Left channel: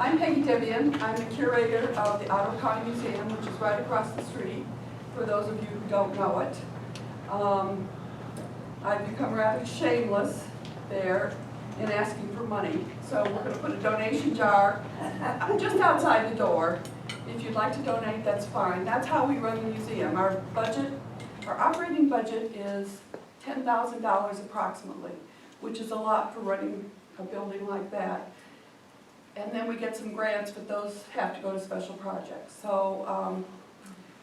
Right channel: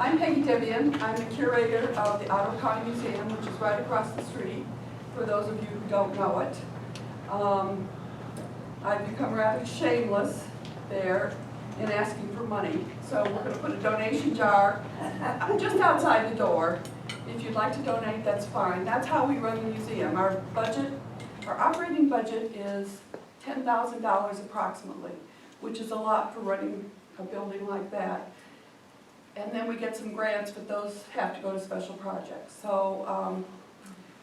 I'm Peggy Debian. I'm the curator of the Ottawa County Museum, which is right across the street, for those of you who don't know it. I've become rather shameless there in asking for money. So we're going to put a donation jar just outside the door. If you'd like to donate, that's fine. That's how we run the museum. Our operating budget is $10,000 approximately, which is a lot for running a building like that. And then we get some grants, but those have to go to special projects. So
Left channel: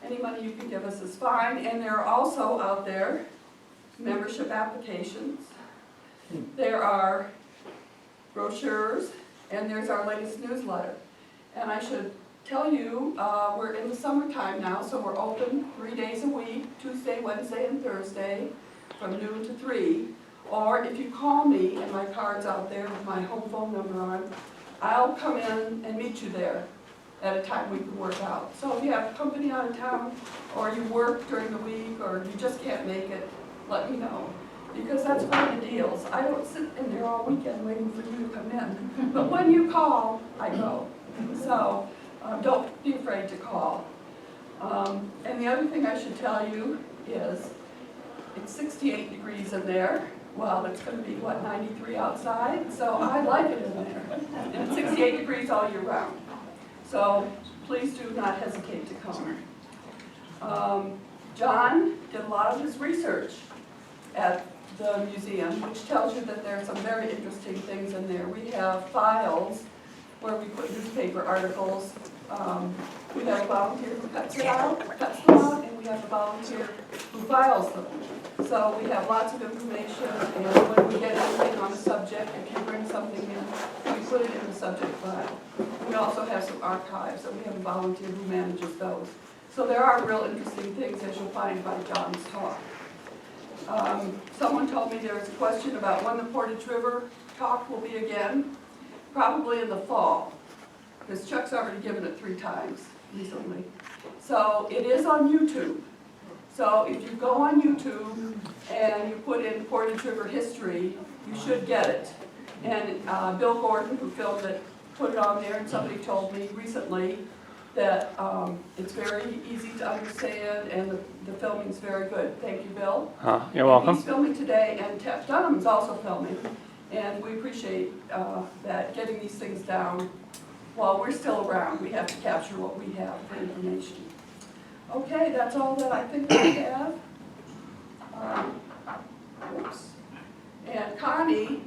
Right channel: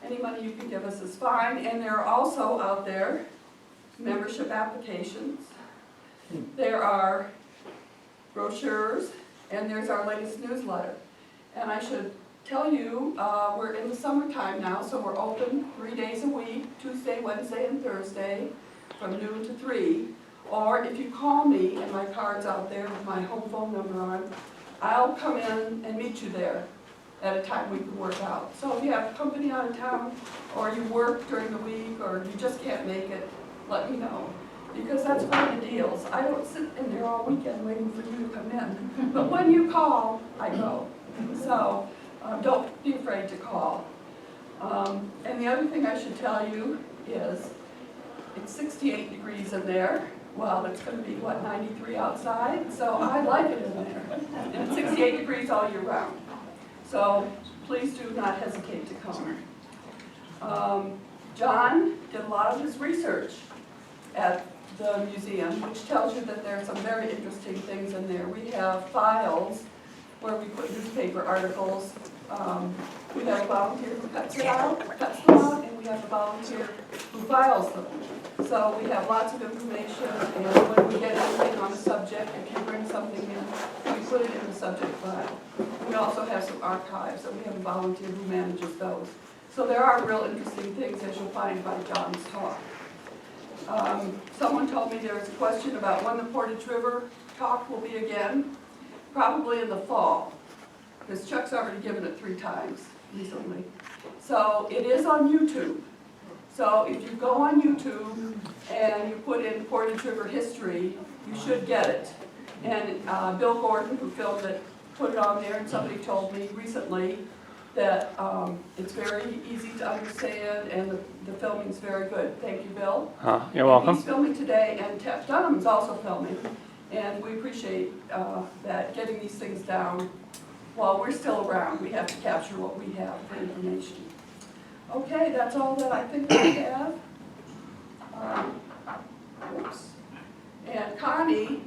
any money you can give us is fine. And there are also out there membership applications. There are brochures, and there's our latest newsletter. And I should tell you, we're in the summertime now, so we're open 3 days a week, Tuesday, Wednesday, and Thursday, from noon to 3. Or if you call me, and my card's out there with my home phone number on, I'll come in and meet you there at a time we can work out. So if you have company out of town, or you work during the week, or you just can't make it, let me know. Because that's one of the deals. I don't sit in there all weekend waiting for you to come in. But when you call, I go. So don't be afraid to call. And the other thing I should tell you is it's 68 degrees in there. Well, it's going to be, what, 93 outside? So I like it in there. And it's 68 degrees all year round. So please do not hesitate to come. John did a lot of his research at the museum, which tells you that there are some very interesting things in there. We have files where we put newspaper articles. We have a volunteer who cuts them out, and we have a volunteer who files them. So we have lots of information, and when we get anything on a subject, if you bring something in, we put it in the subject file. We also have some archives, and we have a volunteer who manages those. So there are real interesting things, as you'll find by John's talk. Someone told me there was a question about when the Portage River talk will be again. Probably in the fall, because Chuck's already given it 3 times recently. So it is on YouTube. So if you go on YouTube and you put in Portage River history, you should get it. And Bill Gordon, who filmed it, put it on there, and somebody told me recently that it's very easy to understand, and the filming's very good. Thank you, Bill. You're welcome. He's filming today, and Tef Dunham's also filming. And we appreciate that, getting these things down while we're still around. We have to capture what we have for information. Okay, that's all that I think I have. Oops. And Connie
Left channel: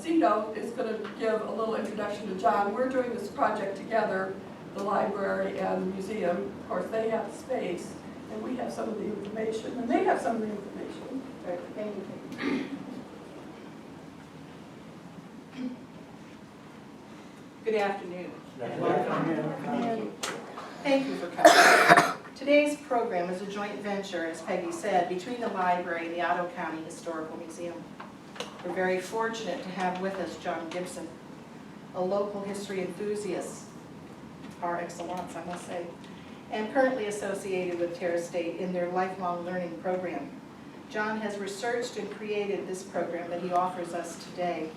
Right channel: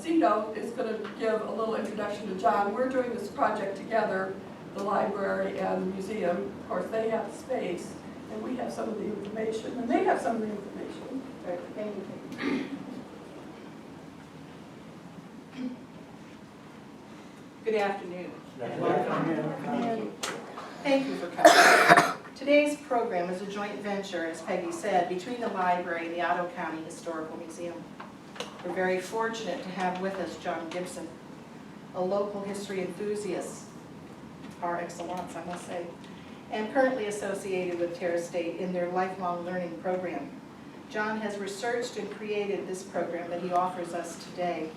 Cito is going to give a little introduction to John. We're doing this project together, the library and the museum. Of course, they have the space, and we have some of the information, and they have some of the information. Thank you. Good afternoon. Thank you for coming. Today's program is a joint venture, as Peggy said, between the library and the Ottawa County Historical Museum. We're very fortunate to have with us John Gibson, a local history enthusiast, par excellence, I must say, and currently associated with Terra State in their lifelong learning program. John has researched and created this program that he offers us today.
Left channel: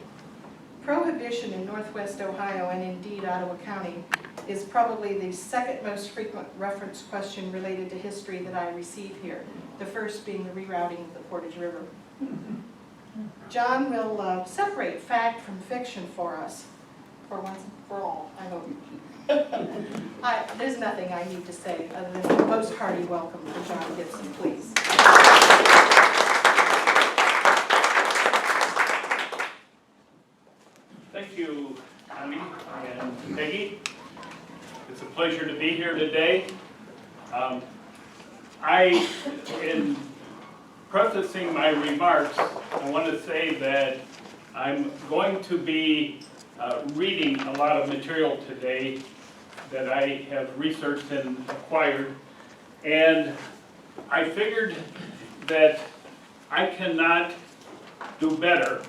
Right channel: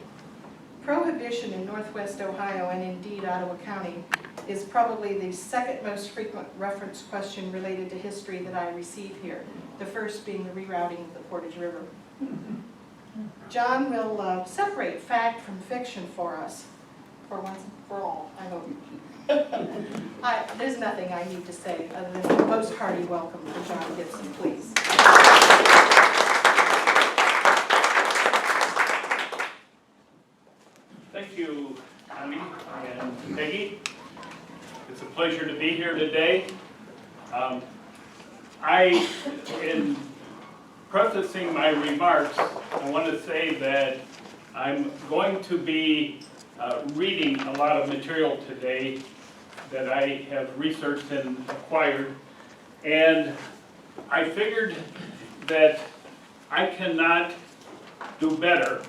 Prohibition in Northwest Ohio, and indeed Ottawa County, is probably the second most frequent reference question related to history that I receive here, the first being the rerouting of the Portage River. John will separate fact from fiction for us, for once and for all, I hope. There's nothing I need to say other than a most hearty welcome for John Gibson, please. Thank you, Connie and Peggy. It's a pleasure to be here today. In prefacing my remarks, I want to say that I'm going to be reading a lot of material today that I have researched and acquired, and I figured that I cannot do better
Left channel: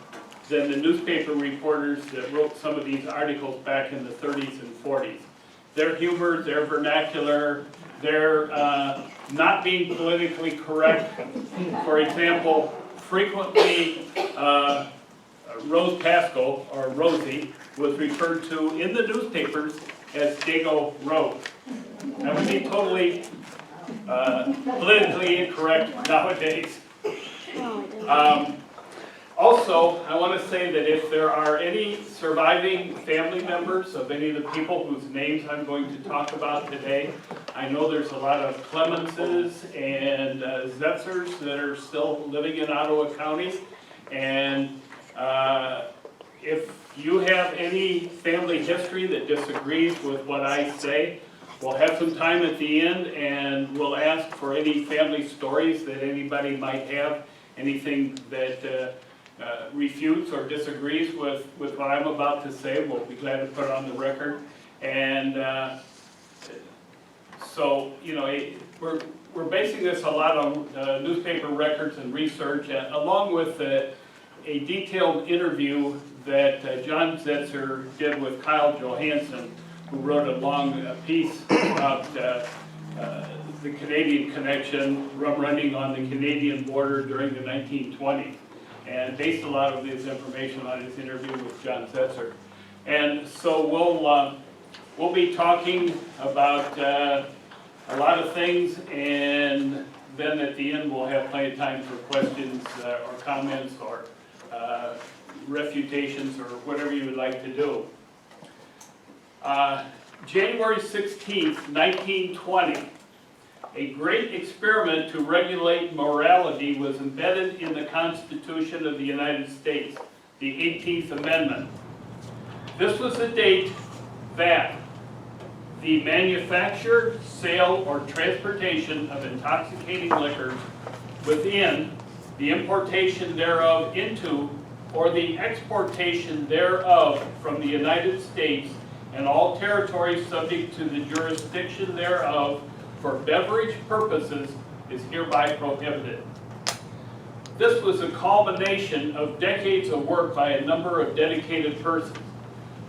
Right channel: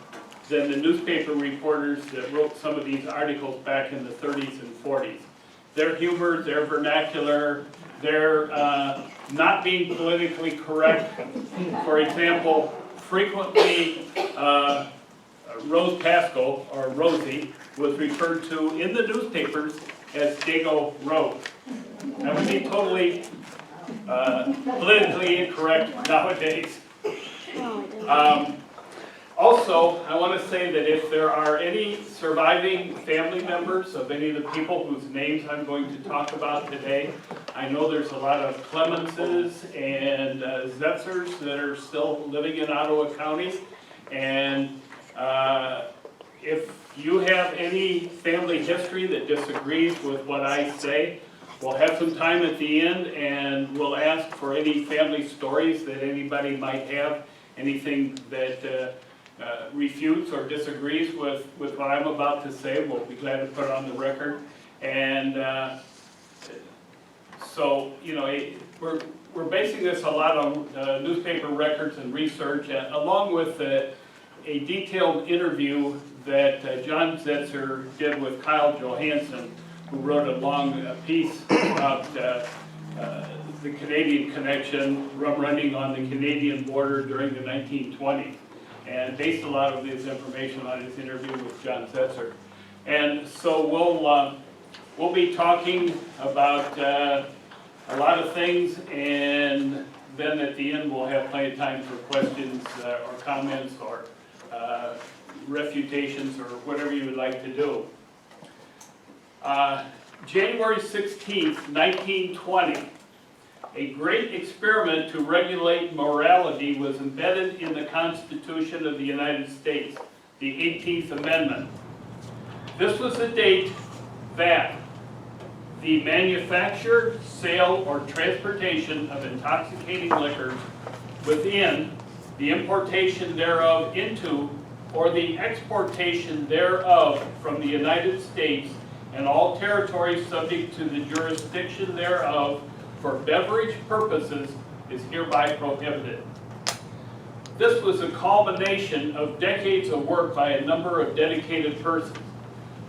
than the newspaper reporters that wrote some of these articles back in the 30s and 40s. Their humor, their vernacular, their not being politically correct. For example, frequently Rose Pascal, or Rosie, was referred to in the newspapers as Dago Rose. That would be totally politically incorrect nowadays. Also, I want to say that if there are any surviving family members of any of the people whose names I'm going to talk about today, I know there's a lot of Clemenses and Zetzers that are still living in Ottawa County. And if you have any family history that disagrees with what I say, we'll have some time at the end and we'll ask for any family stories that anybody might have, anything that refutes or disagrees with what I'm about to say. We'll be glad to put it on the record. And so, you know, we're basing this a lot on newspaper records and research, along with a detailed interview that John Zetzer did with Kyle Johansson, who wrote a long piece about the Canadian connection, rum running on the Canadian border during the 1920s, and based a lot of this information on his interview with John Zetzer. And so we'll be talking about a lot of things, and then at the end we'll have plenty of time for questions or comments or refutations or whatever you would like to do. January 16th, 1920, a great experiment to regulate morality was embedded in the Constitution of the United States, the 18th Amendment. This was the date that the manufacture, sale, or transportation of intoxicating liquors within, the importation thereof into, or the exportation thereof from the United States and all territories subject to the jurisdiction thereof for beverage purposes is hereby prohibited. This was a culmination of decades of work by a number of dedicated persons.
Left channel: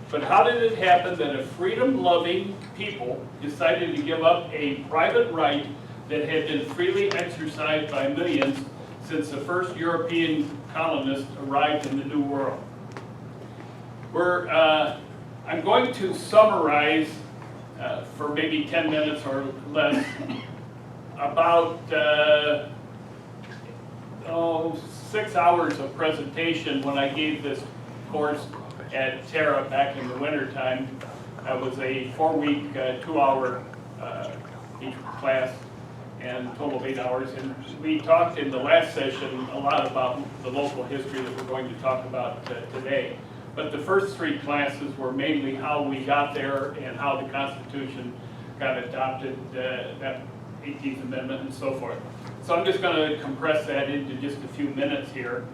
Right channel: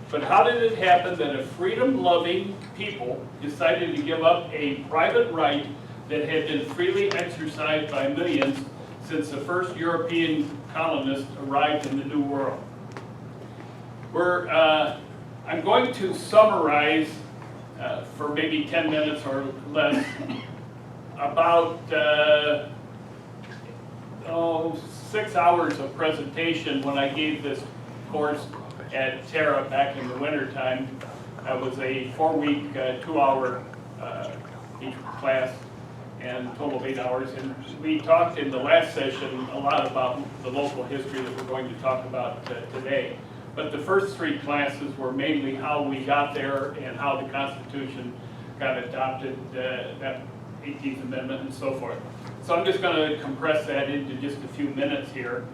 But how did it happen that a freedom-loving people decided to give up a private right that had been freely exercised by millions since the first European colonists arrived in the New World? I'm going to summarize for maybe 10 minutes or less about 6 hours of presentation when I gave this course at Terra back in the winter time. That was a 4-week, 2-hour each class, and a total of 8 hours. And we talked in the last session a lot about the local history that we're going to talk about today. But the first 3 classes were mainly how we got there and how the Constitution got adopted, that 18th Amendment and so forth. So I'm just going to compress that into just a few minutes here.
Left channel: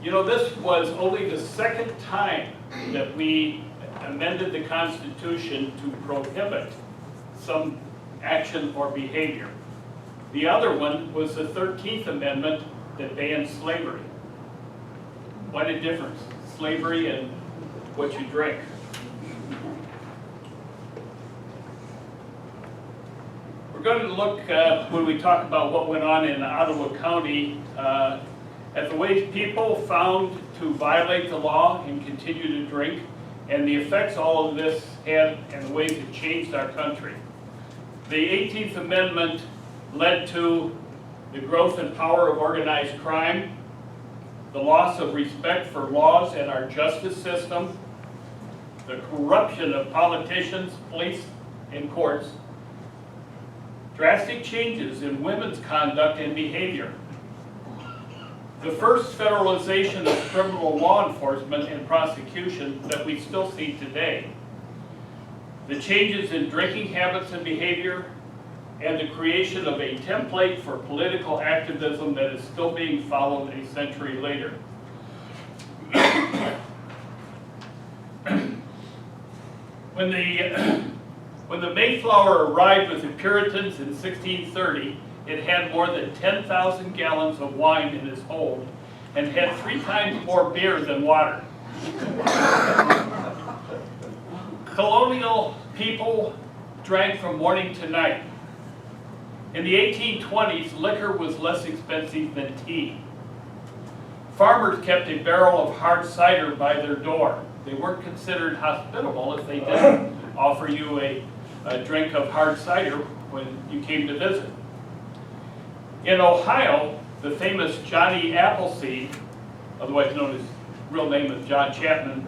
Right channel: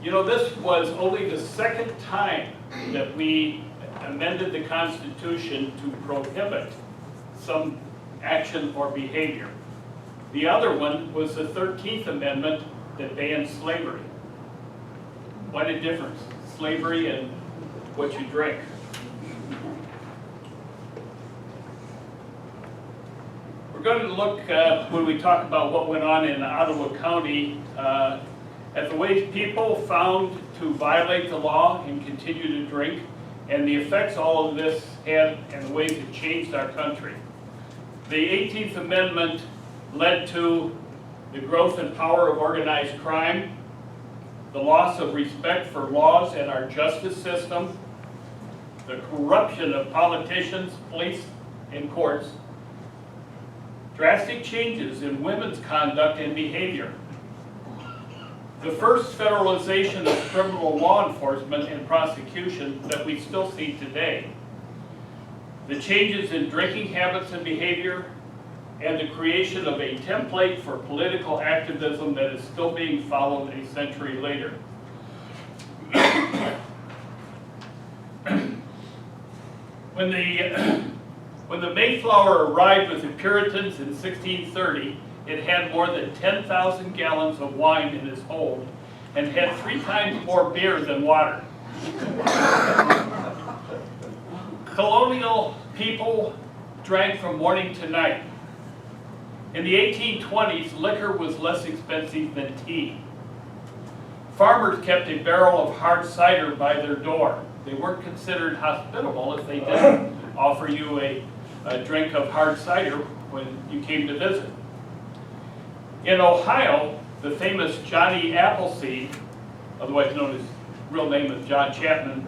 You know, this was only the second time that we amended the Constitution to prohibit some action or behavior. The other one was the 13th Amendment that banned slavery. What a difference, slavery and what you drink. We're going to look, when we talk about what went on in Ottawa County, at the ways people found to violate the law and continue to drink, and the effects all of this had and the ways it changed our country. The 18th Amendment led to the growth and power of organized crime, the loss of respect for laws and our justice system, the corruption of politicians, police, and courts, drastic changes in women's conduct and behavior, the first federalization of criminal law enforcement and prosecution that we still see today, the changes in drinking habits and behavior, and the creation of a template for political activism that is still being followed a century later. When the Mayflower arrived with the Puritans in 1630, it had more than 10,000 gallons of wine in its hold and had 3 times more beer than water. Colonial people drank from morning to night. In the 1820s, liquor was less expensive than tea. Farmers kept a barrel of hard cider by their door. They weren't considered hospitable if they didn't offer you a drink of hard cider when you came to visit. In Ohio, the famous Johnny Appleseed, otherwise known as real name of John Chapman,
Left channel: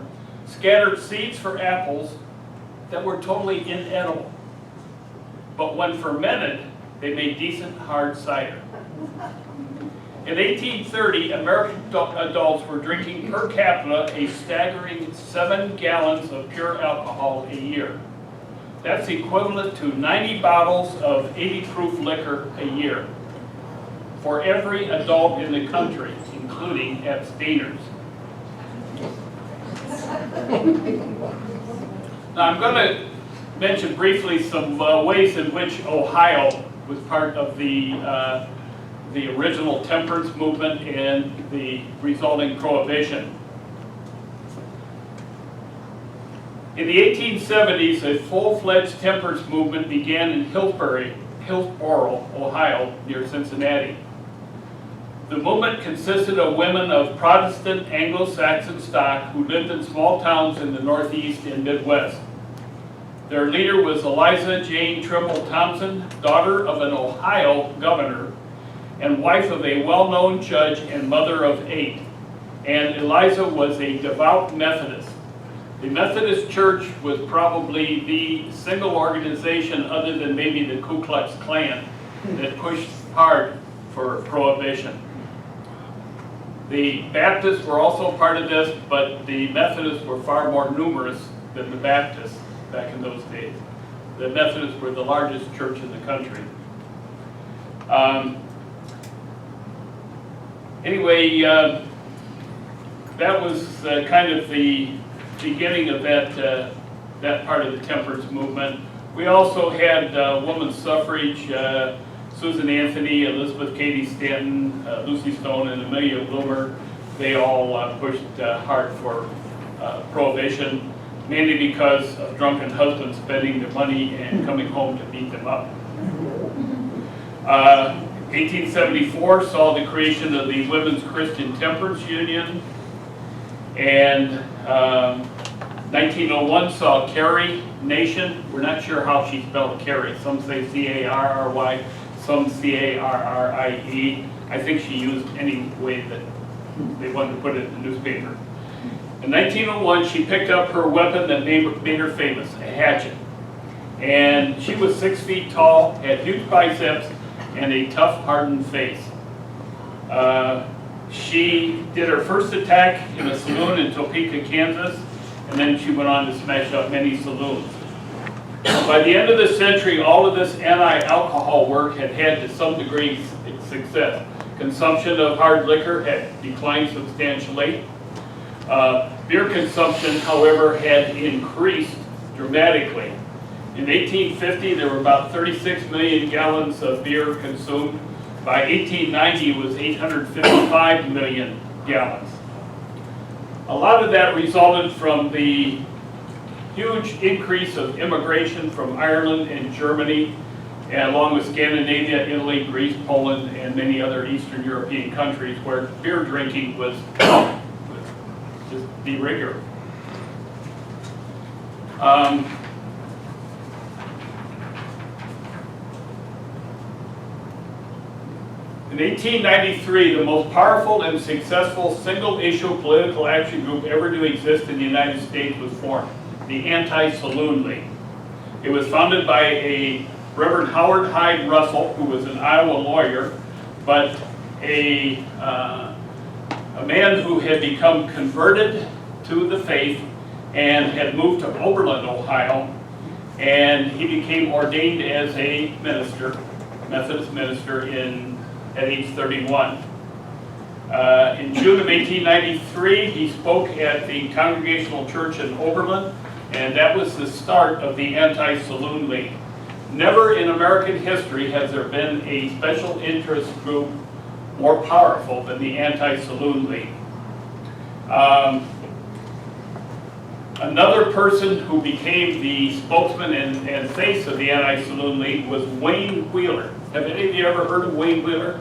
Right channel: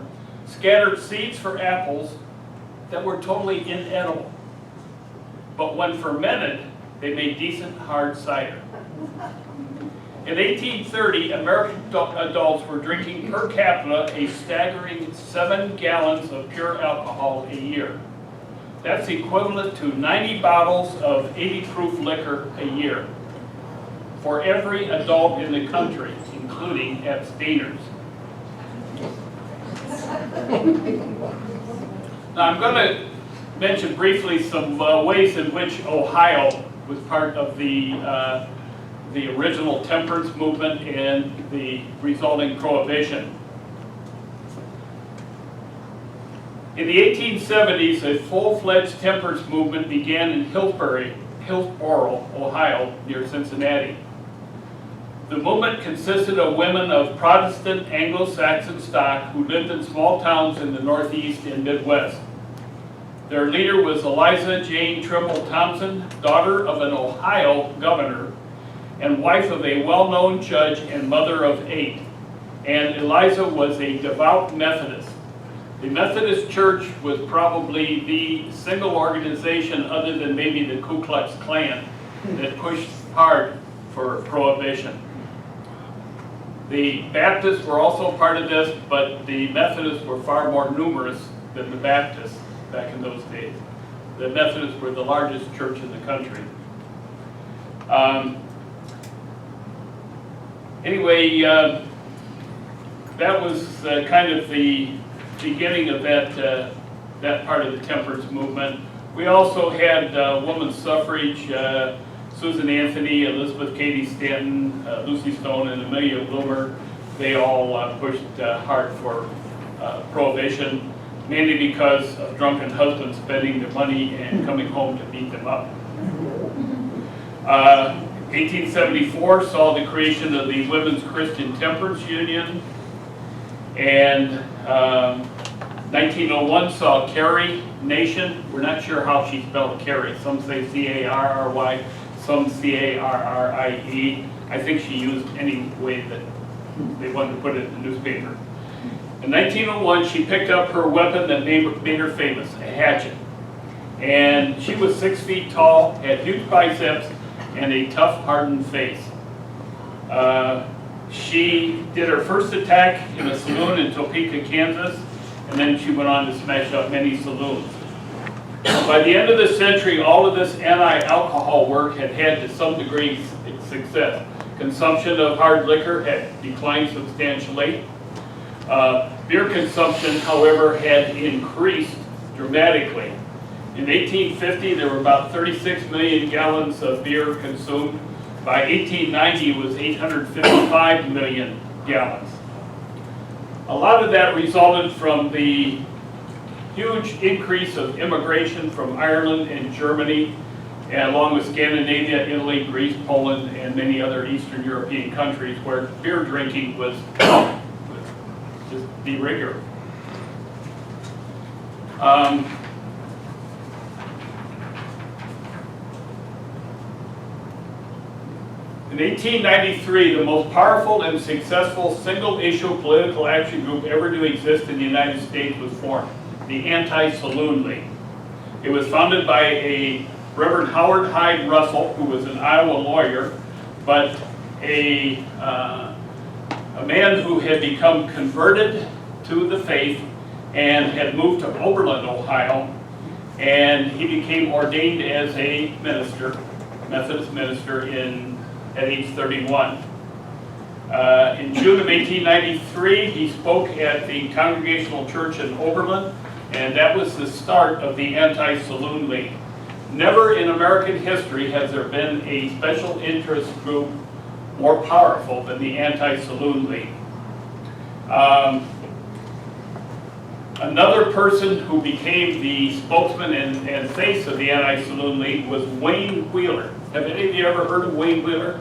scattered seeds for apples that were totally inedible. But when fermented, they made decent hard cider. In 1830, American adults were drinking per capita a staggering 7 gallons of pure alcohol a year. That's equivalent to 90 bottles of 80 proof liquor a year for every adult in the country, including abstainers. Now I'm going to mention briefly some ways in which Ohio was part of the original temperance movement and the resulting prohibition. In the 1870s, a full-fledged temperance movement began in Hillsboro, Ohio, near Cincinnati. The movement consisted of women of Protestant Anglo-Saxon stock who lived in small towns in the Northeast and Midwest. Their leader was Eliza Jane Trimble Thompson, daughter of an Ohio governor and wife of a well-known judge and mother of 8. And Eliza was a devout Methodist. The Methodist Church was probably the single organization other than maybe the Ku Klux Klan that pushed hard for prohibition. The Baptists were also part of this, but the Methodists were far more numerous than the Baptists back in those days. The Methodists were the largest church in the country. Anyway, that was kind of the beginning of that part of the temperance movement. We also had women's suffrage, Susan Anthony, Elizabeth Cady Stanton, Lucy Stone, and Amelia Bloomer. They all pushed hard for prohibition, mainly because of drunken husbands spending their money and coming home to beat them up. 1874 saw the creation of the Women's Christian Temperance Union, and 1901 saw Carrie Nation. We're not sure how she spelled Carrie. Some say C-A-R-R-Y, some C-A-R-R-I-E. I think she used any way that they wanted to put it in the newspaper. In 1901, she picked up her weapon that made her famous, a hatchet. And she was 6 feet tall, had huge biceps, and a tough, hardened face. She did her first attack in a saloon in Topeka, Kansas, and then she went on to smash up many saloons. By the end of the century, all of this anti-alcohol work had to some degree success. Consumption of hard liquor had declined substantially. Beer consumption, however, had increased dramatically. In 1850, there were about 36 million gallons of beer consumed. By 1890, it was 855 million gallons. A lot of that resulted from the huge increase of immigration from Ireland and Germany, and along with Scandinavia, Italy, Greece, Poland, and many other Eastern European countries where beer drinking was just de rigueur. In 1893, the most powerful and successful single-issue political action group ever to exist in the United States was formed, the Anti-Saloon League. It was founded by a Reverend Howard Hyde Russell, who was an Iowa lawyer, but a man who had become converted to the faith and had moved to Oberlin, Ohio, and he became ordained as a minister, Methodist minister, at age 31. In June of 1893, he spoke at the Congregational Church in Oberlin, and that was the start of the Anti-Saloon League. Never in American history has there been a special interest group more powerful than the Anti-Saloon League. Another person who became the spokesman and face of the Anti-Saloon League was Wayne Wheeler. Have any of you ever heard of Wayne Wheeler?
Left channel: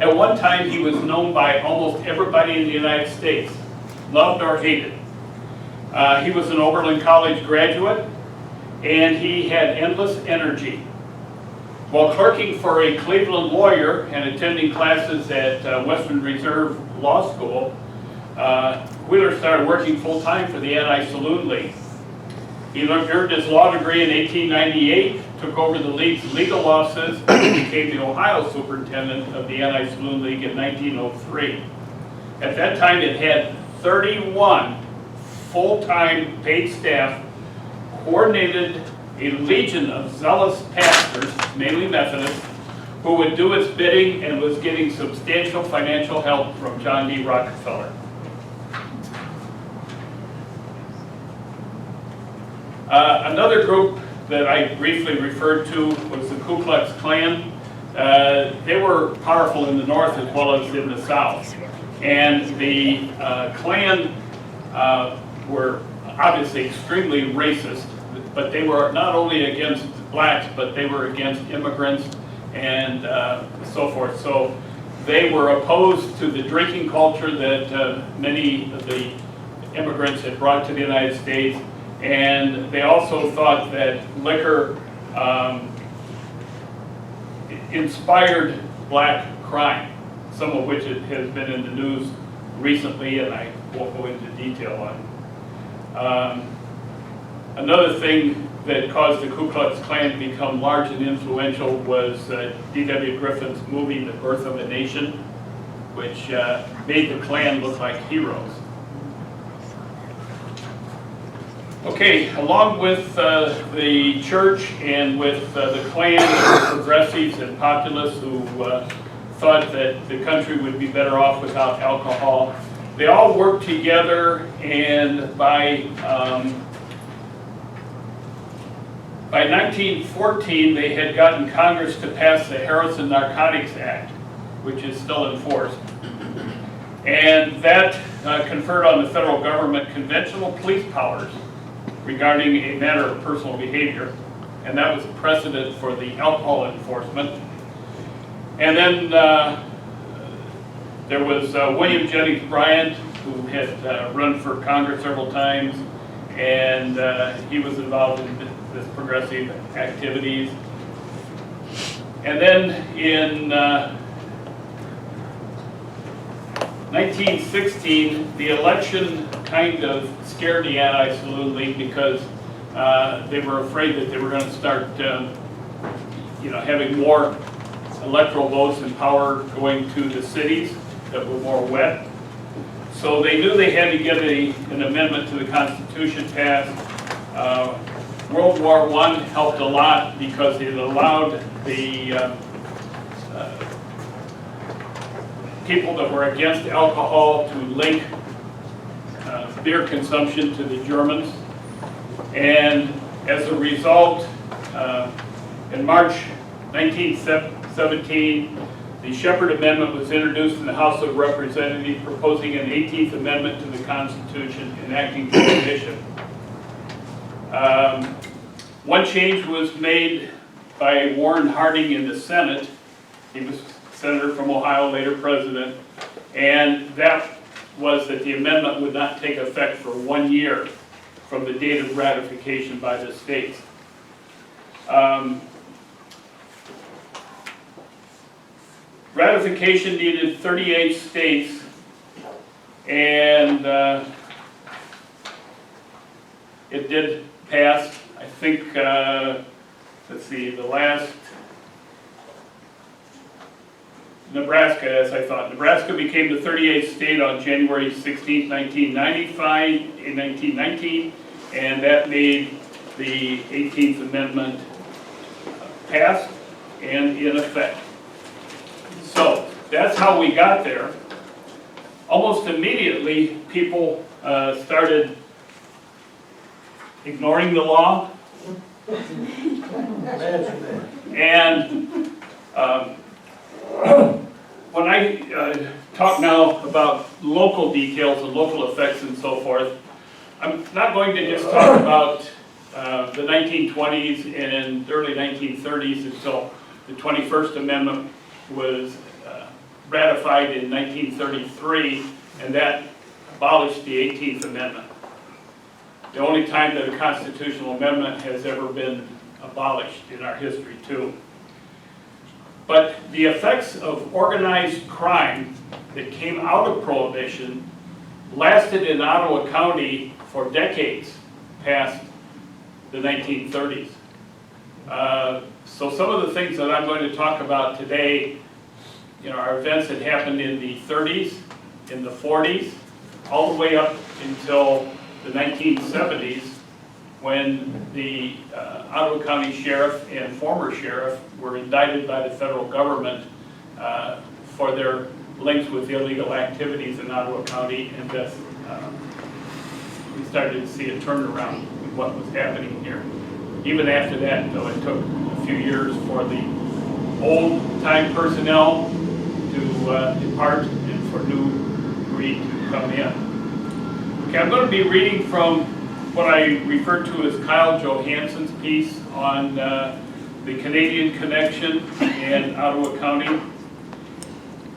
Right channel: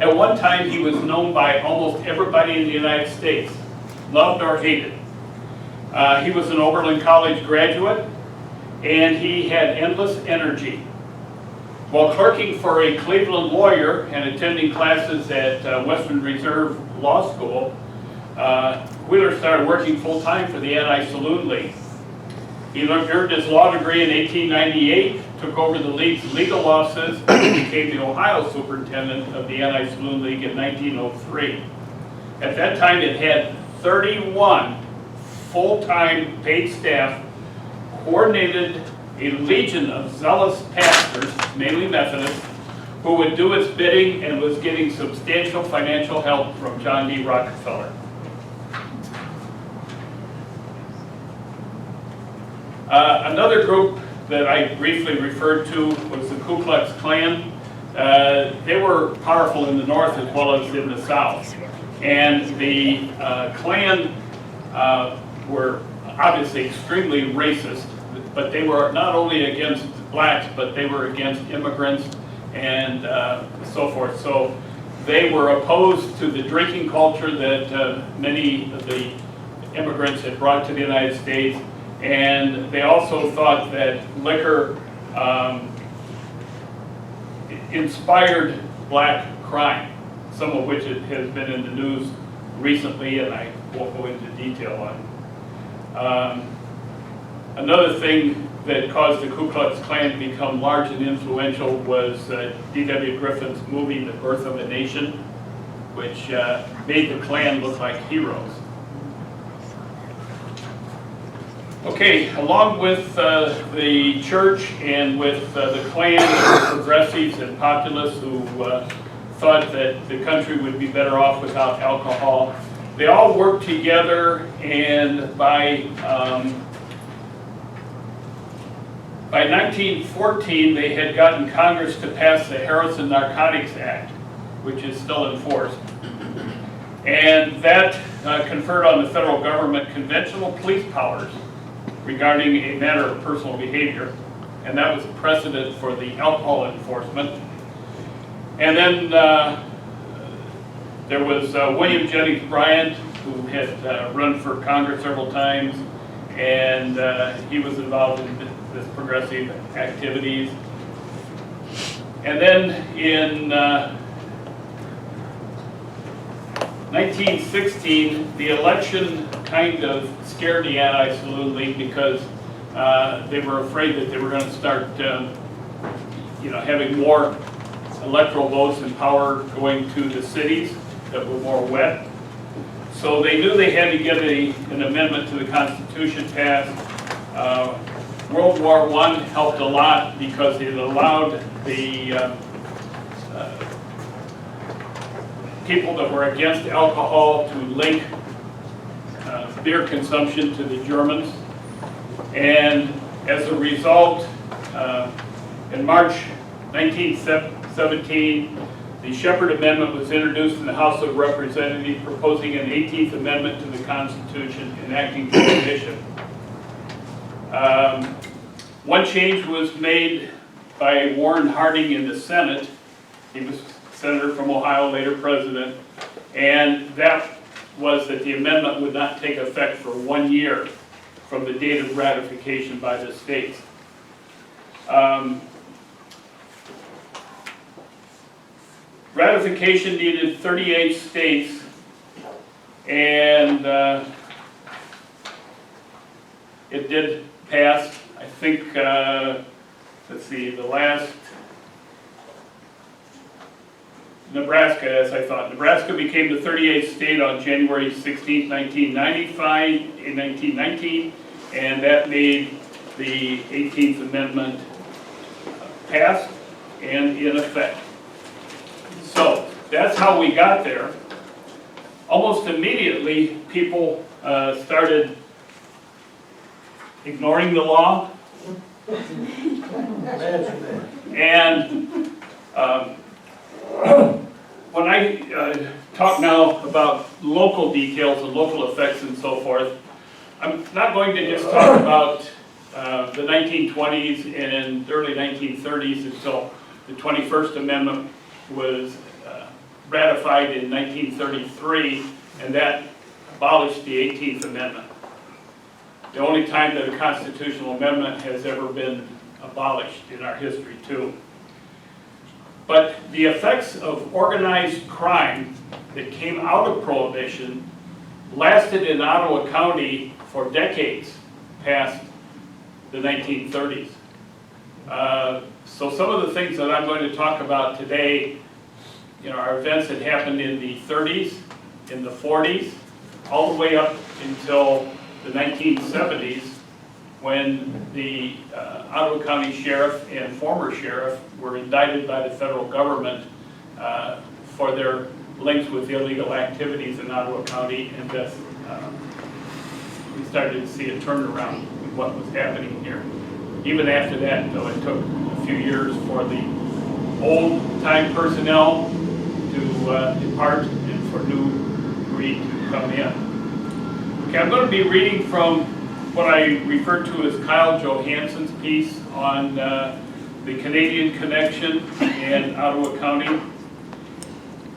At one time, he was known by almost everybody in the United States, loved or hated. He was an Oberlin College graduate, and he had endless energy. While clerking for a Cleveland lawyer and attending classes at Western Reserve Law School, Wheeler started working full-time for the Anti-Saloon League. He earned his law degree in 1898, took over the league's legal offices, and became the Ohio superintendent of the Anti-Saloon League in 1903. At that time, it had 31 full-time paid staff, coordinated a legion of zealous pastors, mainly Methodists, who would do its bidding and was getting substantial financial help from John D. Rockefeller. Another group that I briefly referred to was the Ku Klux Klan. They were powerful in the North as well as in the South. And the Klan were obviously extremely racist, but they were not only against blacks, but they were against immigrants and so forth. So they were opposed to the drinking culture that many of the immigrants had brought to the United States. And they also thought that liquor inspired black crime, some of which has been in the news recently, and I won't go into detail on. Another thing that caused the Ku Klux Klan to become large and influential was D.W. Griffin's movie, The Birth of a Nation, which made the Klan look like heroes. Okay, along with the church and with the Klan, progressives and populists who thought that the country would be better off without alcohol, they all worked together, and by 1914 they had gotten Congress to pass the Harrison Narcotics Act, which is still in force. And that conferred on the federal government conventional police powers regarding a matter of personal behavior, and that was a precedent for the alcohol enforcement. And then there was William Jennings Bryan, who had run for Congress several times, and he was involved in this progressive activities. And then in 1916, the election kind of scared the Anti-Saloon League because they were afraid that they were going to start, having more electoral votes and power going to the cities that were more wet. So they knew they had to get an amendment to the Constitution passed. World War I helped a lot because it allowed the people that were against alcohol to link beer consumption to the Germans. And as a result, in March 1917, the Shepherd Amendment was introduced in the House of Representatives, proposing an 18th Amendment to the Constitution enacting prohibition. One change was made by Warren Harding in the Senate. He was senator from Ohio, later president, and that was that the amendment would not take effect for 1 year from the date of ratification by the states. Ratification needed 38 states, and it did pass. I think, let's see, the last, Nebraska, as I thought. Nebraska became the 38th state on January 16, 1919, and that made the 18th Amendment passed and in effect. So that's how we got there. Almost immediately, people started ignoring the law. And when I talk now about local details and local effects and so forth, I'm not going to just talk about the 1920s and early 1930s until the 21st Amendment was ratified in 1933, and that abolished the 18th Amendment. The only time that a constitutional amendment has ever been abolished in our history too. But the effects of organized crime that came out of Prohibition lasted in Ottawa County for decades past the 1930s. So some of the things that I'm going to talk about today, are events that happened in the 30s, in the 40s, all the way up until the 1970s, when the Ottawa County Sheriff and former Sheriff were indicted by the federal government for their links with illegal activities in Ottawa County, and thus we started to see a turnaround in what was happening here. Even after that, though, it took a few years for the old-time personnel to depart and for new breed to come in. Okay, I'm going to be reading from what I refer to as Kyle Johansson's piece on the Canadian connection in Ottawa County.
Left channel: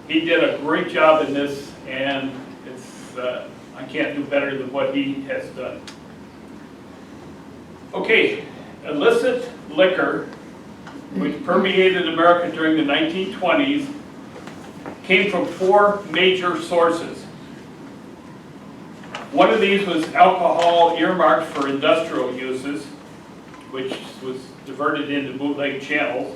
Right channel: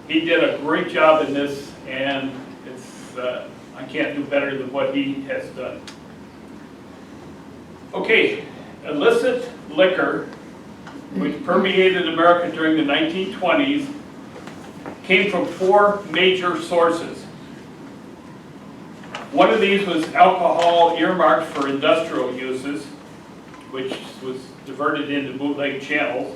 He did a great job in this, and it's I can't do better than what he has done. Okay, illicit liquor, which permeated America during the 1920s, came from 4 major sources. One of these was alcohol earmarked for industrial uses, which was diverted into bootleg channels.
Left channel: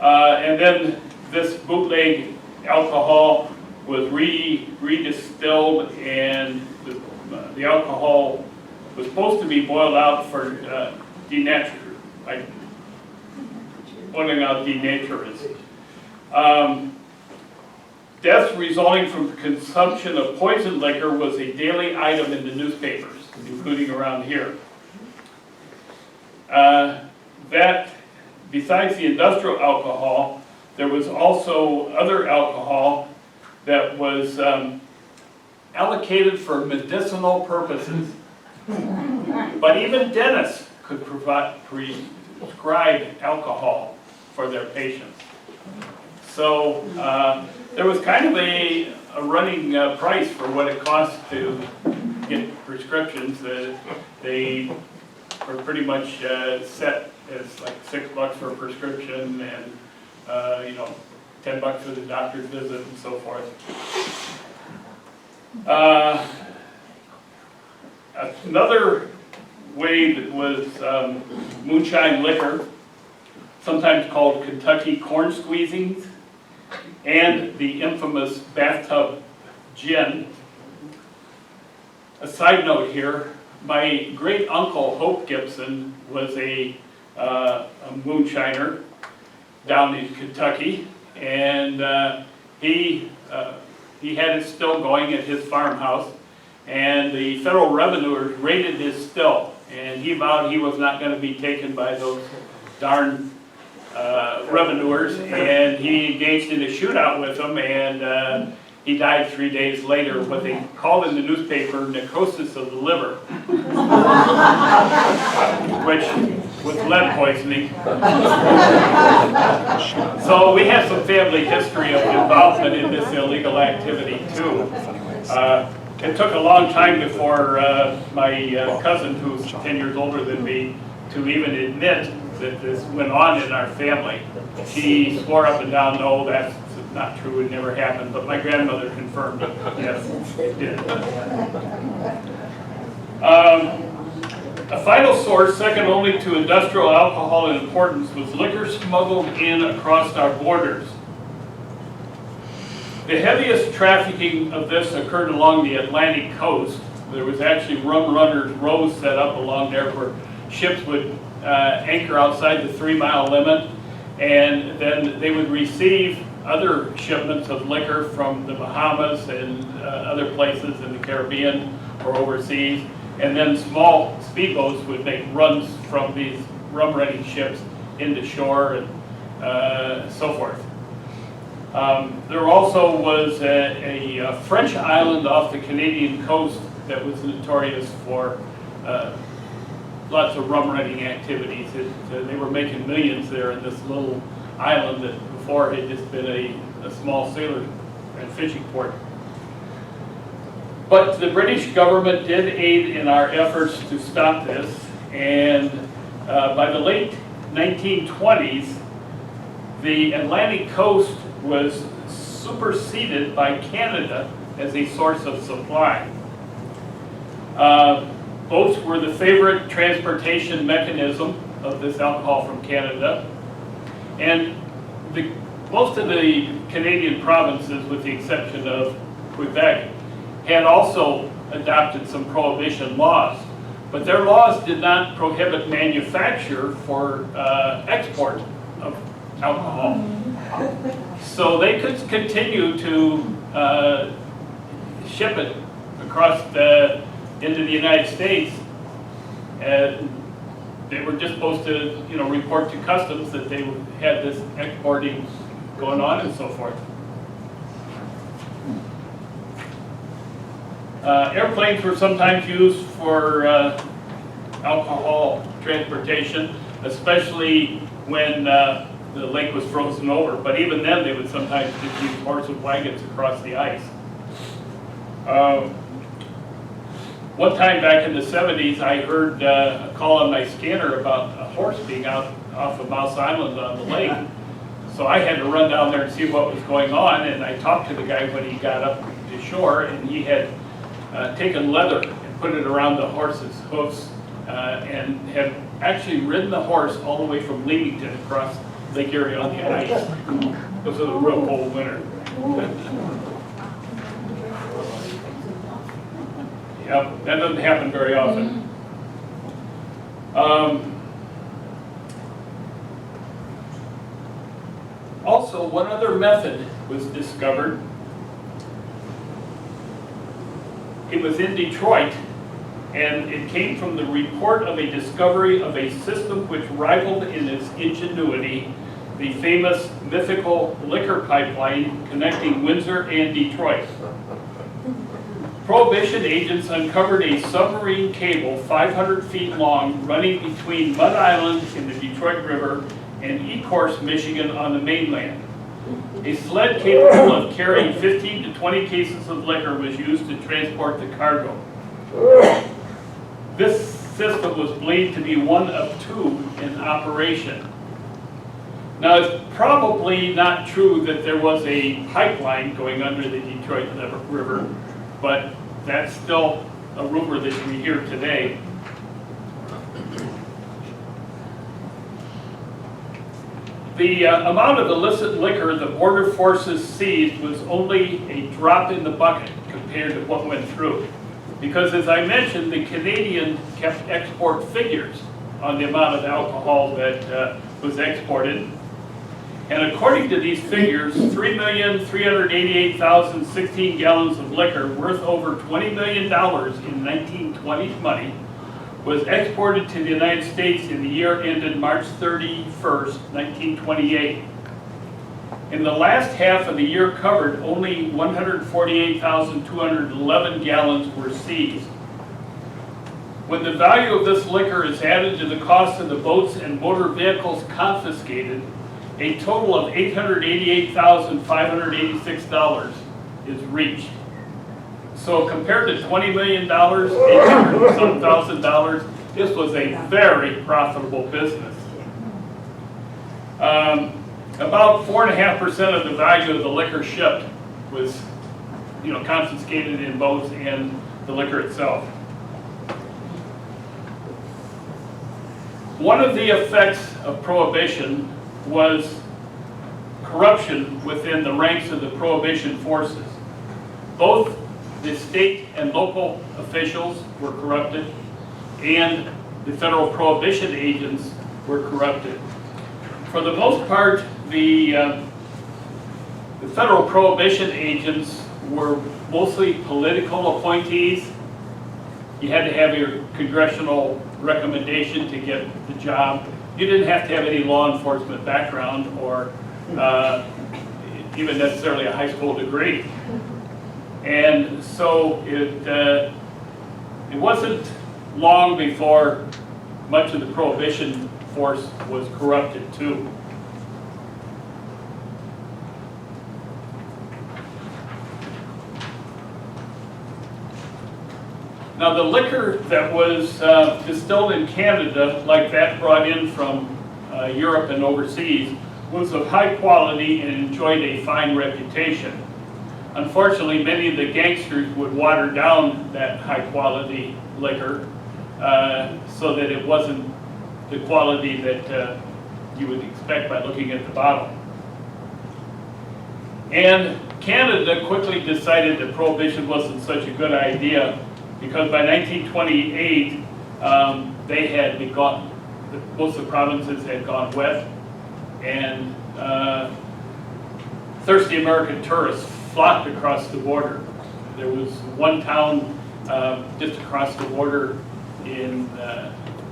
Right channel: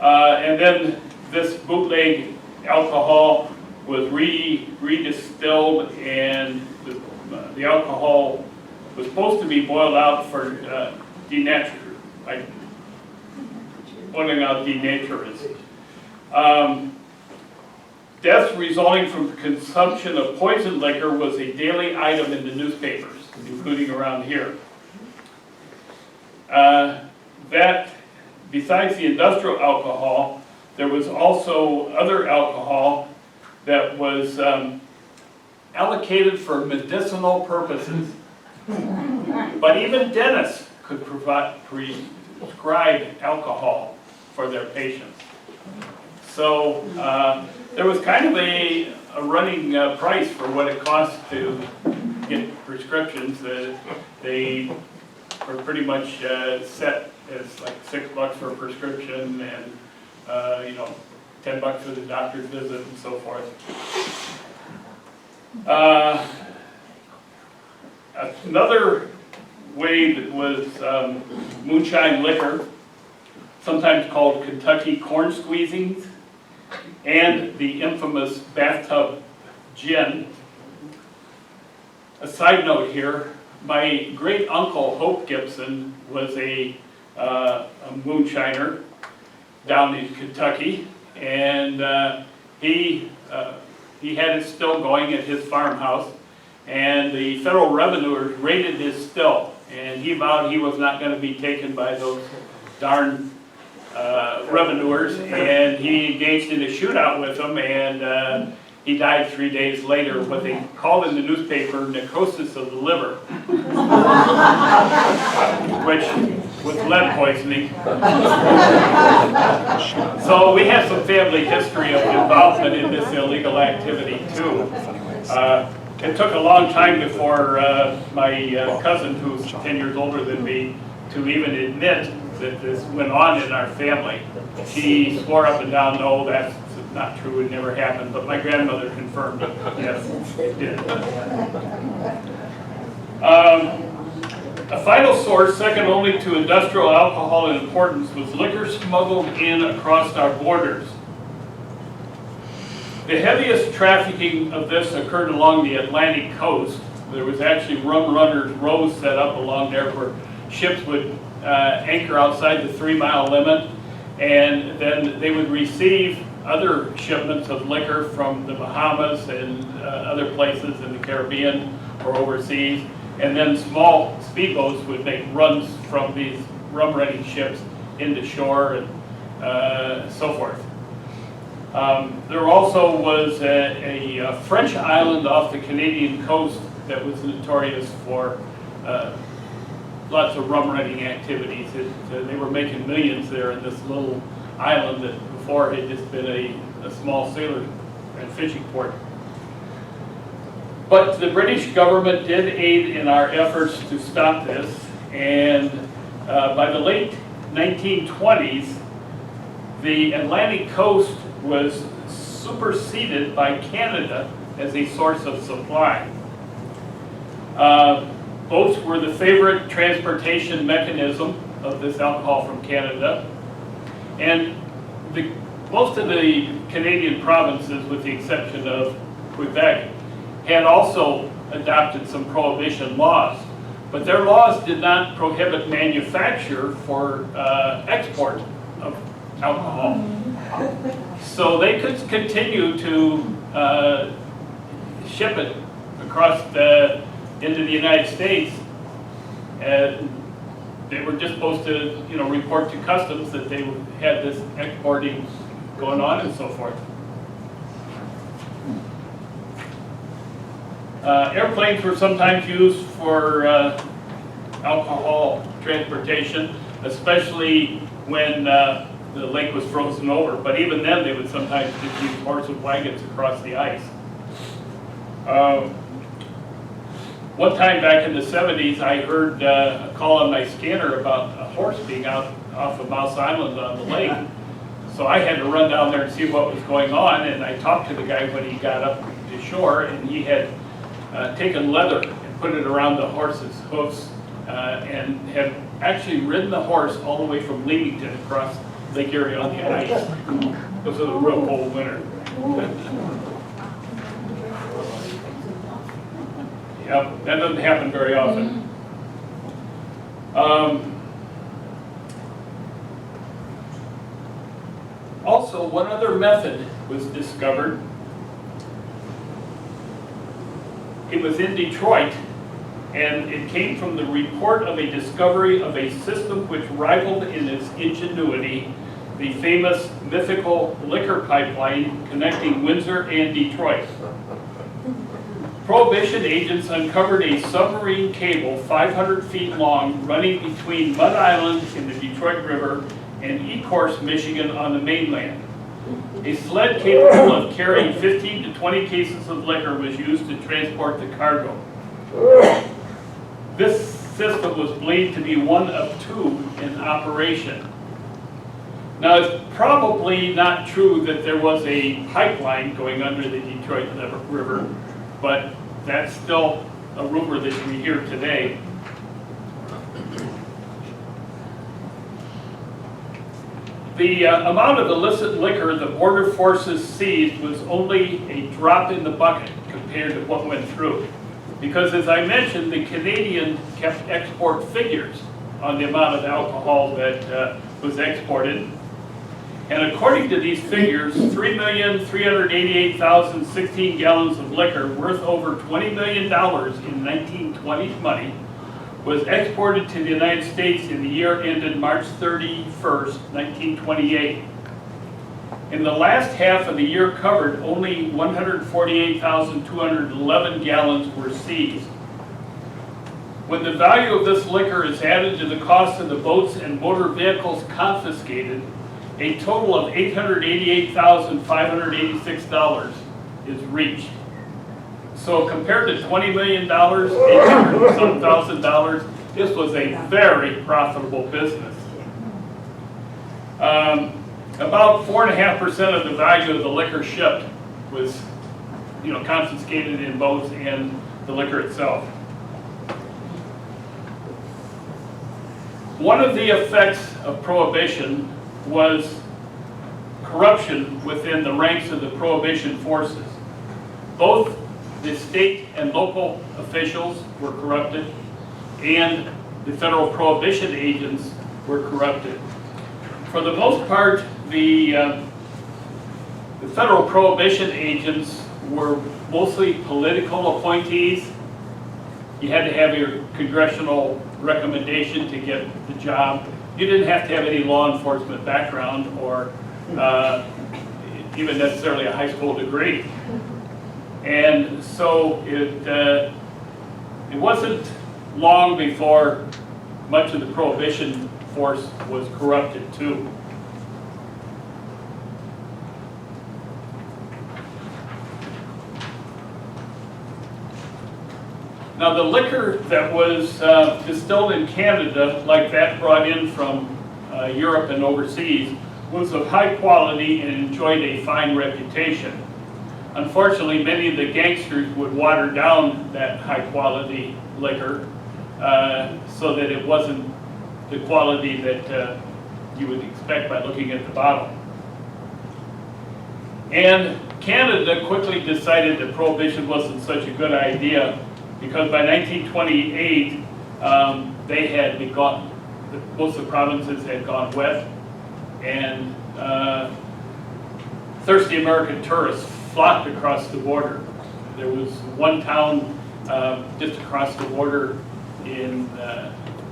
And then this bootleg alcohol was redistilled, and the alcohol was supposed to be boiled out for boiling out denaturants. Deaths resulting from consumption of poisoned liquor was a daily item in the newspapers, including around here. That, besides the industrial alcohol, there was also other alcohol that was allocated for medicinal purposes. But even dentists could prescribe alcohol for their patients. So there was kind of a running price for what it cost to get prescriptions. They were pretty much set as like $6 for a prescription, and $10 for the doctor's visit and so forth. Another way that was moonshine liquor, sometimes called Kentucky corn squeezings, and the infamous bathtub gin. A side note here, my great uncle Hope Gibson was a moonshiner down in Kentucky, and he had it still going at his farmhouse, and the federal revenuers raided his still, and he vowed he was not going to be taken by those darn revenuers, and he engaged in a shootout with them, and he died 3 days later, what they called in the newspaper necrosis of the liver, which was lead poisoning. So we have some family history of involvement in this illegal activity too. It took a long time before my cousin, who's 10 years older than me, to even admit that this went on in our family. She swore up and down, no, that's not true, it never happened, but my grandmother confirmed it. Yes, it did. A final source, second only to industrial alcohol in importance, was liquor smuggled in across our borders. The heaviest trafficking of this occurred along the Atlantic coast. There was actually rum runners rows set up along there where ships would anchor outside the 3-mile limit, and then they would receive other shipments of liquor from the Bahamas and other places in the Caribbean or overseas, and then small speedboats would make runs from these rum-running ships into shore and so forth. There also was a French island off the Canadian coast that was notorious for lots of rum-running activities. They were making millions there in this little island that before had just been a a small sailor and fishing port. But the British government did aid in our efforts to stop this, and by the late 1920s, the Atlantic coast was superseded by Canada as a source of supply. Boats were the favorite transportation mechanism of this alcohol from Canada, and most of the Canadian provinces, with the exception of Quebec, had also adopted some prohibition laws, but their laws did not prohibit manufacture for export of alcohol. So they could continue to ship it across into the United States, and they were just supposed to, report to customs that they had this exporting going on and so forth. Airplanes were sometimes used for alcohol transportation, especially when the lake was frozen over. But even then, they would sometimes just use horse and wagons across the ice. One time back in the 70s, I heard a call on my scanner about a horse being out off of Mouse Island on the lake. So I had to run down there and see what was going on, and I talked to the guy when he got up to shore, and he had taken leather and put it around the horse's hoofs and had actually ridden the horse all the way from Leamington across Lake Erie on the ice because of the real cold winter. Yep, that doesn't happen very often. Also, one other method was discovered. It was in Detroit, and it came from the report of a discovery of a system which rivaled in its ingenuity the famous mythical liquor pipeline connecting Windsor and Detroit. Prohibition agents uncovered a submarine cable 500 feet long running between Mud Island in the Detroit River and Ecorse, Michigan on the mainland. A sled capable of carrying 15 to 20 cases of liquor was used to transport the cargo. This system was believed to be one of two in operation. Now, it's probably not true that there was a pipeline going under the Detroit River, but that's still a rumor that we hear today. The amount of illicit liquor the border forces seized was only a drop in the bucket compared to what went through. Because as I mentioned, the Canadian kept export figures on the amount of alcohol that was exported. And according to these figures, 3,388,016 gallons of liquor worth over $20 million in 1920s money was exported to the United States in the year ended March 31st, 1928. In the last half of the year covered, only 148,211 gallons were seized. When the value of this liquor is added to the cost of the boats and motor vehicles confiscated, a total of $888,586 is reached. So compared to $20 million, $800,000, this was a very profitable business. About 4.5% of the value of the liquor shipped was, confiscated in boats and the liquor itself. One of the effects of prohibition was corruption within the ranks of the prohibition forces. Both the state and local officials were corrupted, and the federal prohibition agents were corrupted. For the most part, the federal prohibition agents were mostly political appointees. You had to have your congressional recommendation to get the job. You didn't have to have any law enforcement background or even necessarily a high school degree. And so it wasn't long before much of the prohibition force was corrupted too. Now the liquor that was distilled in Canada, like that brought in from Europe and overseas, was of high quality and enjoyed a fine reputation. Unfortunately, many of the gangsters would water down that high quality liquor so that it wasn't the quality that you would expect by looking at the bottle. And Canada quickly decided that prohibition wasn't such a good idea, because by 1928 they had begun, most of the provinces had gone west, and thirsty American tourists flocked across the border. There was one town just across the border in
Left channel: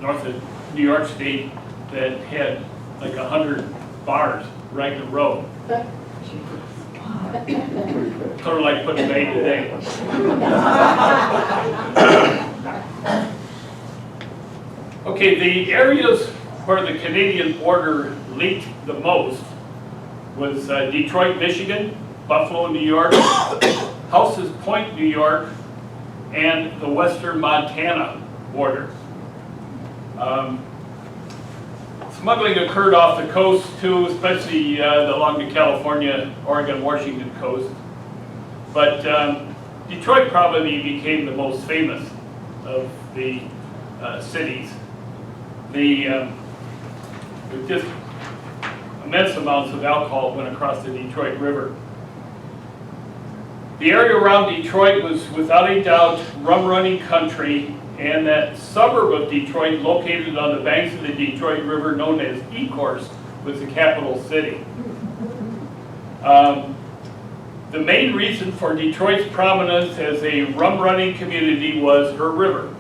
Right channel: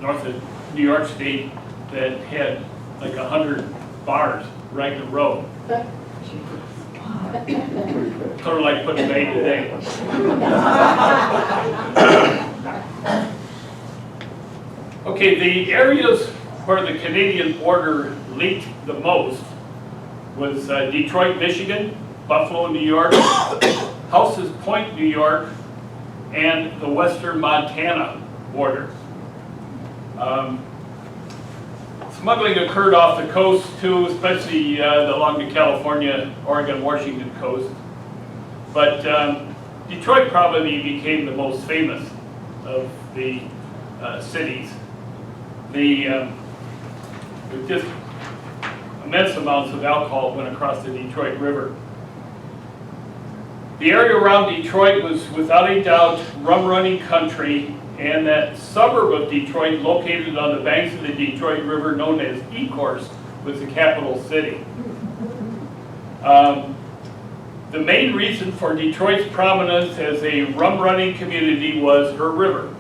north of New York State that had like 100 bars right in a row. Sort of like putting Bay today. Okay, the areas where the Canadian border leaked the most was Detroit, Michigan, Buffalo, New York, Houses Point, New York, and the western Montana border. Smuggling occurred off the coast too, especially along the California, Oregon, Washington coast. But Detroit probably became the most famous of the cities. With just immense amounts of alcohol went across the Detroit River. The area around Detroit was without a doubt rum running country, and that suburb of Detroit located on the banks of the Detroit River known as Ecorse was the capital city. The main reason for Detroit's prominence as a rum running community was her river.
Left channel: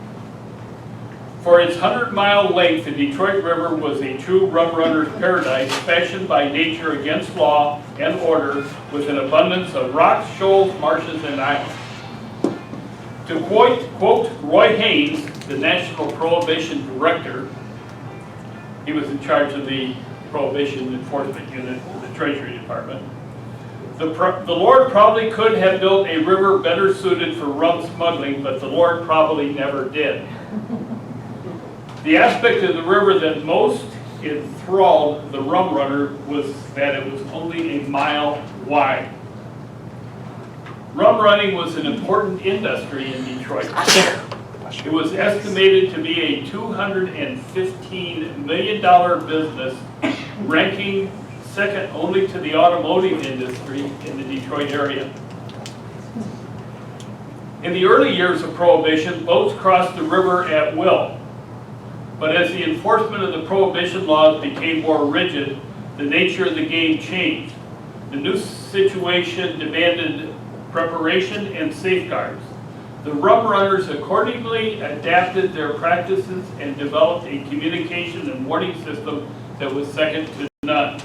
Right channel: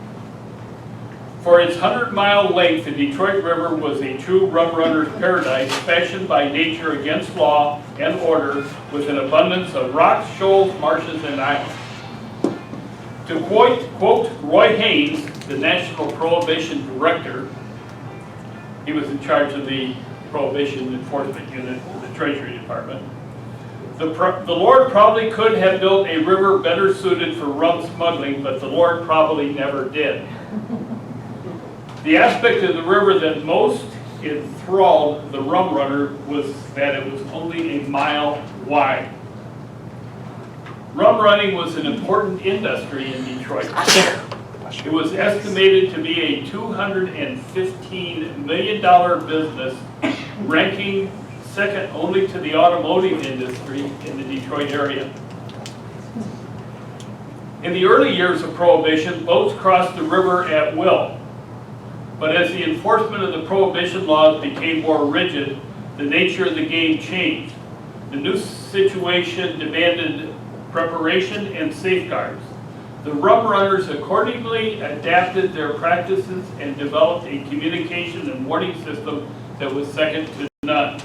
For its 100-mile length, the Detroit River was a true rum runner's paradise, fashioned by nature against law and order, with an abundance of rocks, shoals, marshes, and islands. To quote Roy Haynes, the National Prohibition Director, he was in charge of the Prohibition Enforcement Unit of the Treasury Department, the Lord probably could have built a river better suited for rum smuggling, but the Lord probably never did. The aspect of the river that most enthralled the rum runner was that it was only a mile wide. Rum running was an important industry in Detroit. It was estimated to be a $215 million business, ranking second only to the automotive industry in the Detroit area. In the early years of Prohibition, boats crossed the river at will. But as the enforcement of the Prohibition laws became more rigid, the nature of the game changed. The new situation demanded preparation and safeguards. The rum runners accordingly adapted their practices and developed a communication and warning system that was second to none.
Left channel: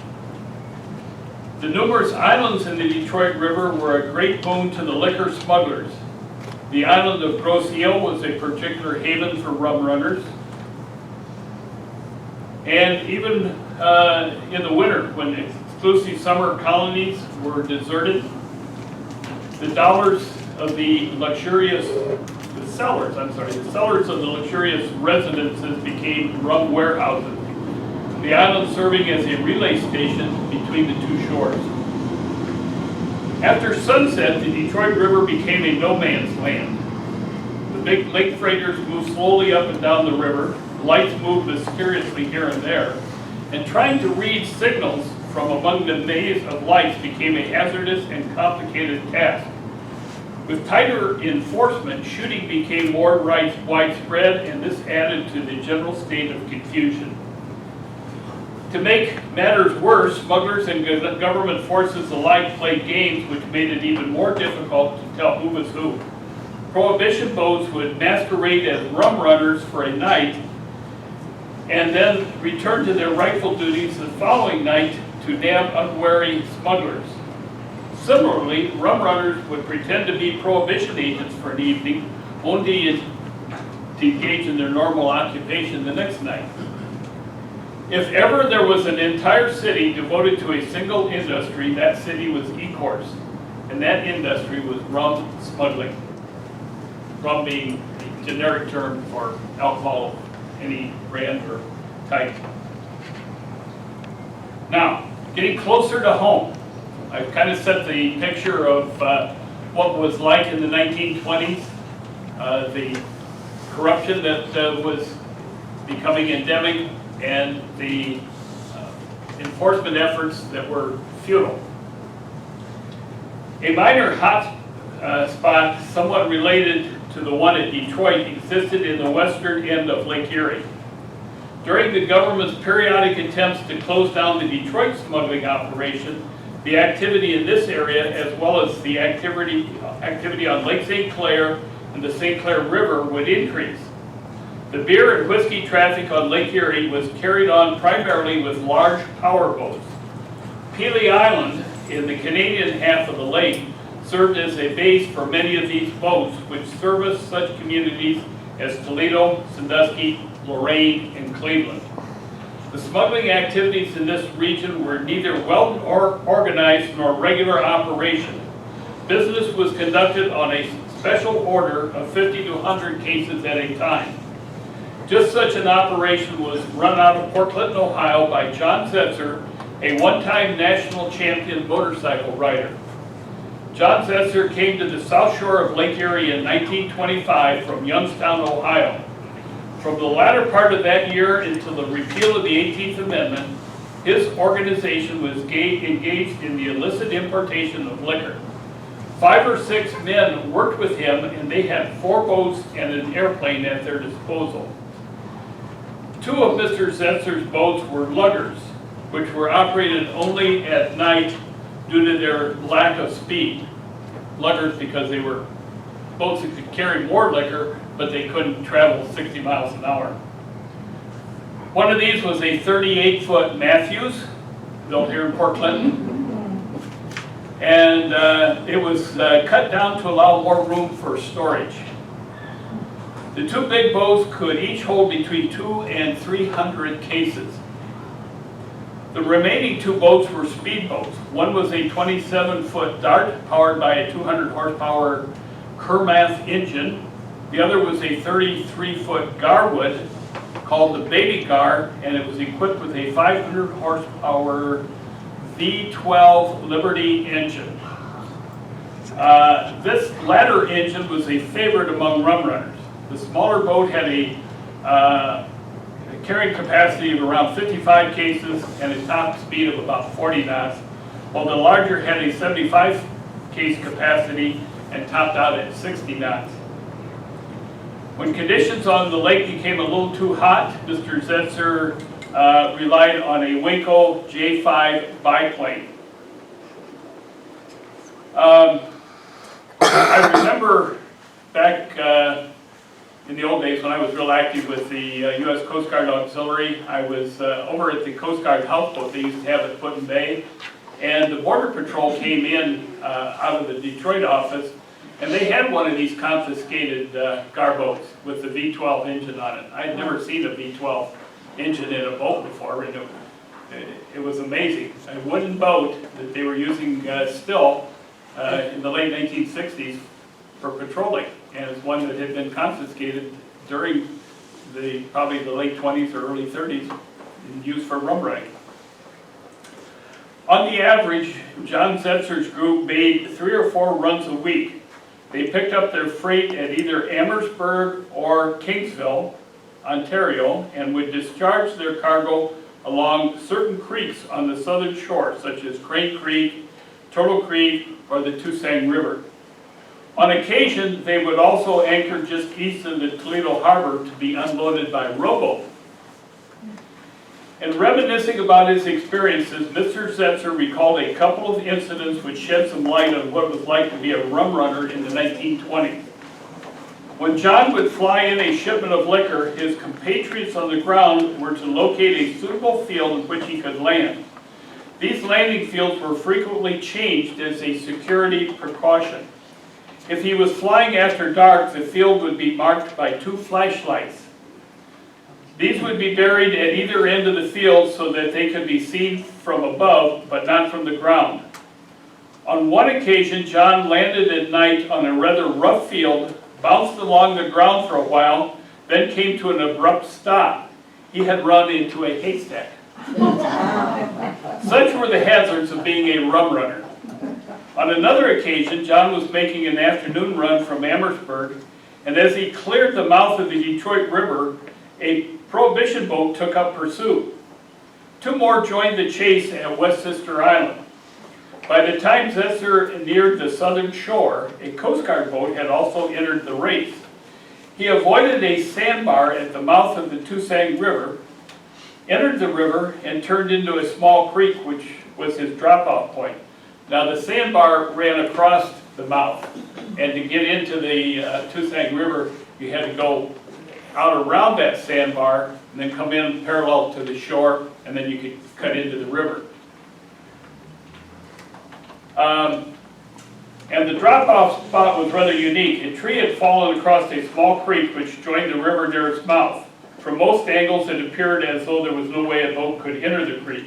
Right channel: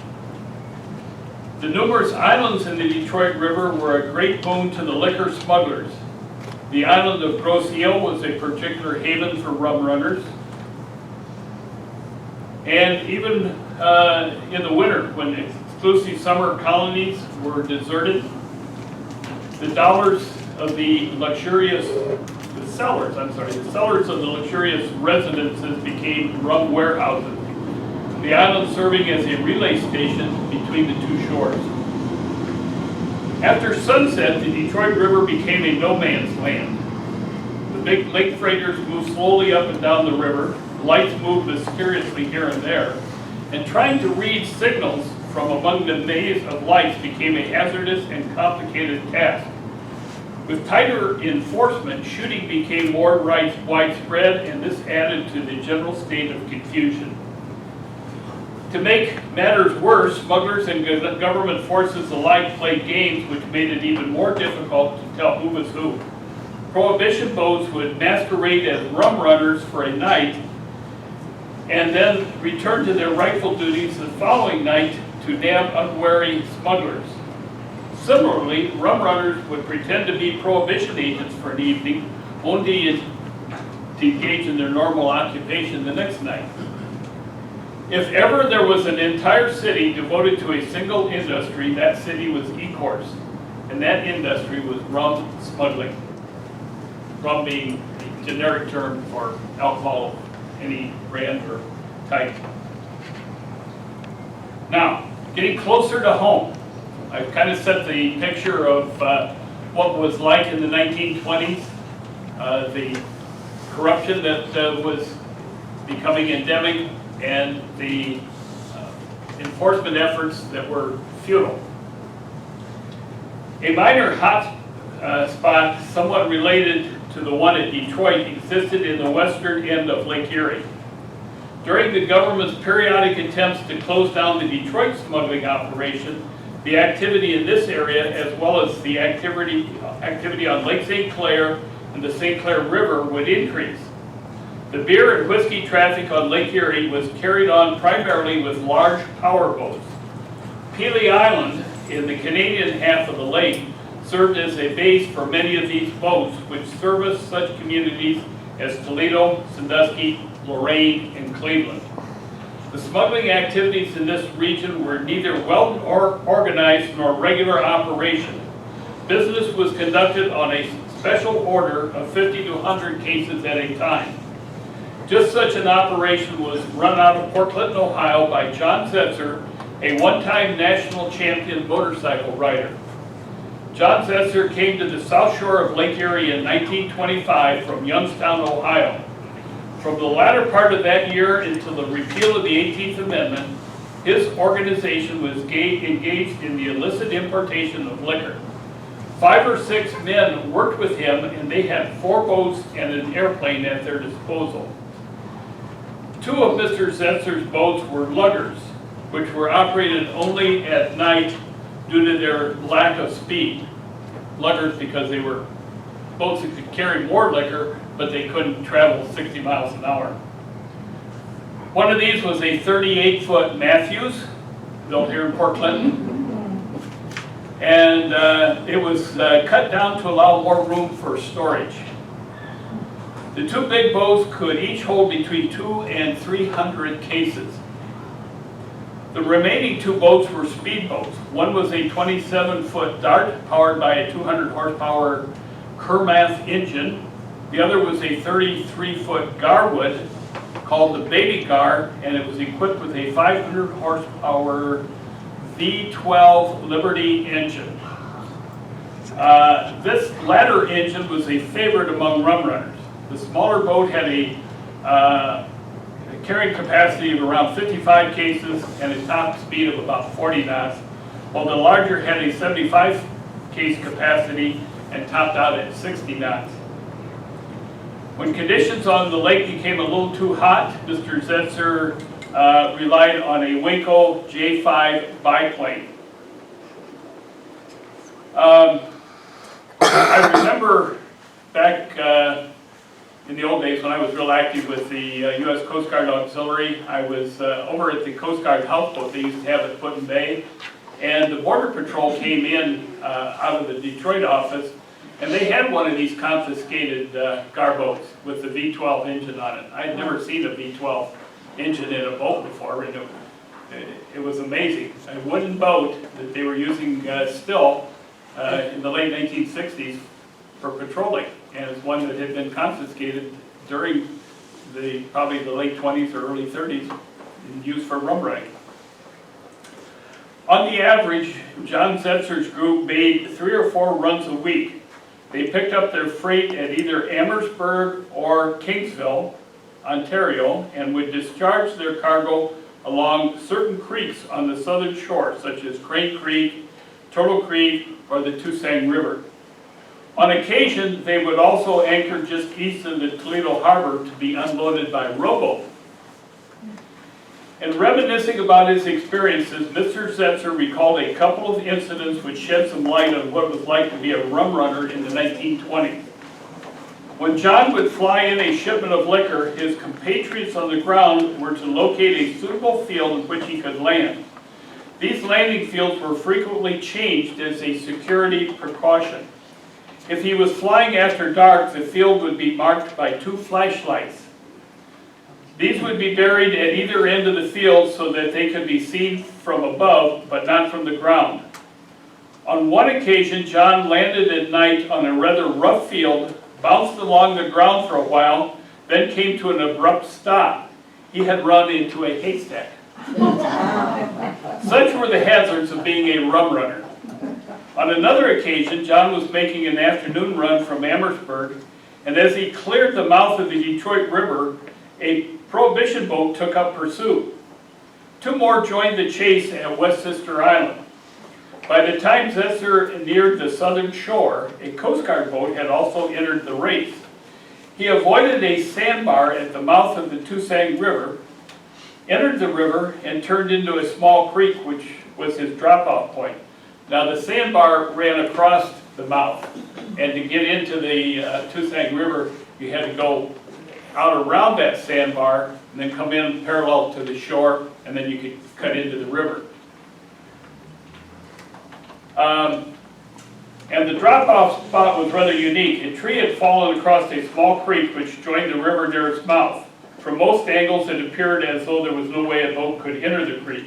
The numerous islands in the Detroit River were a great boon to the liquor smugglers. The island of Grosse Ile was a particular haven for rum runners. And even in the winter, when exclusive summer colonies were deserted, the cellars of the luxurious residences became rum warehouses, the island serving as a relay station between the two shores. After sunset, the Detroit River became a no man's land. The big lake freighters moved slowly up and down the river. Lights moved mysteriously here and there, and trying to read signals from among the maze of lights became a hazardous and complicated task. With tighter enforcement, shooting became more widespread, and this added to the general state of confusion. To make matters worse, smugglers and government forces alike played games which made it even more difficult to tell who was who. Prohibition boats would masquerade as rum runners for a night and then return to their rightful duties the following night to nab unwary smugglers. Similarly, rum runners would pretend to be prohibition agents for an evening, only to engage in their normal occupation the next night. If ever there was an entire city devoted to a single industry, that city was Ecorse, and that industry was rum smuggling. Rum being a generic term for alcohol of any brand or type. Now, getting closer to home, I've kind of set the picture of what was like in the 1920s, the corruption that was becoming endemic, and the enforcement efforts that were futile. A minor hot spot, somewhat related to the one at Detroit, existed in the western end of Lake Erie. During the government's periodic attempts to close down the Detroit smuggling operation, the activity in this area, as well as the activity on Lake St. Clair and the St. Clair River, would increase. The beer and whiskey traffic on Lake Erie was carried on primarily with large power boats. Pelee Island, in the Canadian half of the lake, served as a base for many of these boats, which serviced such communities as Toledo, Sandusky, Lorain, and Cleveland. The smuggling activities in this region were neither well organized nor regular operation. Business was conducted on a special order of 50 to 100 cases at a time. Just such an operation was run out of Port Clinton, Ohio by John Zetzer, a one-time national champion motorcycle rider. John Zetzer came to the south shore of Lake Erie in 1925 from Youngstown, Ohio. From the latter part of that year until the repeal of the 18th Amendment, his organization was engaged in the illicit importation of liquor. 5 or 6 men worked with him, and they had 4 boats and an airplane at their disposal. 2 of Mr. Zetzer's boats were luggers, which were operated only at night due to their lack of speed. Luggers because they were boats that could carry more liquor, but they couldn't travel 60 miles an hour. One of these was a 38-foot Matthews, built here in Port Clinton. And it was cut down to allow more room for storage. The 2 big boats could each hold between 200 and 300 cases. The remaining 2 boats were speedboats. One was a 27-foot Dart powered by a 200 horsepower Kermath engine. The other was a 33-foot Garwood called the Baby Gar, and it was equipped with a 500 horsepower V12 Liberty engine. This latter engine was a favorite among rum runners. The smaller boat had a carrying capacity of around 55 cases and a top speed of about 40 knots, while the larger had a 75 case capacity and topped out at 60 knots. When conditions on the lake became a little too hot, Mr. Zetzer relied on a Waco J5 biplane. I remember back in the old days when I was real active with the U.S. Coast Guard Auxiliary. I was over at the Coast Guard houseboat they used to have at Put-in Bay, and the Border Patrol came in out of the Detroit office, and they had one of these confiscated gar boats with the V12 engine on it. I had never seen a V12 engine in a boat before, and it was amazing. A wooden boat that they were using still in the late 1960s for patrolling, and it's one that had been confiscated during probably the late 20s or early 30s and used for rum running. On the average, John Zetzer's group made 3 or 4 runs a week. They picked up their freight at either Amherstburg or Kingsville, Ontario, and would discharge their cargo along certain creeks on the southern shore, such as Crane Creek, Turtle Creek, or the Toussaint River. On occasion, they would also anchor just east of the Toledo Harbor to be unloaded by rowboat. In reminiscing about his experiences, Mr. Zetzer recalled a couple of incidents which shed some light on what it was like to be a rum runner in the 1920s. When John would fly in a shipment of liquor, his compatriots on the ground were to locate a suitable field in which he could land. These landing fields were frequently changed as a security precaution. If he was flying after dark, the field would be marked by 2 flashlights. These would be buried at either end of the field so that they could be seen from above, but not from the ground. On one occasion, John landed at night on a rather rough field bounced along the ground for a while, then came to an abrupt stop. He had run into a haystack. Such were the hazards of being a rum runner. On another occasion, John was making an afternoon run from Amherstburg, and as he cleared the mouth of the Detroit River, a Prohibition boat took up pursuit. Two more joined the chase at West Sister Island. By the time Zetzer neared the southern shore, a Coast Guard boat had also entered the race. He avoided a sandbar at the mouth of the Tusang River, entered the river, and turned into a small creek, which was his drop-off point. Now the sandbar ran across the mouth, and to get into the Tusang River, you had to go out around that sandbar and then come in parallel to the shore, and then you could cut into the river. And the drop-off spot was rather unique. A tree had fallen across a small creek which joined the river near its mouth. From most angles, it appeared as though there was no way a boat could enter the creek.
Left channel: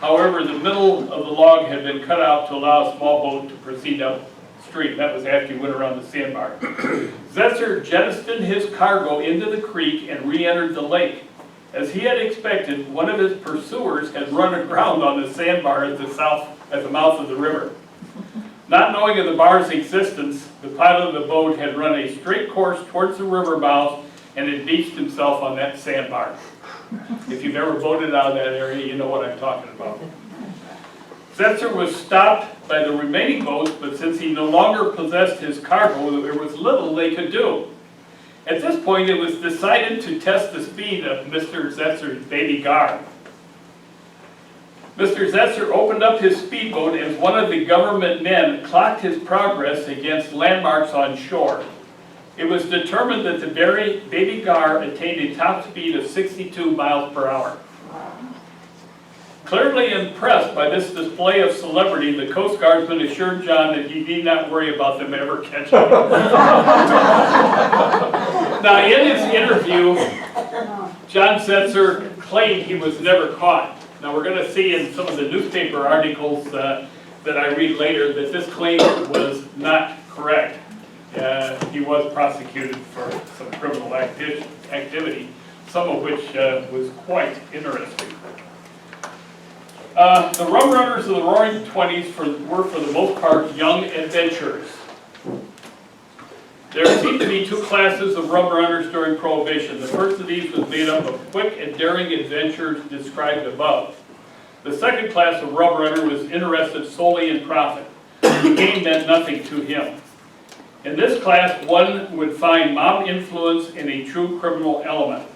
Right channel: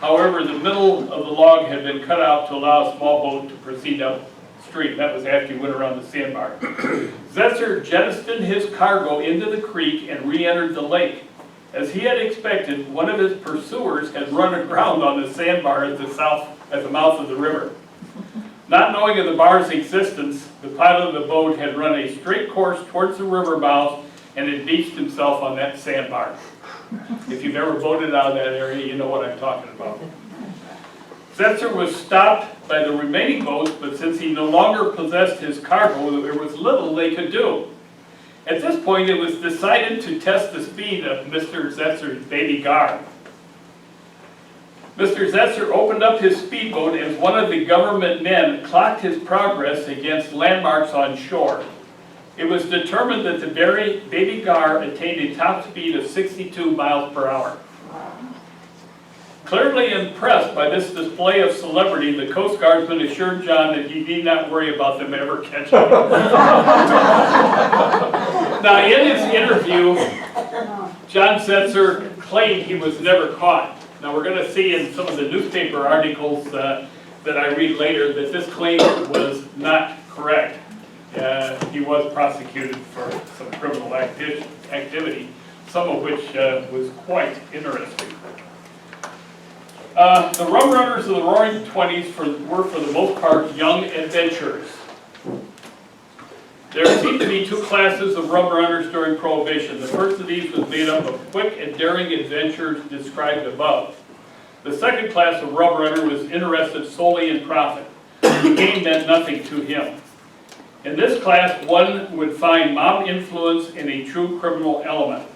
However, the middle of the log had been cut out to allow a small boat to proceed upstream. That was after he went around the sandbar. Zetzer jettisoned his cargo into the creek and re-entered the lake. As he had expected, one of his pursuers had run aground on the sandbar at the mouth of the river. Not knowing of the bar's existence, the pilot of the boat had run a straight course towards the river mouth and had beached himself on that sandbar. If you've ever boated out of that area, you know what I'm talking about. Zetzer was stopped by the remaining boats, but since he no longer possessed his cargo, there was little they could do. At this point, it was decided to test the speed of Mr. Zetzer's baby Gar. Mr. Zetzer opened up his speedboat as one of the government men clocked his progress against landmarks on shore. It was determined that the baby Gar attained a top speed of 62 miles per hour. Clearly impressed by this display of celebrity, the Coast Guardsman assured John that he need not worry about them ever catching him. Now, in his interview, John Zetzer claimed he was never caught. Now, we're going to see in some of the newspaper articles that I read later that this claim was not correct. He was prosecuted for some criminal activity, some of which was quite interesting. The rum runners of the Roaring '20s were for the most part young adventurers. There seemed to be two classes of rum runners during Prohibition. The first of these was made up of quick and daring adventurers described above. The second class of rum runner was interested solely in profit. The game meant nothing to him. In this class, one would find mob influence in a true criminal element.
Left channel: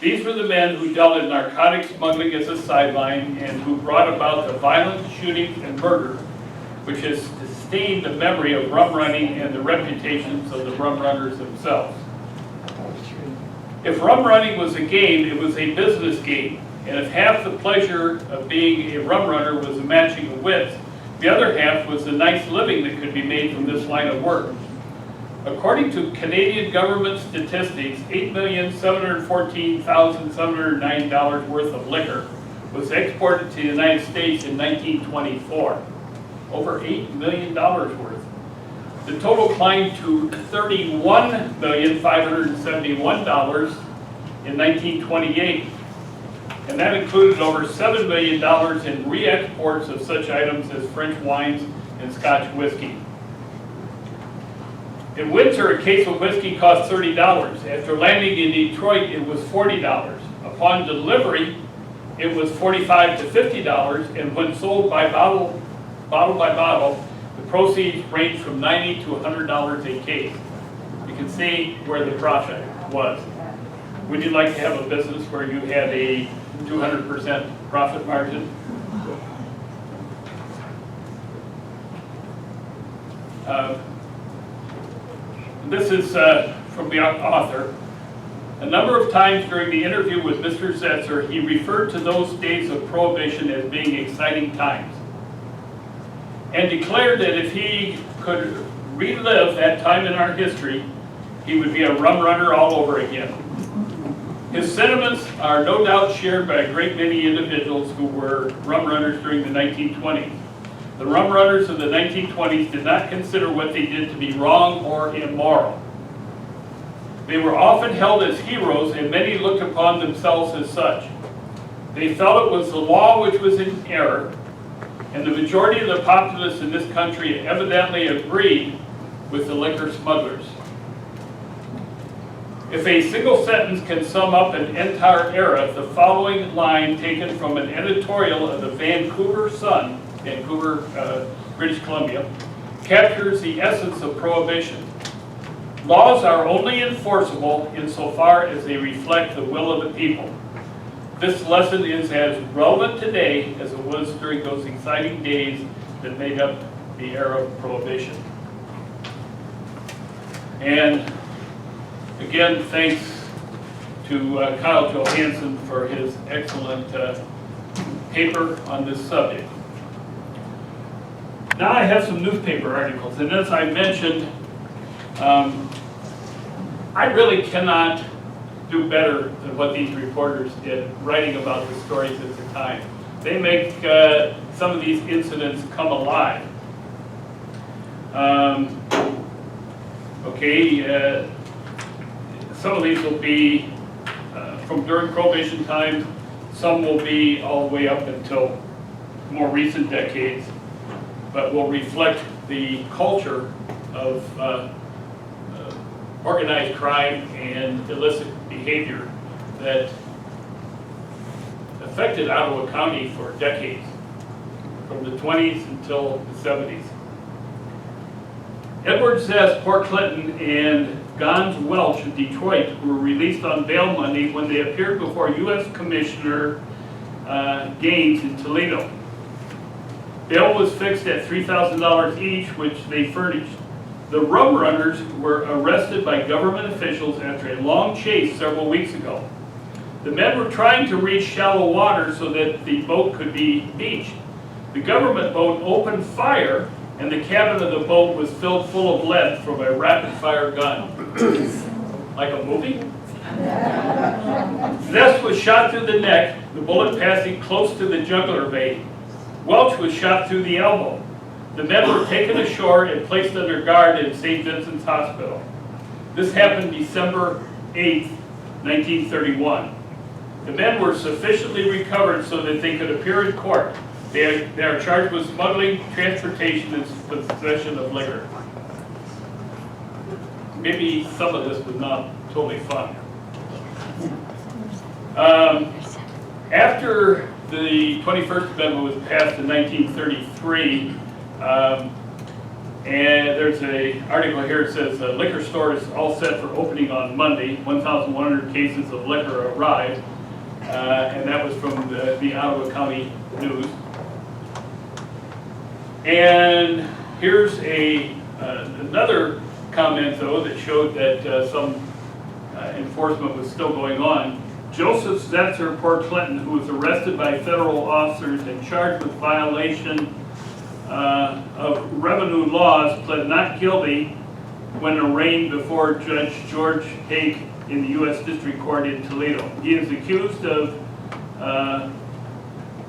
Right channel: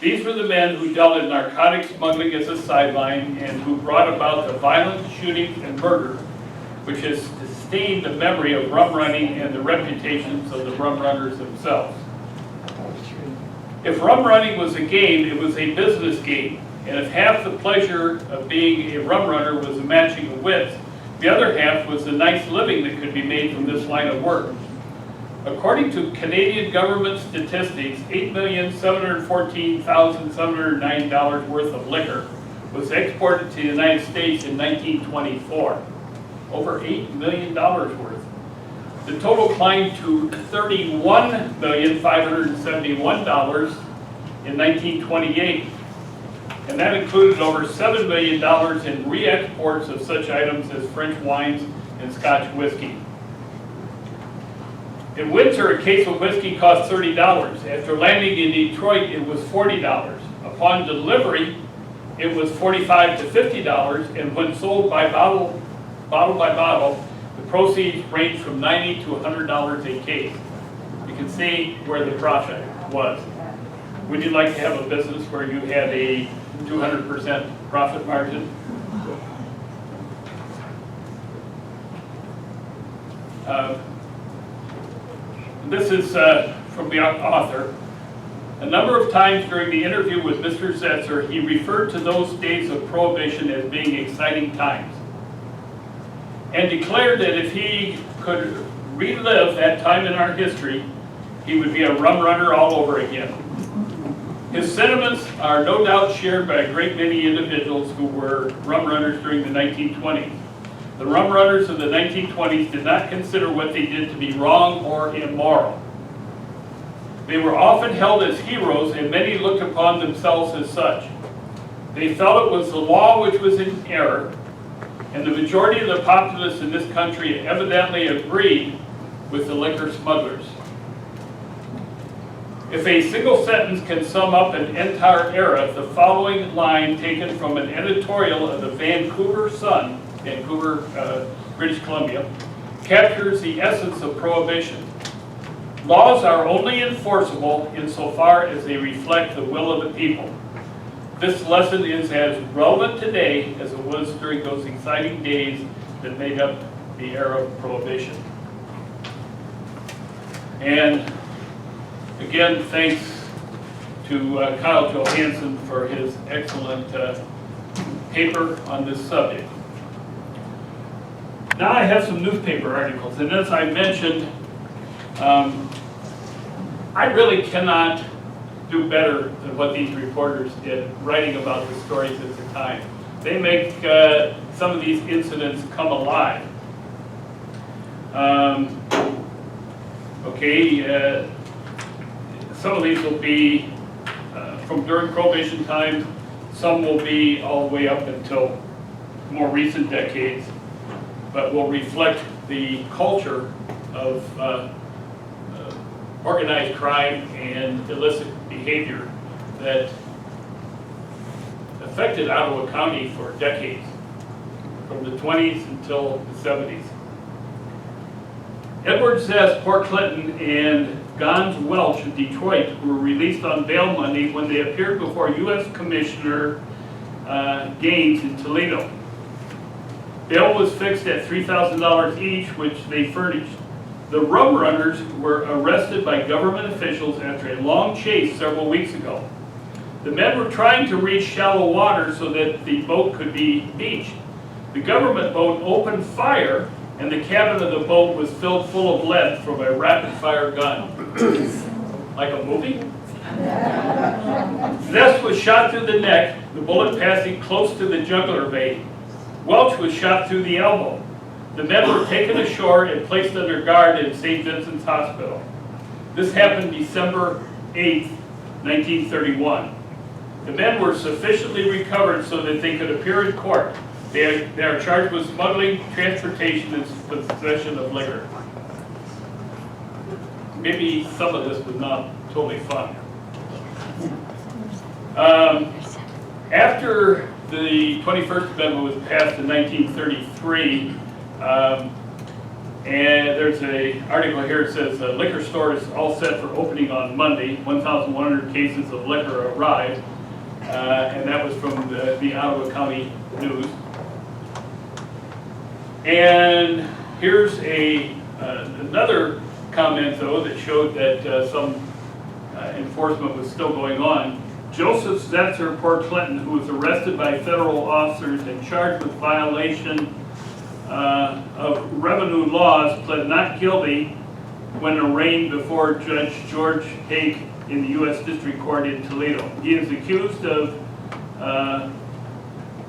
These were the men who dealt in narcotics smuggling as a sideline and who brought about the violent shootings and murder, which has sustained the memory of rum running and the reputations of the rum runners themselves. If rum running was a game, it was a business game, and if half the pleasure of being a rum runner was the matching of wits, the other half was the nice living that could be made from this line of work. According to Canadian government statistics, $8,714,709 worth of liquor was exported to the United States in 1924. Over $8 million worth. The total climbed to $31,571 in 1928, and that included over $7 million in re-exports of such items as French wines and Scotch whiskey. In winter, a case of whiskey cost $30. After landing in Detroit, it was $40. Upon delivery, it was $45 to $50, and when sold by bottle by bottle, the proceeds range from $90 to $100 a case. You can see where the profit was. Would you like to have a business where you had a 200% profit margin? This is from the author. A number of times during the interview with Mr. Zetzer, he referred to those days of Prohibition as being exciting times, and declared that if he could relive that time in our history, he would be a rum runner all over again. His sentiments are no doubt shared by a great many individuals who were rum runners during the 1920s. The rum runners of the 1920s did not consider what they did to be wrong or immoral. They were often held as heroes, and many looked upon themselves as such. They felt it was the law which was in error, and the majority of the populace in this country evidently agreed with the liquor smugglers. If a single sentence can sum up an entire era, the following line taken from an editorial of the Vancouver Sun, Vancouver, British Columbia, captures the essence of prohibition. Laws are only enforceable insofar as they reflect the will of the people. This lesson is as relevant today as it was during those exciting days that made up the era of prohibition. And again, thanks to Kyle Johansson for his excellent paper on this subject. Now I have some newspaper articles, and as I mentioned, I really cannot do better than what these reporters did writing about the stories at the time. They make some of these incidents come alive. Some of these will be from during Prohibition time, some will be all the way up until more recent decades, but will reflect the culture of organized crime and illicit behavior that affected Ottawa County for decades, from the 20s until the 70s. Edward Zest, Port Clinton, and Gons Welch of Detroit were released on bail Monday when they appeared before U.S. Commissioner Gaines in Toledo. Bail was fixed at $3,000 each, which they furnished. The rum runners were arrested by government officials after a long chase several weeks ago. The men were trying to reach shallow water so that the boat could be beached. The government boat opened fire, and the cabin of the boat was filled full of lead from a rapid-fire gun. Like a movie? Zest was shot through the neck, the bullet passing close to the jugular vein. Welch was shot through the elbow. The men were taken ashore and placed under guard in St. Vincent's Hospital. This happened December 8, 1931. The men were sufficiently recovered so that they could appear in court. They are charged with smuggling, transportation, and possession of liquor. Maybe some of this was not totally fun. After the 21st Amendment was passed in 1933, and there's an article here that says liquor stores all set for opening on Monday. 1,100 cases of liquor arrived, and that was from the Ottawa County News. And here's another comment, though, that showed that some enforcement was still going on. Joseph Zetzer, Port Clinton, who was arrested by federal officers and charged with violation of revenue laws, pled not guilty when arraigned before Judge George Haig in the U.S. District Court in Toledo. He is accused of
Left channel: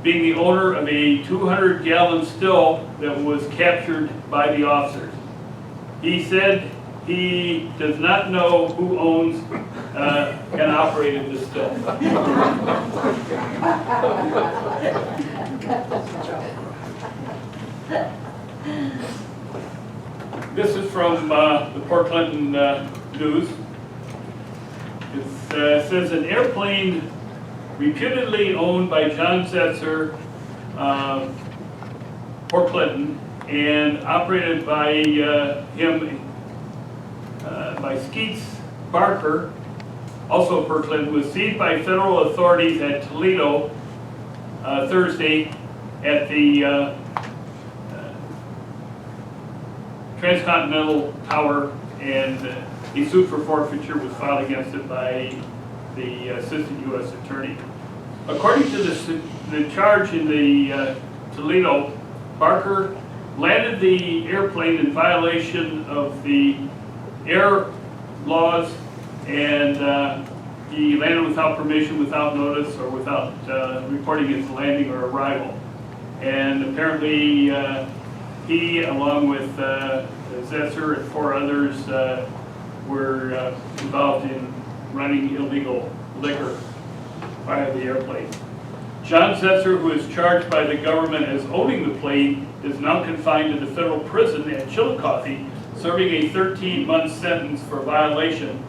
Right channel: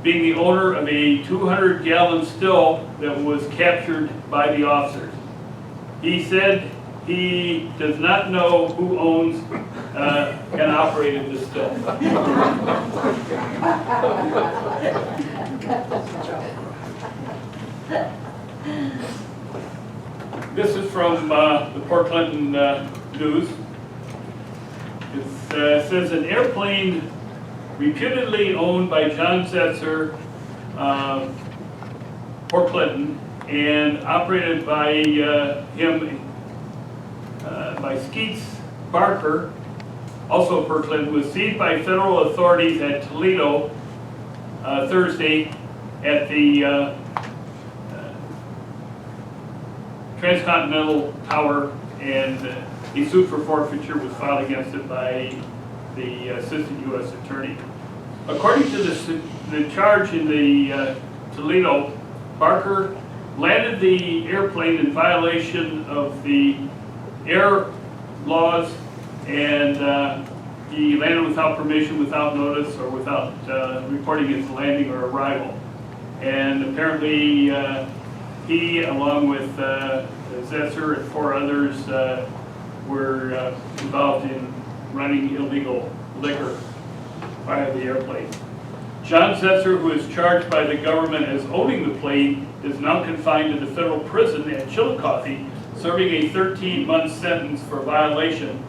being the owner of a 200-gallon still that was captured by the officers. He said he does not know who owns and operated the still. This is from the Port Clinton News. It says an airplane reputedly owned by John Zetzer, Port Clinton, and operated by him, by Skeets Barker, also Port Clinton, was seized by federal authorities at Toledo Thursday at the Transcontinental Tower, and a suit for forfeiture was filed against it by the Assistant U.S. Attorney. According to the charge in the Toledo, Barker landed the airplane in violation of the air laws, and he landed without permission, without notice, or without reporting his landing or arrival. And apparently he, along with Zetzer and 4 others, were involved in running illegal liquor via the airplane. John Setzer, who is charged by the government as owning the plane, is now confined to the federal prison at Chillicothe, serving a 13-month sentence for violation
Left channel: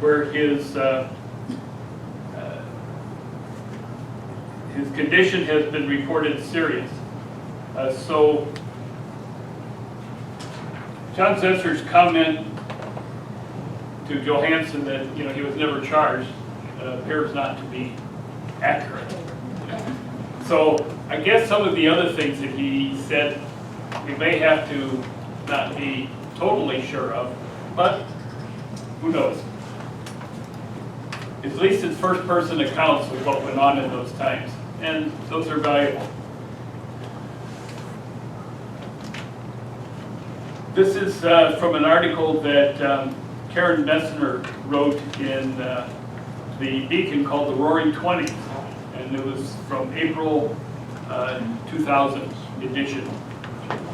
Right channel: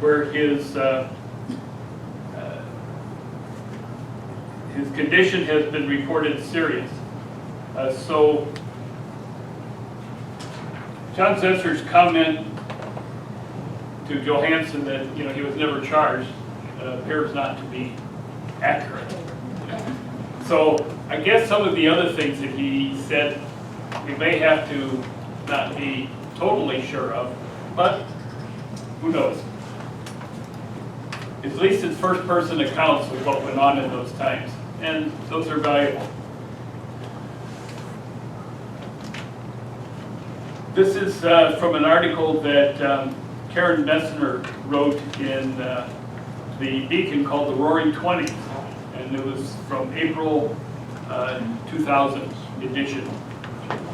where his condition has been reported serious. So John Setzer's comment to Johansson that he was never charged appears not to be accurate. So I guess some of the other things that he said we may have to not be totally sure of, but who knows? At least it's first-person accounts of what went on in those times, and those are valuable. This is from an article that Karen Messner wrote in the Beacon called The Roaring Twenties, and it was from April 2000 edition.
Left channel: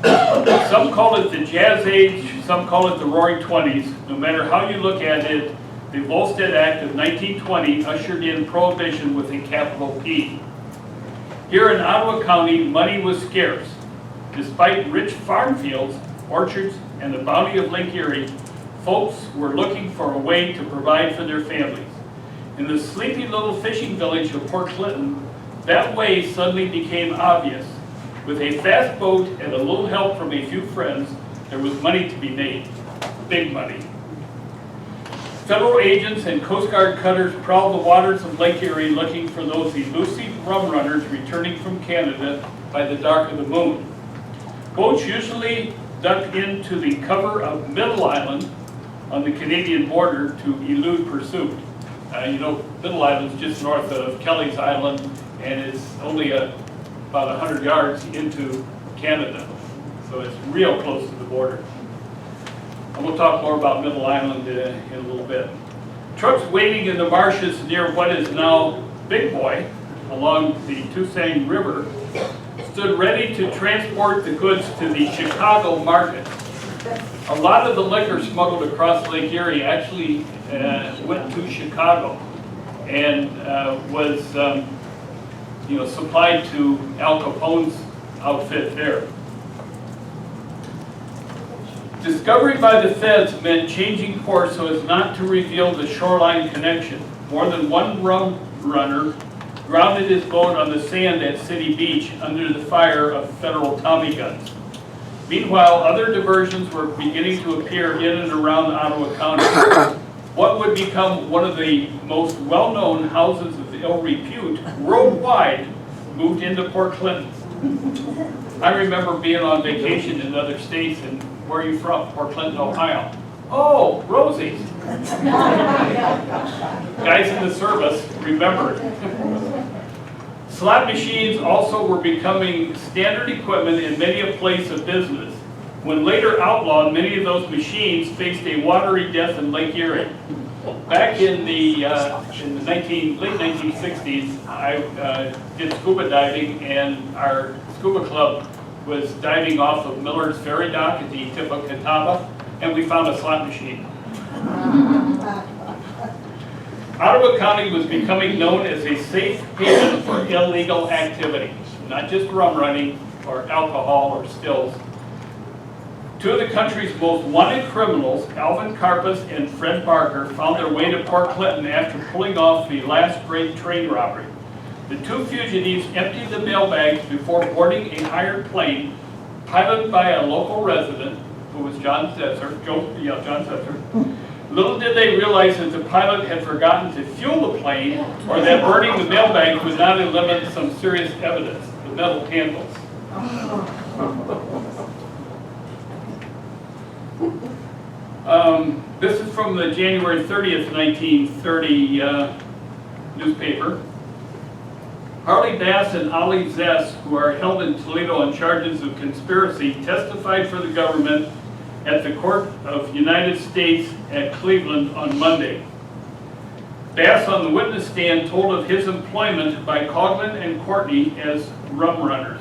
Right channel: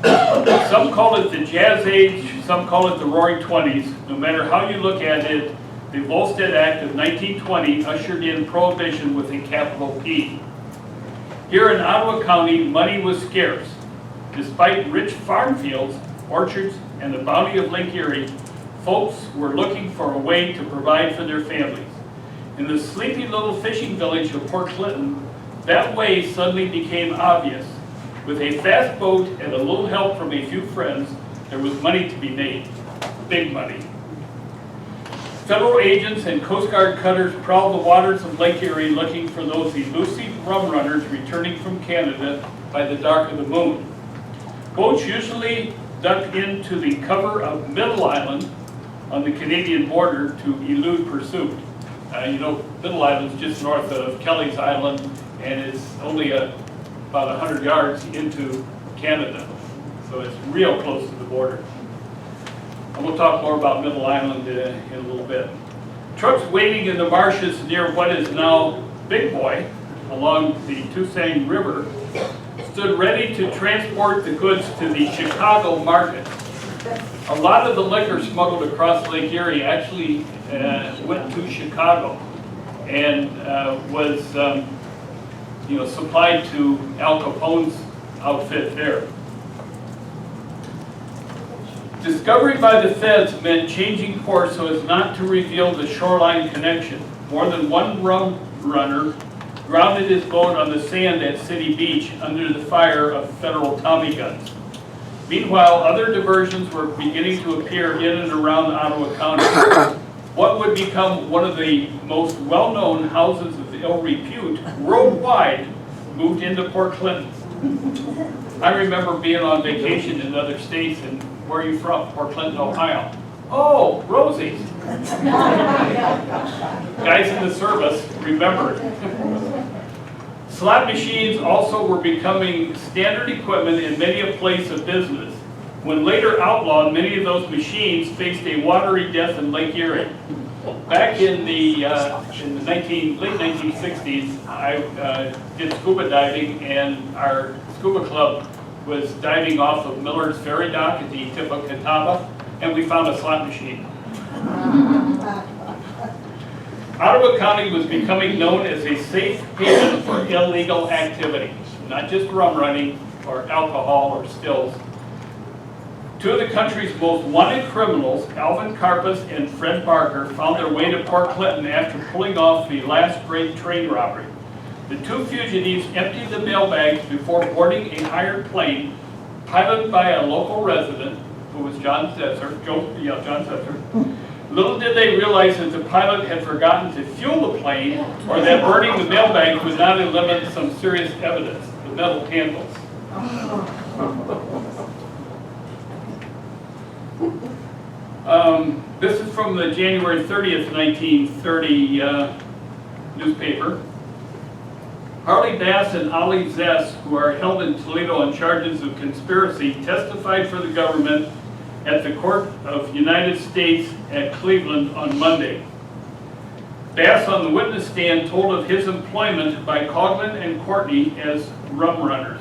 Some call it the Jazz Age, some call it the Roaring Twenties. No matter how you look at it, the Volstead Act of 1920 ushered in Prohibition with a capital P. Here in Ottawa County, money was scarce. Despite rich farm fields, orchards, and the bounty of Lake Erie, folks were looking for a way to provide for their families. In the sleepy little fishing village of Port Clinton, that way suddenly became obvious. With a fast boat and a little help from a few friends, there was money to be made. Big money. Federal agents and Coast Guard cutters prowled the waters of Lake Erie looking for those elusive rum runners returning from Canada by the dark of the moon. Boats usually ducked into the cover of Middle Island on the Canadian border to elude pursuit. Middle Island is just north of Kelly's Island, and it's only about 100 yards into Canada. So it's real close to the border. And we'll talk more about Middle Island in a little bit. Trucks waiting in the marshes near what is now Big Boy along the Toussaint River stood ready to transport the goods to the Chicago market. A lot of the liquor smuggled across Lake Erie actually went to Chicago and was supplied to Al Capone's outfit there. Discovery by the feds meant changing course so as not to reveal the shoreline connection. More than one rum runner grounded his boat on the sand at City Beach under the fire of federal Tommy guns. Meanwhile, other diversions were beginning to appear in and around Ottawa County. What would become one of the most well-known houses of ill repute worldwide moved into Port Clinton. I remember being on vacation in other states, and where are you from? Port Clinton, Ohio. Oh, Rosie's. Guys in the service remembered. Slot machines also were becoming standard equipment in many a place of business. When later outlawed, many of those machines faced a watery death in Lake Erie. Back in the late 1960s, I did scuba diving, and our scuba club was diving off of Miller's Ferry Dock at the tip of Catawba, and we found a slot machine. Ottawa County was becoming known as a safe haven for illegal activity, not just rum running or alcohol or stills. Two of the country's most wanted criminals, Alvin Karpus and Fred Barker, found their way to Port Clinton after pulling off the last great train robbery. The two fugitives emptied the mailbags before boarding a hired plane piloted by a local resident, who was John Setzer. Little did they realize that the pilot had forgotten to fuel the plane, or that burning the mailbag would not eliminate some serious evidence, the metal handles. This is from the January 30th, 1930 newspaper. Harley Bass and Ollie Zess, who are held in Toledo on charges of conspiracy, testified for the government at the Court of United States at Cleveland on Monday. Bass on the witness stand told of his employment by Coughlin and Courtney as rum runners.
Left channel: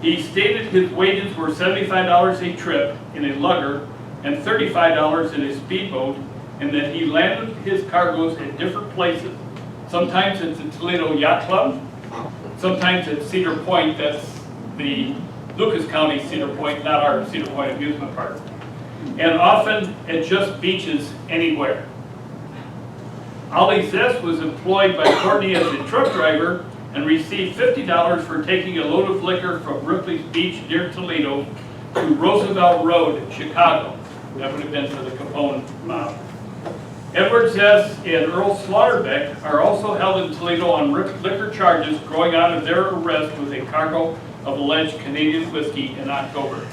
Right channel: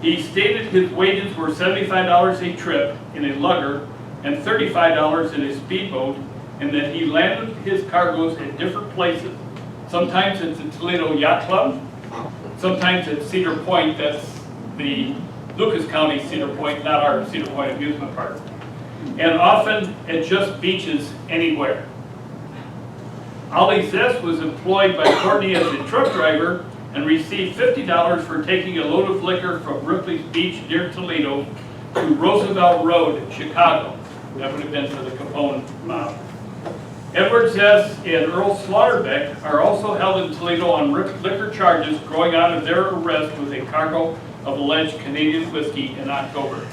He stated his wages were $75 a trip in a lugger, and $35 in a speedboat, and that he landed his cargoes at different places. Sometimes it's at Toledo Yacht Club, sometimes at Cedar Point, that's the Lucas County Cedar Point, not our Cedar Point amusement park, and often at just beaches anywhere. Ollie Zest was employed by Courtney as a truck driver and received $50 for taking a load of liquor from Ripley's Beach near Toledo to Roosevelt Road in Chicago. That would have been for the Capone mob. Edward Zest and Earl Slaughterbeck are also held in Toledo on liquor charges growing out of their arrest with a cargo of alleged Canadian whiskey in October.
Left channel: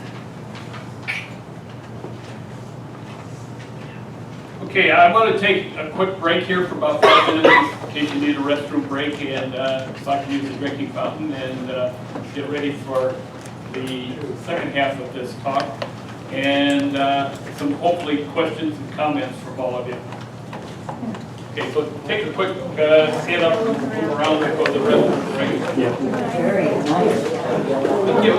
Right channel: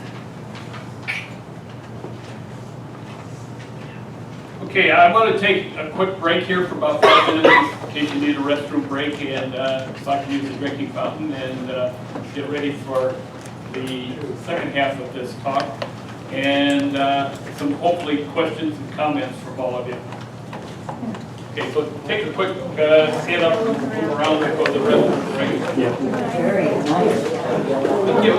Okay, I'm going to take a quick break here for about 5 minutes in case you need a restroom break, and so I can use the drinking fountain and get ready for the second half of this talk, and some hopefully questions and comments from all of you. Okay, so take a quick stand up, move around, and go to the restroom break. Thank you.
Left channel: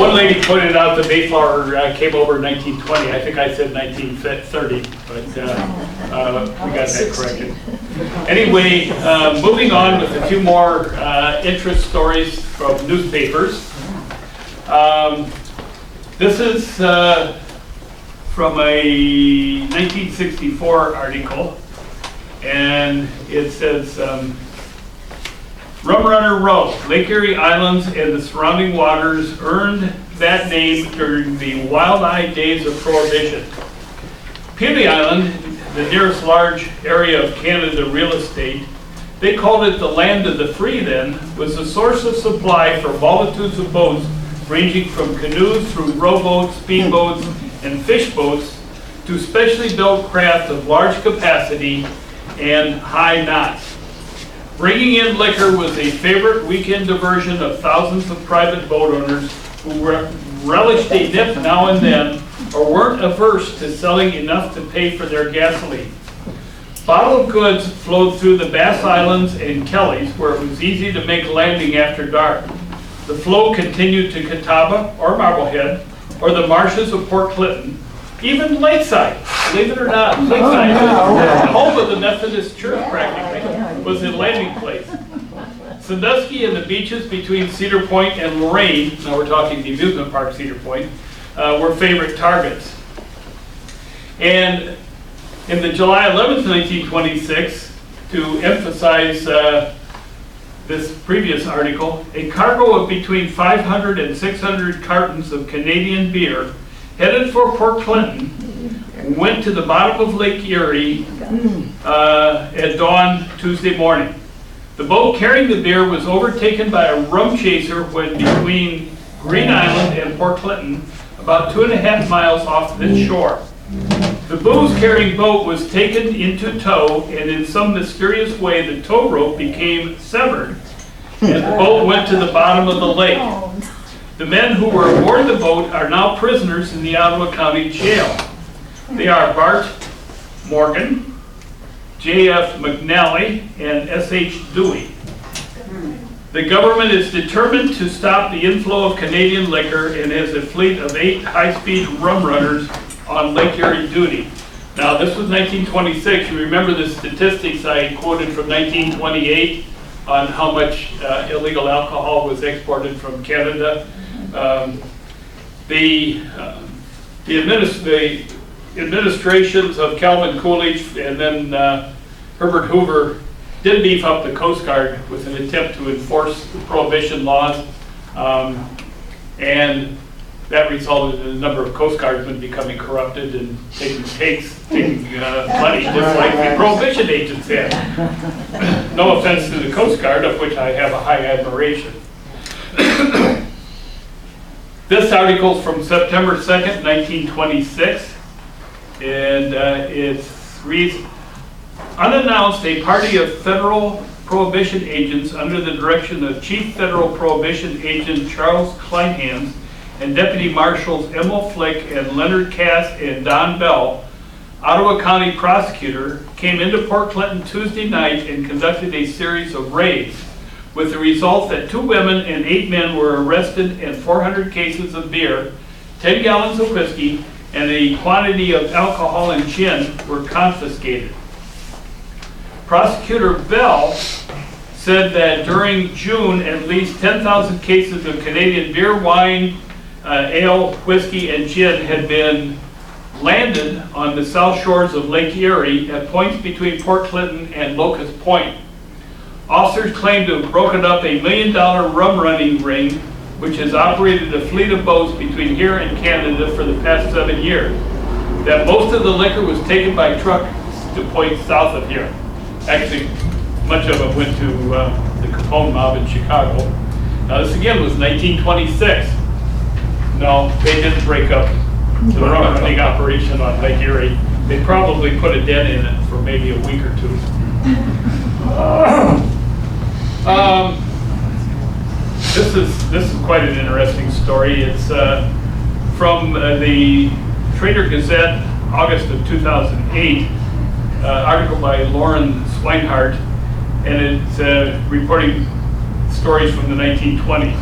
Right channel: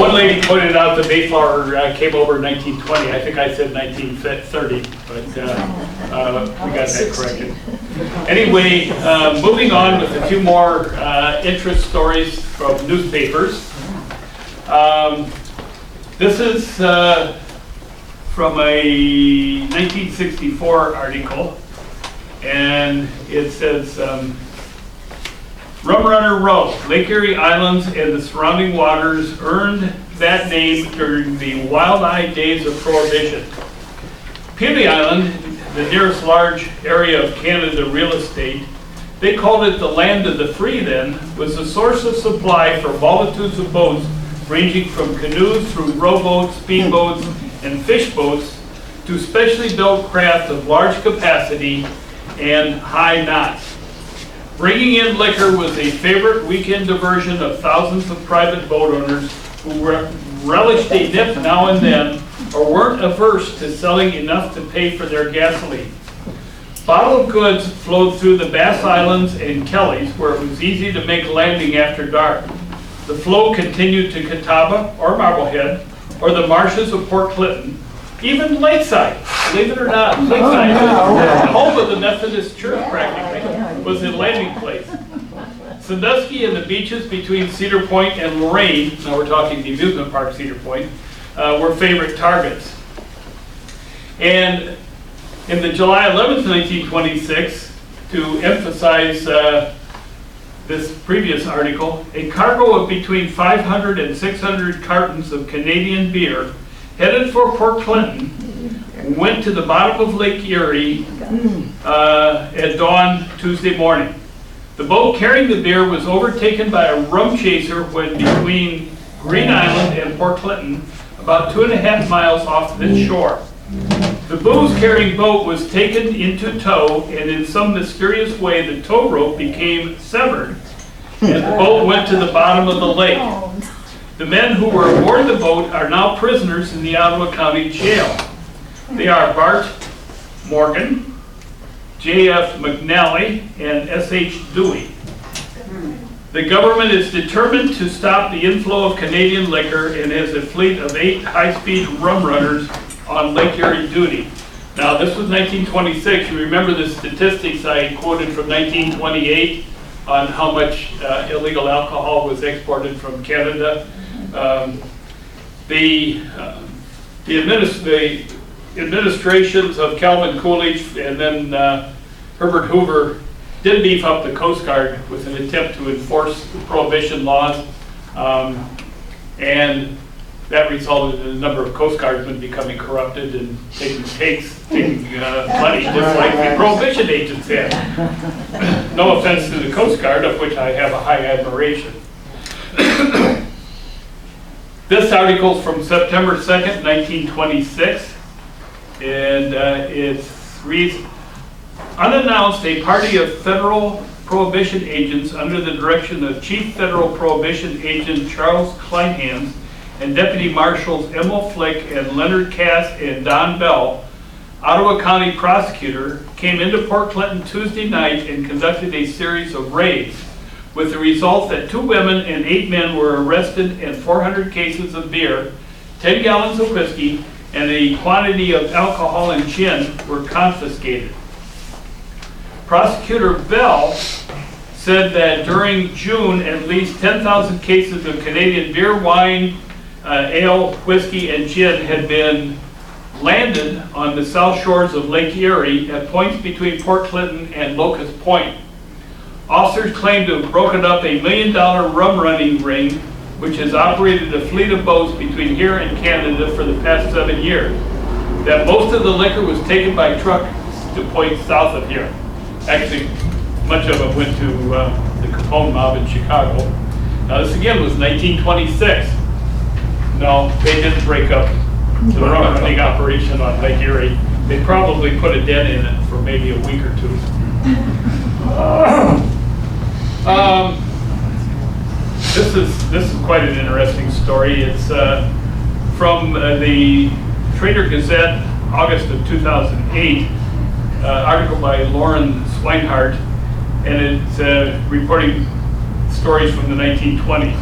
One lady pointed out the Mayflower came over in 1920. I think I said 1930, but we got that corrected. Anyway, moving on with a few more interest stories from newspapers. This is from a 1964 article, and it says, Rum Runner Row, Lake Erie Islands and the surrounding waters earned that name during the wild-eyed days of Prohibition. Pelee Island, the nearest large area of Canada real estate, they called it the land of the free then, was the source of supply for multitudes of boats ranging from canoes through rowboats, speedboats, and fish boats to specially built craft of large capacity and high knots. Bringing in liquor was a favorite weekend diversion of thousands of private boat owners who relished a nip now and then or weren't averse to selling enough to pay for their gasoline. Bottled goods flowed through the Bass Islands and Kellys where it was easy to make landing after dark. The flow continued to Catawba or Marblehead or the marshes of Port Clinton, even Lakeside, believe it or not, Lakeside, the home of the Methodist Church practically, was a landing place. Sandusky and the beaches between Cedar Point and Lorraine, now we're talking the amusement park Cedar Point, were favorite targets. And in the July 11th, 1926, to emphasize this previous article, a cargo of between 500 and 600 cartons of Canadian beer headed for Port Clinton went to the bottom of Lake Erie at dawn Tuesday morning. The boat carrying the beer was overtaken by a rum chaser when between Green Island and Port Clinton, about 2.5 miles off this shore. The booze-carrying boat was taken into tow, and in some mysterious way the tow rope became severed, and the boat went to the bottom of the lake. The men who were aboard the boat are now prisoners in the Ottawa County Jail. They are Bart Morgan, J.F. McNally, and S.H. Dewey. The government is determined to stop the inflow of Canadian liquor and has a fleet of 8 high-speed rum runners on Lake Erie duty. Now, this was 1926. You remember the statistics I quoted from 1928 on how much illegal alcohol was exported from Canada. The administrations of Calvin Coolidge and then Herbert Hoover did beef up the Coast Guard with an attempt to enforce the prohibition laws, and that resulted in a number of Coast Guardsmen becoming corrupted and taking money just like the prohibition agents had. No offense to the Coast Guard, of which I have a high admiration. This article is from September 2nd, 1926, and it reads, unannounced, a party of federal prohibition agents under the direction of Chief Federal Prohibition Agent Charles Kleinhans and Deputy Marshals Emil Flick and Leonard Cass and Don Bell, Ottawa County prosecutor, came into Port Clinton Tuesday night and conducted a series of raids, with the result that 2 women and 8 men were arrested and 400 cases of beer 10 gallons of whiskey, and a quantity of alcohol and gin were confiscated. Prosecutor Bell said that during June, at least 10,000 cases of Canadian beer, wine, ale, whiskey, and gin had been landed on the south shores of Lake Erie at points between Port Clinton and Locust Point. Officers claimed to have broken up a $1 million rum running ring, which has operated a fleet of boats between here and Canada for the past 7 years. That most of the liquor was taken by truck to points south of here. Actually, much of it went to the Capone mob in Chicago. Now this again was 1926. No, they didn't break up the rum running operation on Lake Erie. They probably put a dent in it for maybe a week or two. This is quite an interesting story. It's from the Trader Gazette, August of 2008, article by Lauren Swinehart, and it's reporting stories from the 1920s.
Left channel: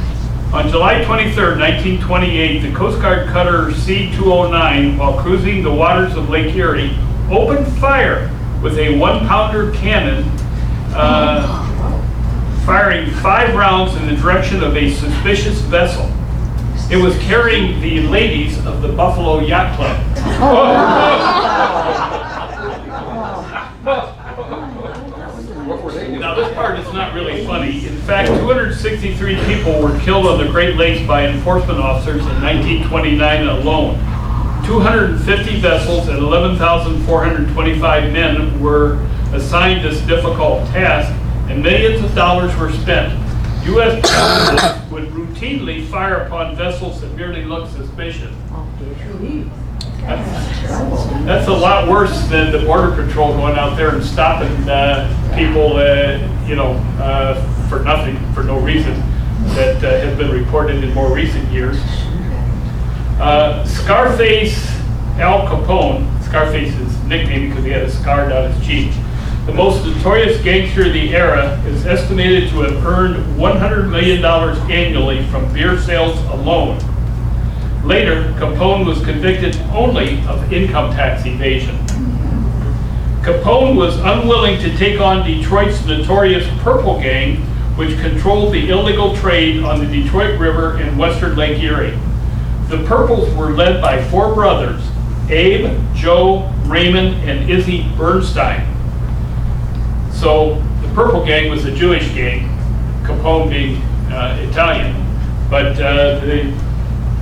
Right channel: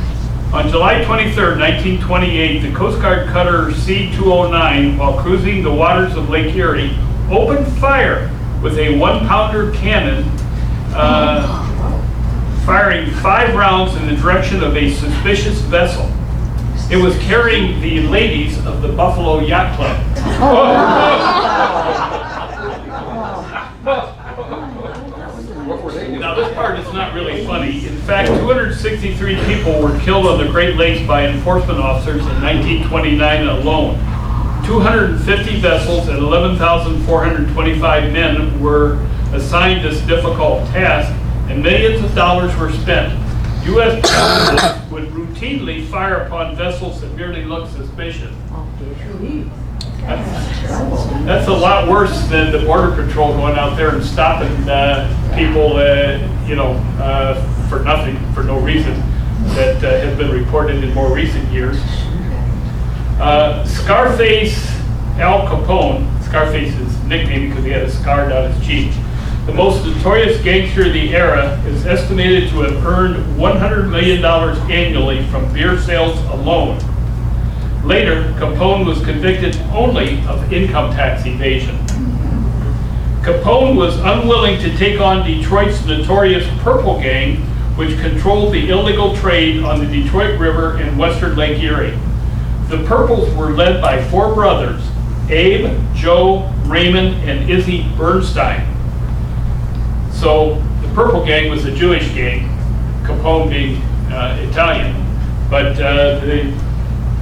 On July 23, 1928, the Coast Guard cutter C-209, while cruising the waters of Lake Erie, opened fire with a 1-pounder cannon, firing 5 rounds in the direction of a suspicious vessel. It was carrying the ladies of the Buffalo Yacht Club. Now this part is not really funny. In fact, 263 people were killed on the Great Lakes by enforcement officers in 1929 alone. 250 vessels and 11,425 men were assigned this difficult task, and millions of dollars were spent. U.S. pilots would routinely fire upon vessels that merely looked suspicious. That's a lot worse than the Border Patrol going out there and stopping people, for nothing, for no reason, that have been reported in more recent years. Scarface Al Capone, Scarface's nickname because he had a scar down his cheek, the most notorious gangster of the era, is estimated to have earned $100 million annually from beer sales alone. Later, Capone was convicted only of income tax evasion. Capone was unwilling to take on Detroit's notorious Purple Gang, which controlled the illegal trade on the Detroit River and western Lake Erie. The Purples were led by 4 brothers, Abe, Joe, Raymond, and Izzy Bernstein. So the Purple Gang was a Jewish gang, Capone being Italian. But the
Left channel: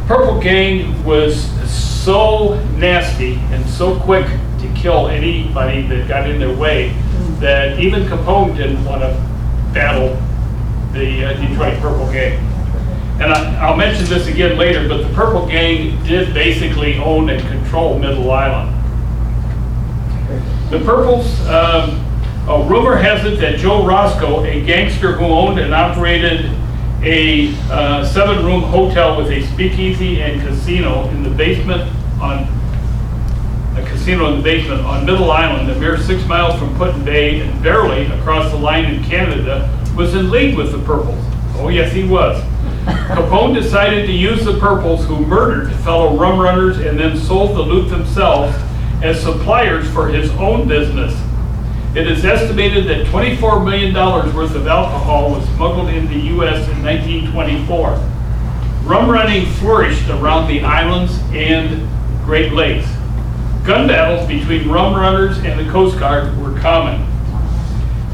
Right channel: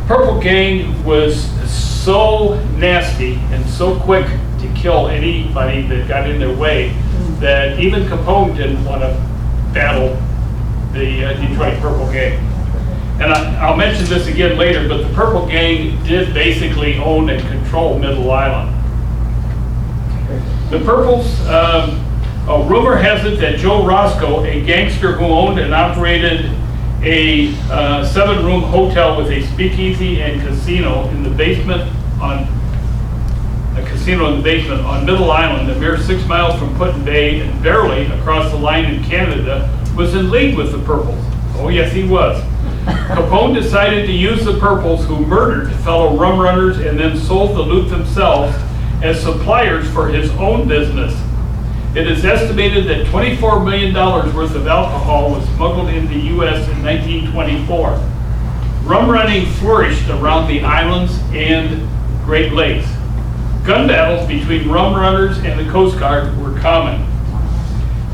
Purple Gang was so nasty and so quick to kill anybody that got in their way that even Capone didn't want to battle the Detroit Purple Gang. And I'll mention this again later, but the Purple Gang did basically own and control Middle Island. The Purples, rumor has it that Joe Roscoe, a gangster who owned and operated a 7-room hotel with a speakeasy and casino in the basement on Middle Island, a mere 6 miles from Put-in Bay and barely across the line in Canada, was in league with the Purples. Oh yes, he was. Capone decided to use the Purples, who murdered fellow rum runners and then sold the loot themselves, as suppliers for his own business. It is estimated that $24 million worth of alcohol was smuggled into the U.S. in 1924. Rum running flourished around the islands and Great Lakes. Gun battles between rum runners and the Coast Guard were common.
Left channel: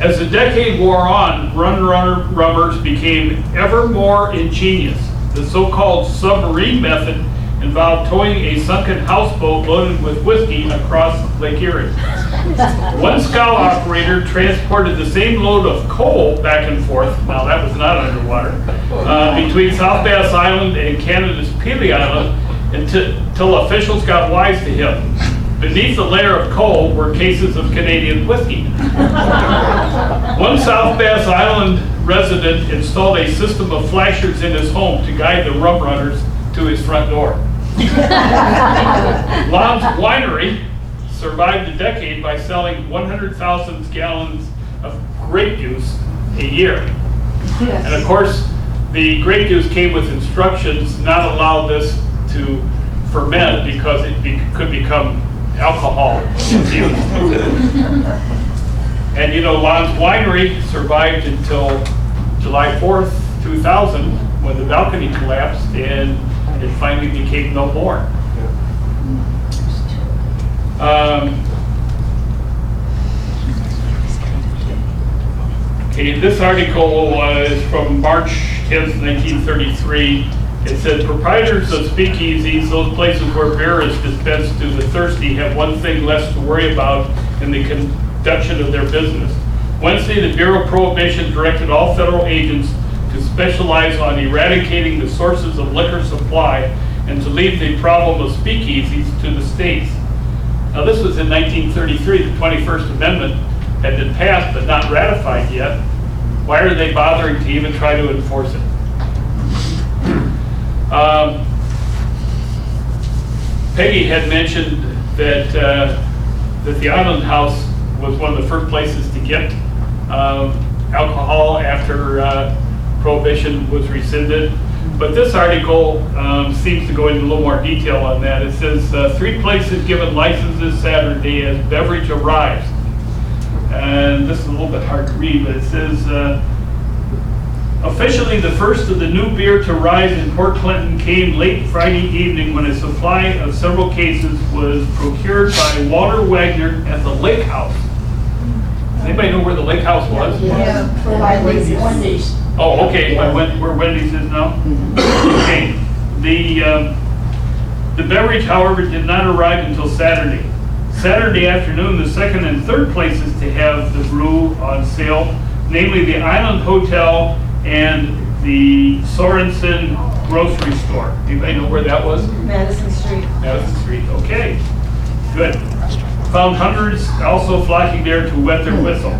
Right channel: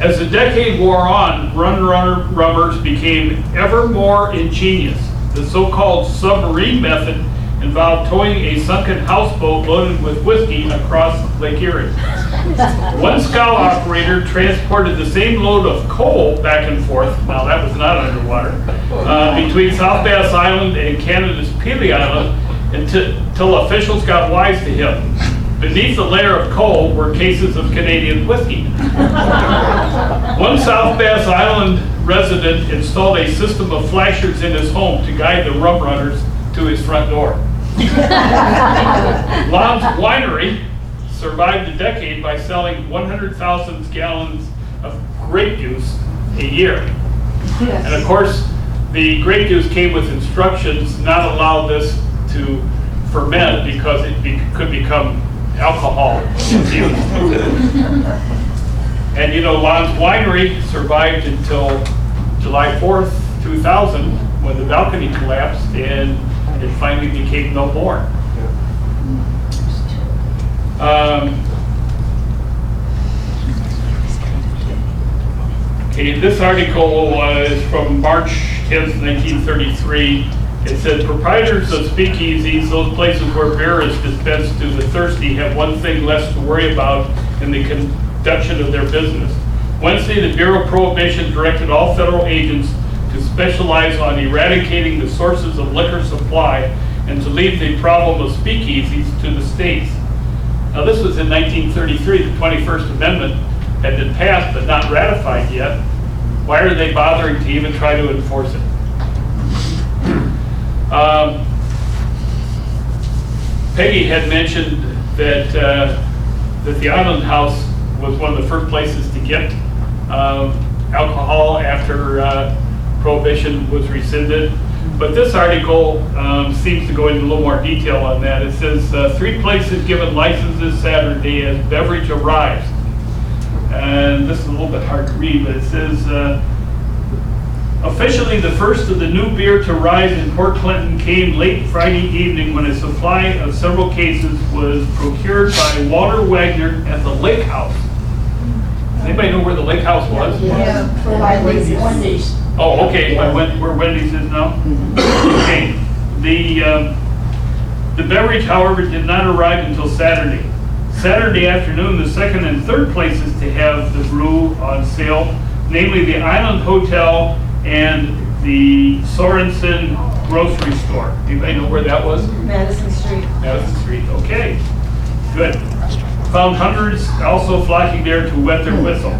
As the decade wore on, runners became ever more ingenious. The so-called submarine method involved towing a sunken houseboat loaded with whiskey across Lake Erie. One scow operator transported the same load of coal back and forth, now that was not underwater, between South Bass Island and Canada's Pelee Island until officials got wise to him. Beneath the layer of coal were cases of Canadian whiskey. One South Bass Island resident installed a system of flashers in his home to guide the rum runners to his front door. Lon's Winery survived a decade by selling 100,000 gallons of grape juice a year. Yes. And of course, the grape juice came with instructions not allow this to ferment because it could become alcohol infused. And you know, Lon's Winery survived until July 4th, 2000, when the balcony collapsed and it finally became no more. Okay, this article was from March 10th, 1933. It said, proprietors of speakeasies, those places where beer is dispensed to the thirsty, have one thing less to worry about in the conduction of their business. Wednesday, the Bureau of Prohibition directed all federal agents to specialize on eradicating the sources of liquor supply and to leave the problem of speakeasies to the states. Now, this was in 1933. The 21st Amendment had been passed but not ratified yet. Why are they bothering to even try to enforce it? Peggy had mentioned that that the Island House was one of the first places to get alcohol after Prohibition was rescinded. But this article seems to go into a little more detail on that. It says 3 places given licenses Saturday as beverage arrives. And this is a little bit hard to read, but it says, officially the first of the new beer to rise in Port Clinton came late Friday evening when a supply of several cases was procured by Walter Wagner at the Lake House. Does anybody know where the Lake House was? Yeah, by Wendy's. Oh, okay, where Wendy's is now? Okay, the beverage, however, did not arrive until Saturday. Saturday afternoon, the second and third places to have the brew on sale, namely the Island Hotel and the Sorensen grocery store. Anybody know where that was? Madison Street. Madison Street, okay, good. Found hundreds also flocking there to wet their whistle.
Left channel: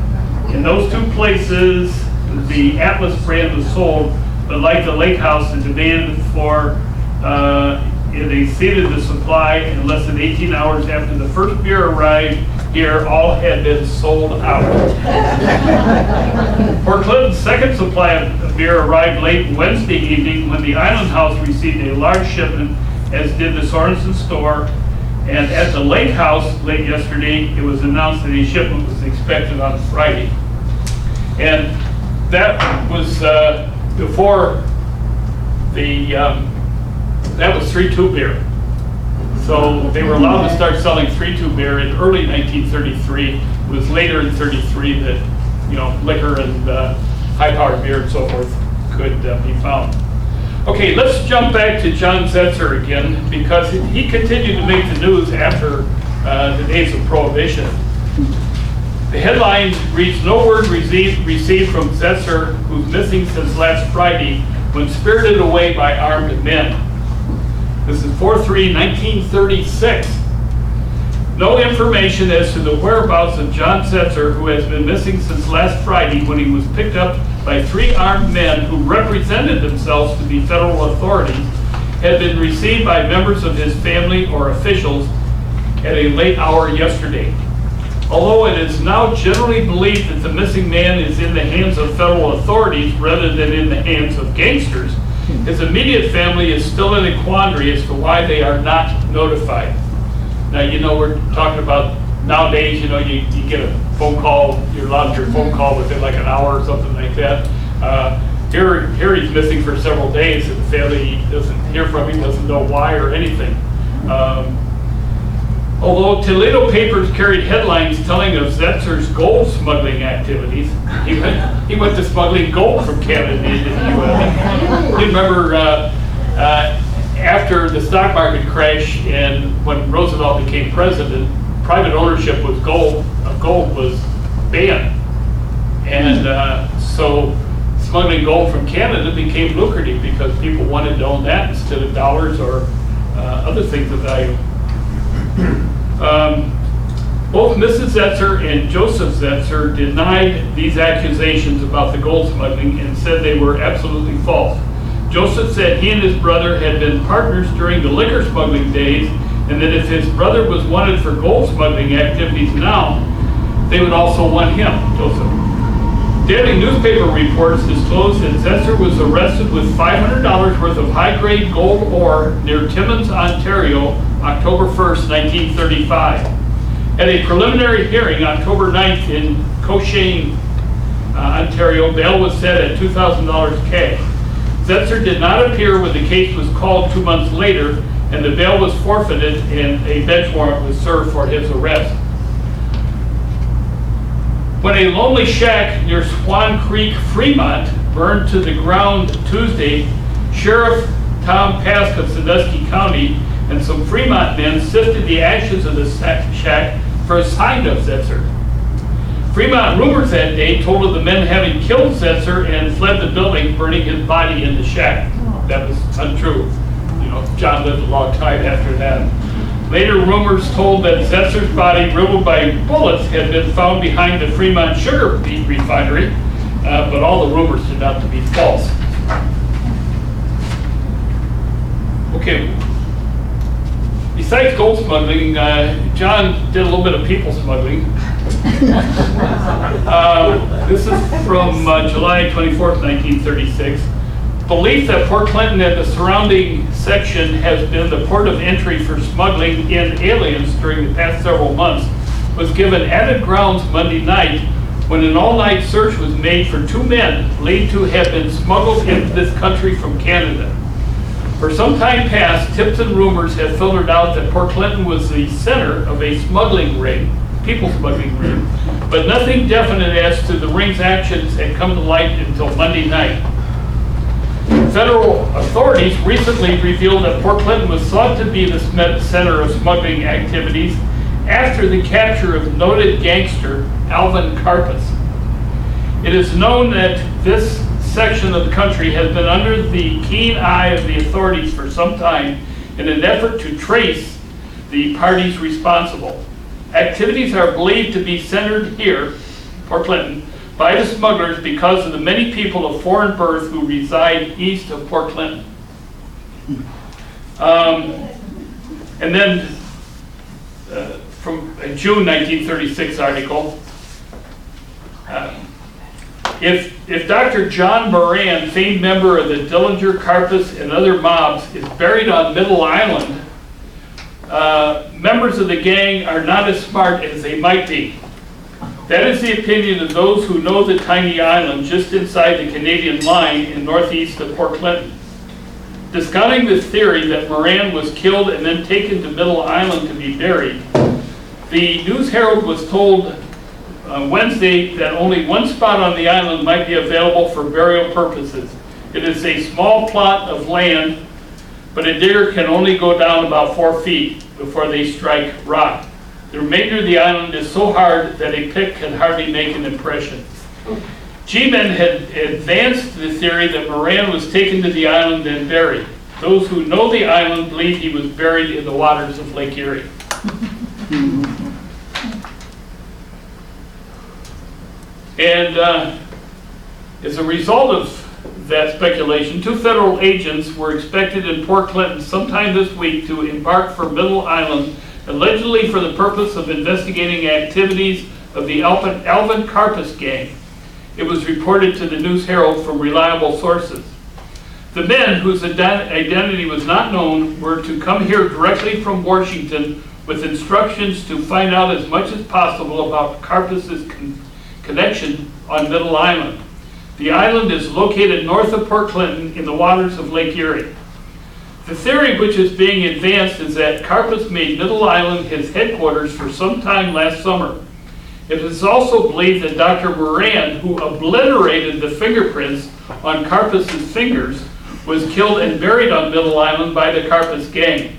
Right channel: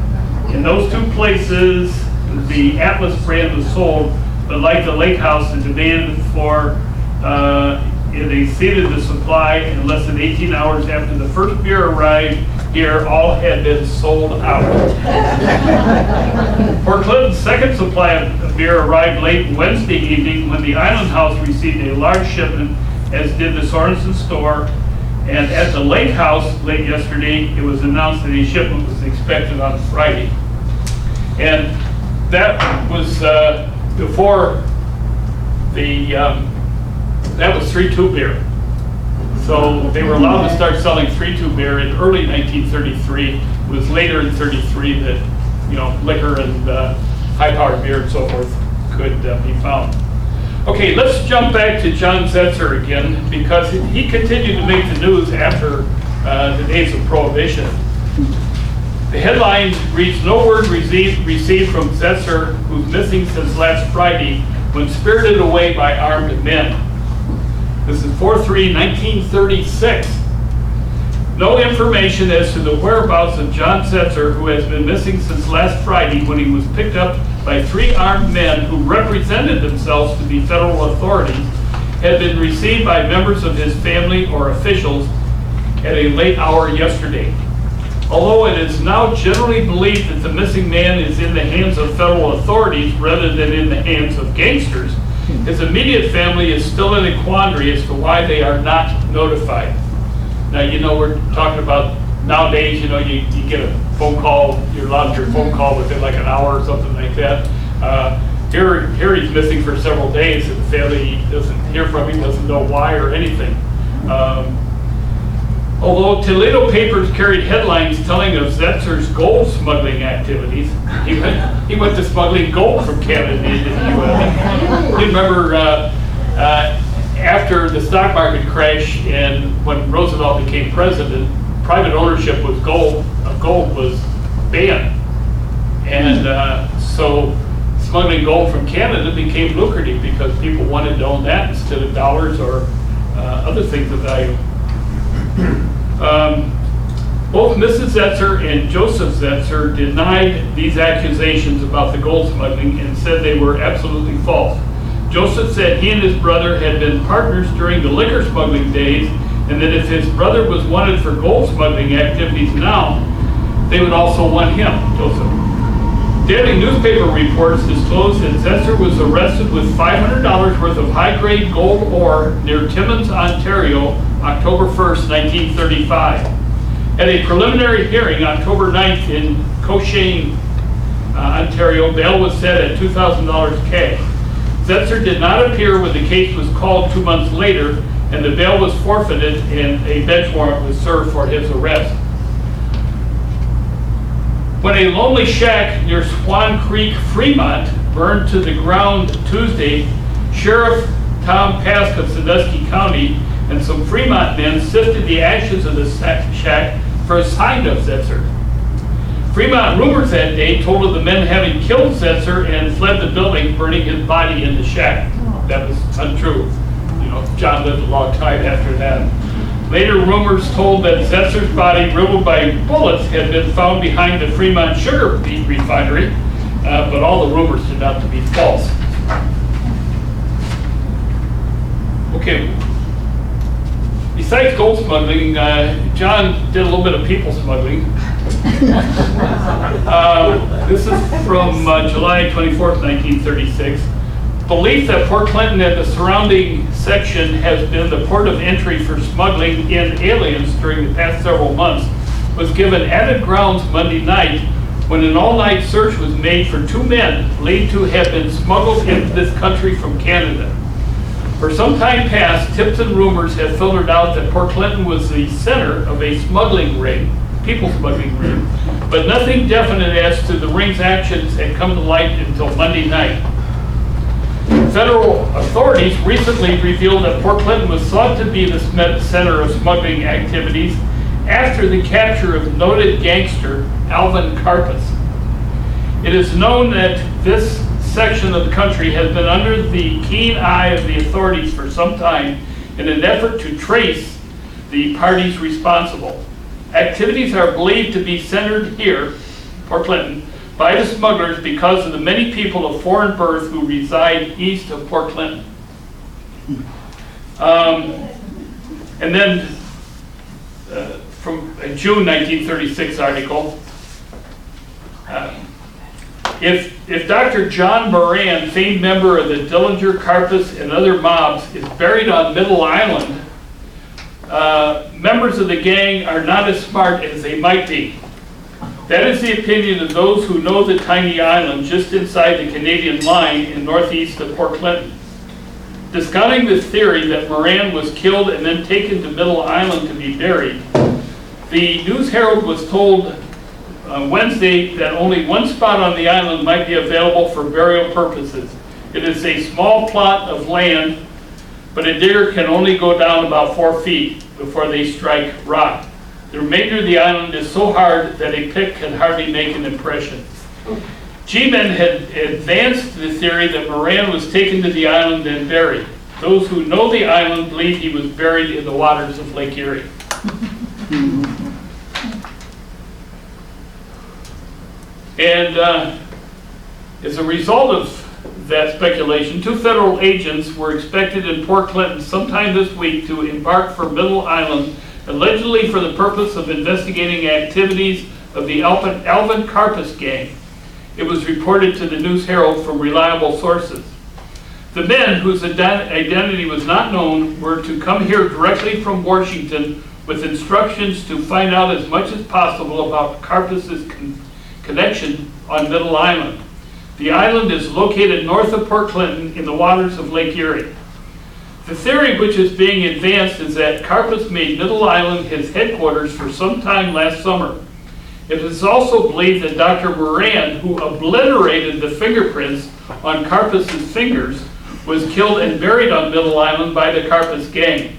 In those 2 places, the Atlas brand was sold, but like the Lake House, the demand for it exceeded the supply. In less than 18 hours after the first beer arrived here, all had been sold out. Port Clinton's second supply of beer arrived late Wednesday evening when the Island House received a large shipment, as did the Sorensen store. And at the Lake House late yesterday, it was announced that a shipment was expected on Friday. And that was before the that was 3-2 beer. So they were allowed to start selling 3-2 beer in early 1933. It was later in 33 that, you know, liquor and high-powered beer and so forth could be found. Okay, let's jump back to John Zetzer again, because he continued to make the news after the days of Prohibition. The headline reads, "No word received from Zetzer, who's missing since last Friday, when spirited away by armed men." This is 4/3/1936. No information as to the whereabouts of John Zetzer, who has been missing since last Friday when he was picked up by 3 armed men who represented themselves to be federal authorities, had been received by members of his family or officials at a late hour yesterday. Although it is now generally believed that the missing man is in the hands of federal authorities rather than in the hands of gangsters, his immediate family is still in a quandary as to why they are not notified. Now, you know, we're talking about nowadays, you know, you get a phone call, you're allowed your phone call within like an hour or something like that. Here he's missing for several days, and the family doesn't hear from him, doesn't know why or anything. Although Toledo papers carried headlines telling of Zetzer's gold smuggling activities, he went to smuggling gold from Canada into the U.S. You remember after the stock market crash and when Roosevelt became president, private ownership of gold was banned, and so smuggling gold from Canada became lucrative because people wanted to own that instead of dollars or other things of value. Both Mrs. Zetzer and Joseph Zetzer denied these accusations about the gold smuggling and said they were absolutely false. Joseph said he and his brother had been partners during the liquor smuggling days, and that if his brother was wanted for gold smuggling activities now, they would also want him, Joseph. Daily newspaper reports disclosed that Zetzer was arrested with $500 worth of high-grade gold ore near Timmins, Ontario, October 1st, 1935. At a preliminary hearing October 9th in Cochin, Ontario, bail was set at $2,000 cash. Zetzer did not appear when the case was called 2 months later, and the bail was forfeited and a bench warrant was served for his arrest. When a lonely shack near Swan Creek, Fremont, burned to the ground Tuesday, Sheriff Tom Pask of Sandusky County and some Fremont men sifted the ashes of the shack for a sign of Zetzer. Fremont rumors that day told of the men having killed Zetzer and fled the building, burning his body in the shack. That was untrue. You know, John lived a long time after that. Later rumors told that Zetzer's body, riddled by bullets, had been found behind the Fremont sugar beet refinery, but all the rumors turned out to be false. Okay, besides gold smuggling, John did a little bit of people smuggling. This is from July 24th, 1936. Belief that Port Clinton and the surrounding section has been the port of entry for smuggling in aliens during the past several months was given added grounds Monday night when an all-night search was made for 2 men believed to have been smuggled into this country from Canada. For some time past, tips and rumors have filtered out that Port Clinton was the center of a smuggling ring, people smuggling ring, but nothing definite as to the ring's actions had come to light until Monday night. Federal authorities recently revealed that Port Clinton was thought to be the center of smuggling activities after the capture of noted gangster Alvin Karpus. It is known that this section of the country has been under the keen eye of the authorities for some time in an effort to trace the parties responsible. Activities are believed to be centered here, Port Clinton, by the smugglers because of the many people of foreign birth who reside east of Port Clinton. And then from a June 1936 article, if Dr. John Moran, famed member of the Dillinger, Karpus, and other mobs, is buried on Middle Island, members of the gang are not as smart as they might be. That is the opinion of those who know the tiny island just inside the Canadian line in northeast of Port Clinton. Discounting the theory that Moran was killed and then taken to Middle Island to be buried, the News Herald was told Wednesday that only one spot on the island might be available for burial purposes. It is a small plot of land, but a digger can only go down about 4 feet before they strike rock. The remainder of the island is so hard that a pick can hardly make an impression. G-men had advanced the theory that Moran was taken to the island and buried. Those who know the island believe he was buried in the waters of Lake Erie. And as a result of that speculation, 2 federal agents were expected in Port Clinton sometime this week to embark for Middle Island, allegedly for the purpose of investigating activities of the Alvin Karpus gang. It was reported to the News Herald from reliable sources. The men, whose identity was not known, were to come here directly from Washington with instructions to find out as much as possible about Karpus's connection on Middle Island. The island is located north of Port Clinton in the waters of Lake Erie. The theory which is being advanced is that Karpus made Middle Island his headquarters for some time last summer. It is also believed that Dr. Moran, who obliterated the fingerprints on Karpus's fingers, was killed and buried on Middle Island by the Karpus gang.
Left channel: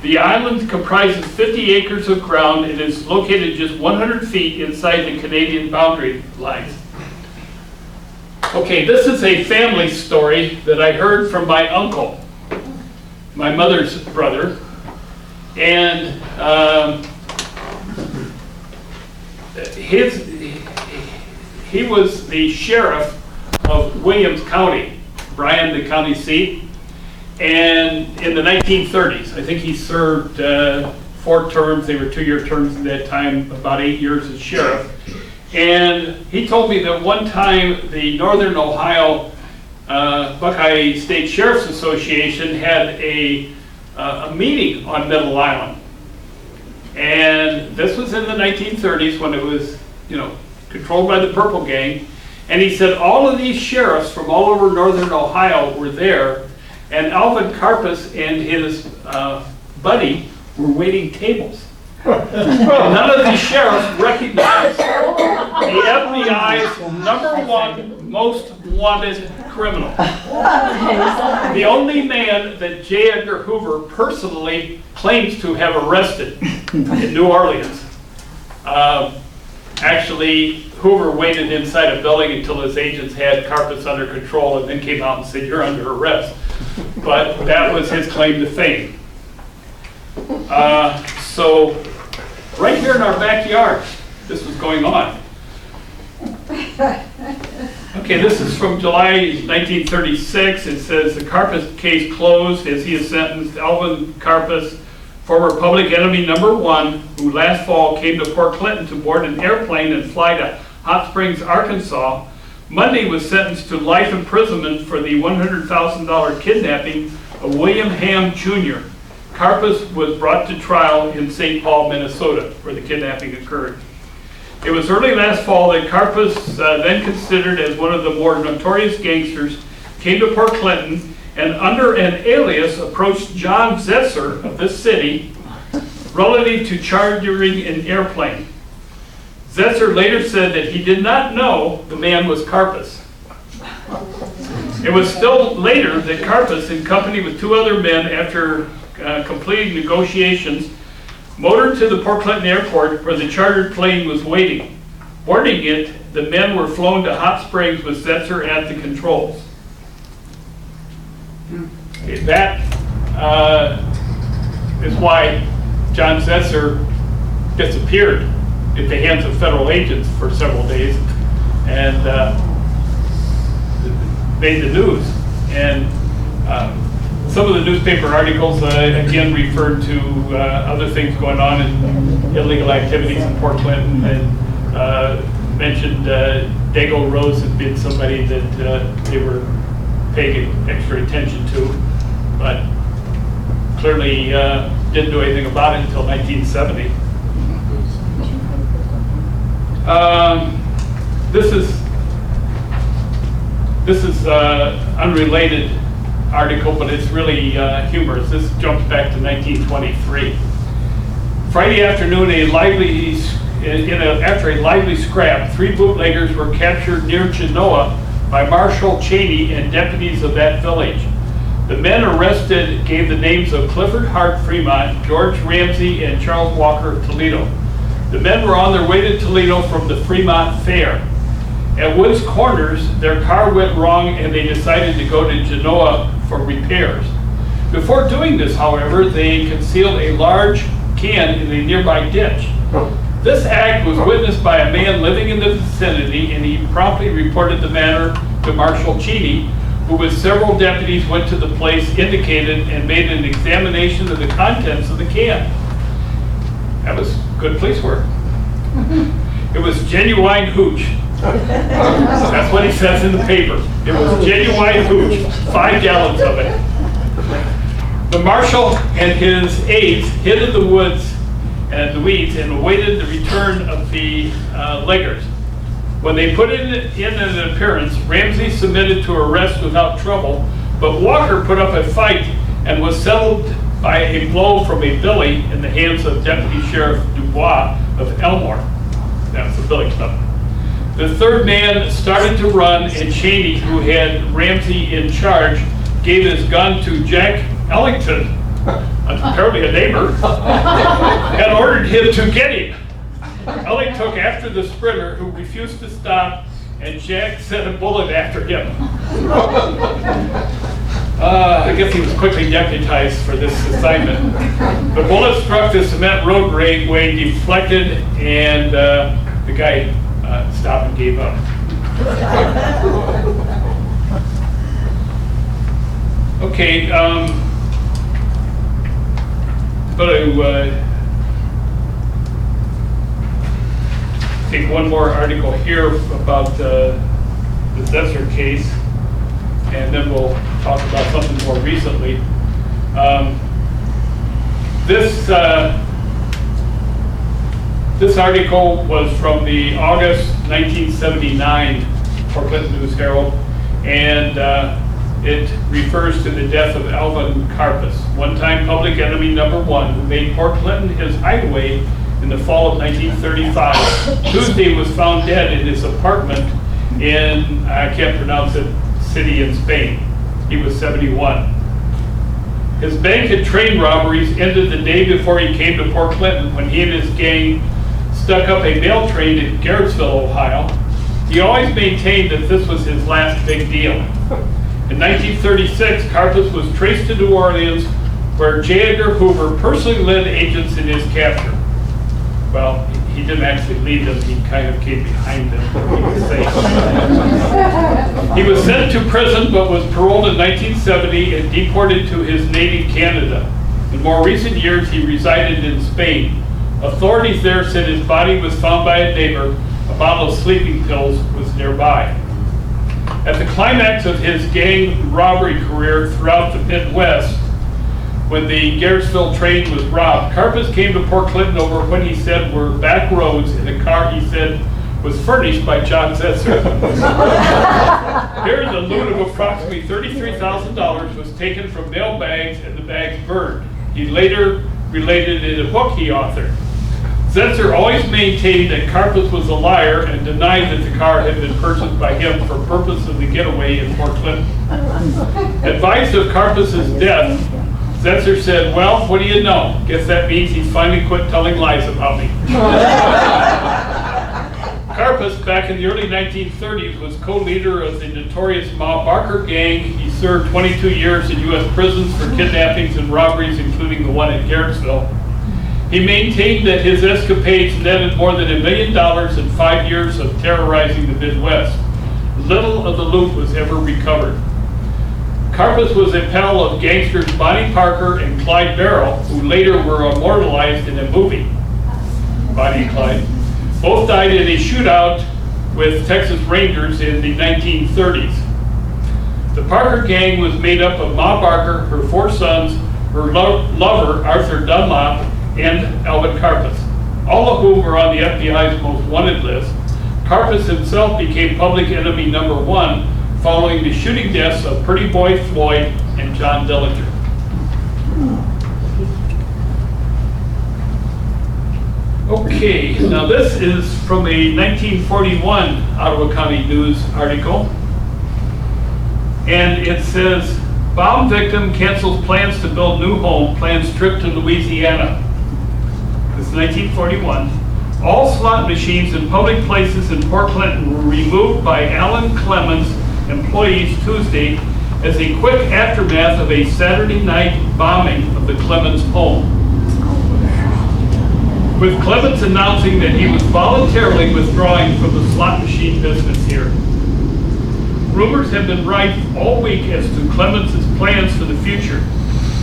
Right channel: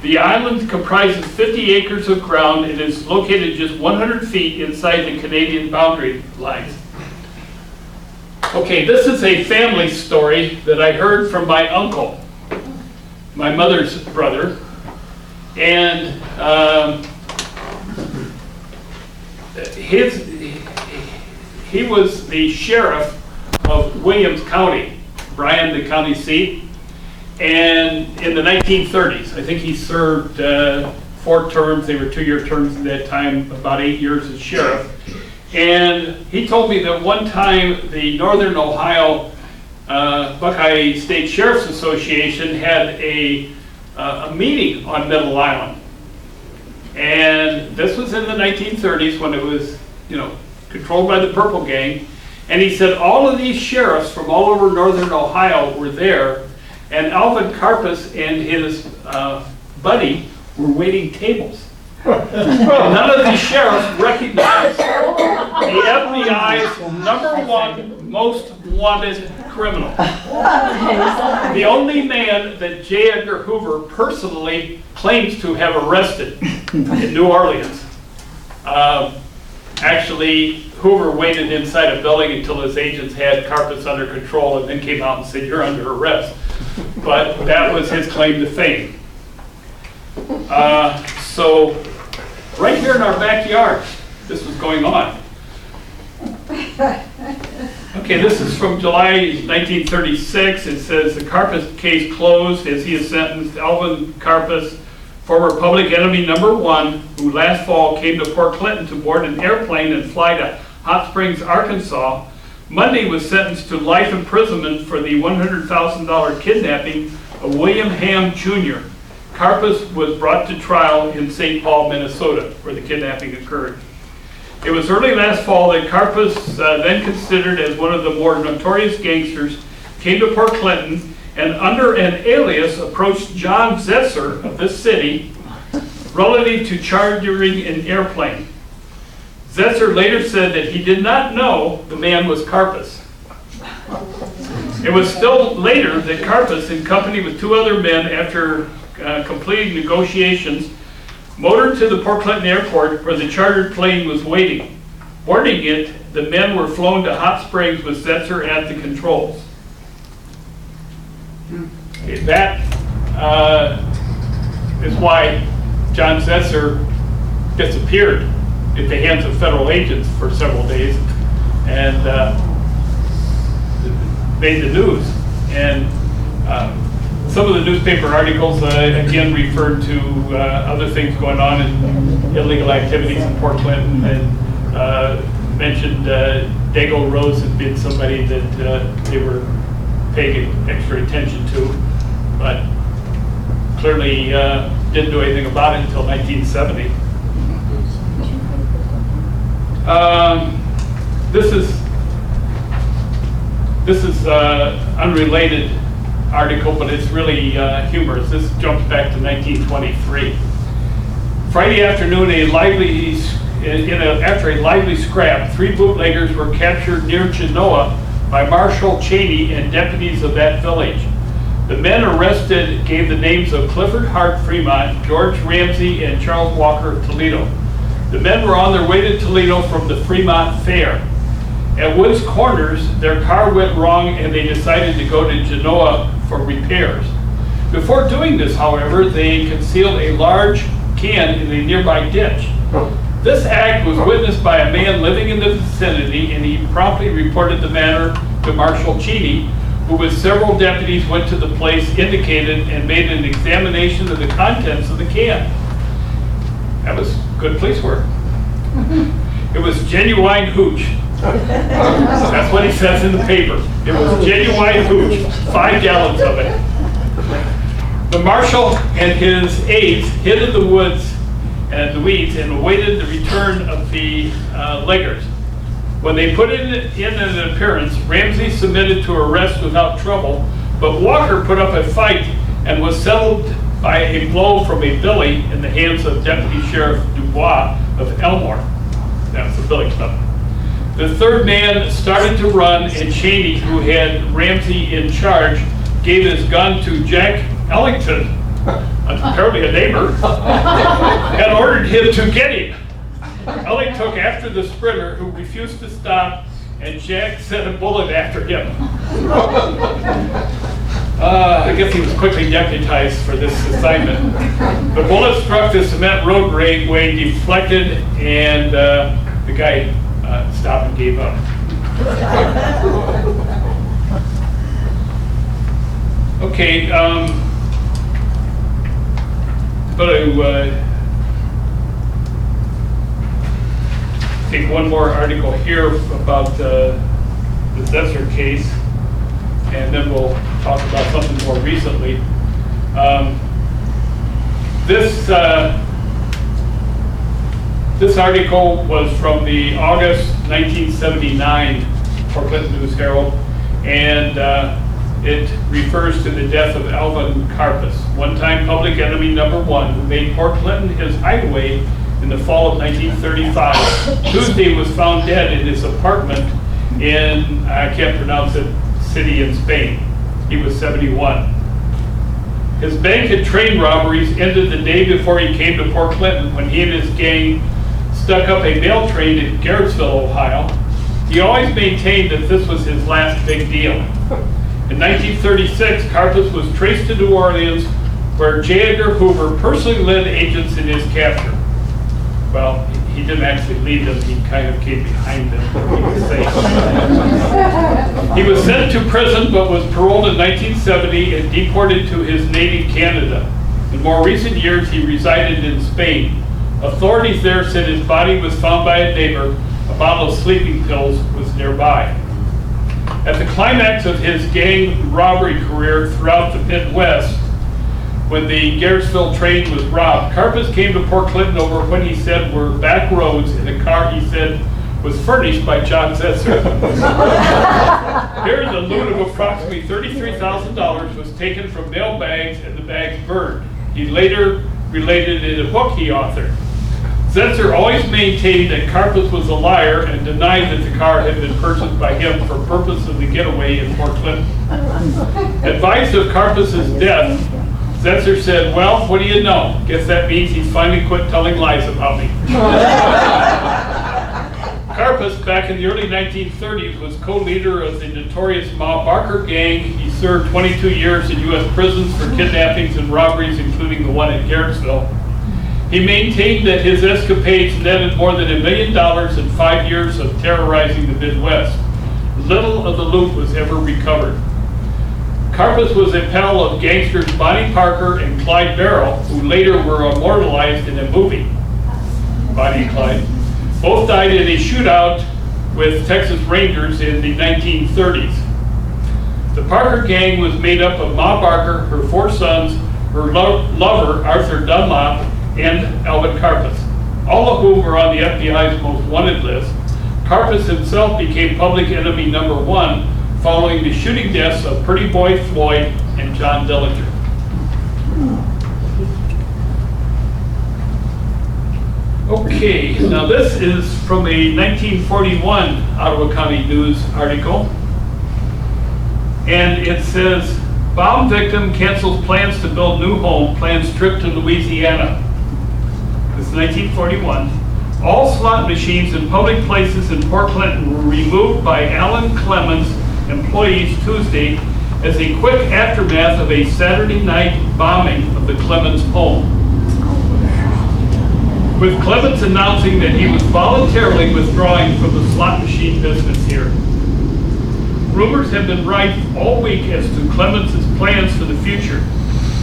The island comprises 50 acres of ground and is located just 100 feet inside the Canadian boundary lines. Okay, this is a family story that I heard from my uncle, my mother's brother, and he was the sheriff of Williams County, Bryan, the county seat, and in the 1930s. I think he served 4 terms. They were 2-year terms at that time, about 8 years as sheriff. And he told me that one time the Northern Ohio Buckeye State Sheriff's Association had a meeting on Middle Island. And this was in the 1930s when it was, controlled by the Purple Gang. And he said all of these sheriffs from all over Northern Ohio were there, and Alvin Karpus and his buddy were waiting tables. None of these sheriffs recognized the FBI's #1 most wanted criminal. The only man that J. Edgar Hoover personally claims to have arrested in New Orleans. Actually, Hoover waited inside a building until his agents had Karpus under control and then came out and said, "You're under arrest." But that was his claim to fame. So right here in our backyard, this was going on. Okay, this is from July 1936. It says the Karpus case closed as he is sentenced. Alvin Karpus, former public enemy #1, who last fall came to Port Clinton to board an airplane and fly to Hot Springs, Arkansas, Monday was sentenced to life imprisonment for the $100,000 kidnapping of William Ham Jr. Karpus was brought to trial in St. Paul, Minnesota, where the kidnapping occurred. It was early last fall that Karpus, then considered as one of the more notorious gangsters, came to Port Clinton and under an alias approached John Zesser of this city relative to chartering an airplane. Zesser later said that he did not know the man was Karpus. It was still later that Karpus, in company with 2 other men, after completing negotiations, motored to the Port Clinton airport where the chartered plane was waiting. Boarding it, the men were flown to Hot Springs with Zesser at the controls. Okay, that is why John Zesser disappeared at the hands of federal agents for several days and made the news. And some of the newspaper articles again referred to other things going on in illegal activities in Port Clinton, and mentioned Dago Rose had been somebody that they were paying extra attention to, but clearly didn't do anything about it until 1970. This is unrelated article, but it's really humorous. This jumps back to 1923. Friday afternoon, after a lively scrap, 3 bootleggers were captured near Genoa by Marshal Cheney and deputies of that village. The men arrested gave the names of Clifford Hart Fremont, George Ramsey, and Charles Walker of Toledo. The men were on their way to Toledo from the Fremont Fair. At Woods Corners, their car went wrong and they decided to go to Genoa for repairs. Before doing this, however, they concealed a large can in a nearby ditch. This act was witnessed by a man living in the vicinity, and he promptly reported the matter to Marshal Cheney, who with several deputies went to the place indicated and made an examination of the contents of the can. That was good police work. It was genuine hooch. That's what he says in the paper. It was genuine hooch, 5 gallons of it. The marshal and his aides hid in the woods and the weeds and awaited the return of the leggers. When they put in an appearance, Ramsey submitted to arrest without trouble, but Walker put up a fight and was settled by a blow from a billy in the hands of Deputy Sheriff Dubois of Elmore. That was the billy club. The third man started to run, and Cheney, who had Ramsey in charge, gave his gun to Jack Ellington, apparently a neighbor, and ordered him to get him. Elling took after the sprinter, who refused to stop, and Jack sent a bullet after him. I guess he was quickly deputized for this assignment. The bullet struck the cement roadway, deflected, and the guy stopped and gave up. Okay, take one more article here about the Zetzer case, and then we'll talk about something more recently. This article was from the August 1979 Portland News Herald, and it refers to the death of Alvin Karpus, one-time public enemy #1, who made Port Clinton his hideaway in the fall of 1935. Tuesday was found dead in his apartment in, I can't pronounce it, city in Spain. He was 71. His bank and train robberies ended the day before he came to Port Clinton, when he and his gang stuck up a mail train in Garrettsville, Ohio. He always maintained that this was his last big deal. In 1936, Karpus was traced to New Orleans, where J. Edgar Hoover personally led agents in his capture. Well, he didn't actually lead them, he kind of came behind them, he was safe. He was sent to prison but was paroled in 1970 and deported to his native Canada. In more recent years, he resided in Spain. Authorities there said his body was found by a neighbor. A bottle of sleeping pills was nearby. At the climax of his gang robbery career throughout the Midwest, when the Garrettsville train was robbed, Karpus came to Port Clinton over what he said were back roads in a car he said was furnished by John Zetzer. Here, the loot of approximately $33,000 was taken from mail bags and the bags burned. He later related in a book he authored. Zetzer always maintained that Karpus was a liar and denied that the car had been purchased by him for purpose of the getaway in Port Clinton. Advised of Karpus's death, Zetzer said, "Well, what do you know? Guess that means he's finally quit telling lies about me." Karpus, back in the early 1930s, was co-leader of the notorious Ma Barker gang. He served 22 years in U.S. prisons for kidnappings and robberies, including the one at Garrettsville. He maintained that his escapades netted more than $1 million in 5 years of terrorizing the Midwest. Little of the loot was ever recovered. Karpus was a pal of gangsters Bonnie Parker and Clyde Barrow, who later were immortalized in a movie, Bonnie and Clyde. Both died in a shootout with Texas Rangers in the 1930s. The Parker gang was made up of Ma Barker, her 4 sons, her lover, Arthur Dunlop, and Alvin Karpus, all of whom were on the FBI's most wanted list. Karpus himself became public enemy #1 following the shooting deaths of Pretty Boy Floyd and John Dillinger. Okay, now this is from a 1941 Ottawa County News article, and it says, "Bomb victim cancels plans to build new home, plans trip to Louisiana." This is 1941. All slot machines in public places in Port Clinton were removed by Alan Clemens employees Tuesday as a quick aftermath of a Saturday night bombing of the Clemens home, with Clemens announcing that he was voluntarily withdrawing from the slot machine business here. Rumors have been rife all week as to Clemens' plans for the future.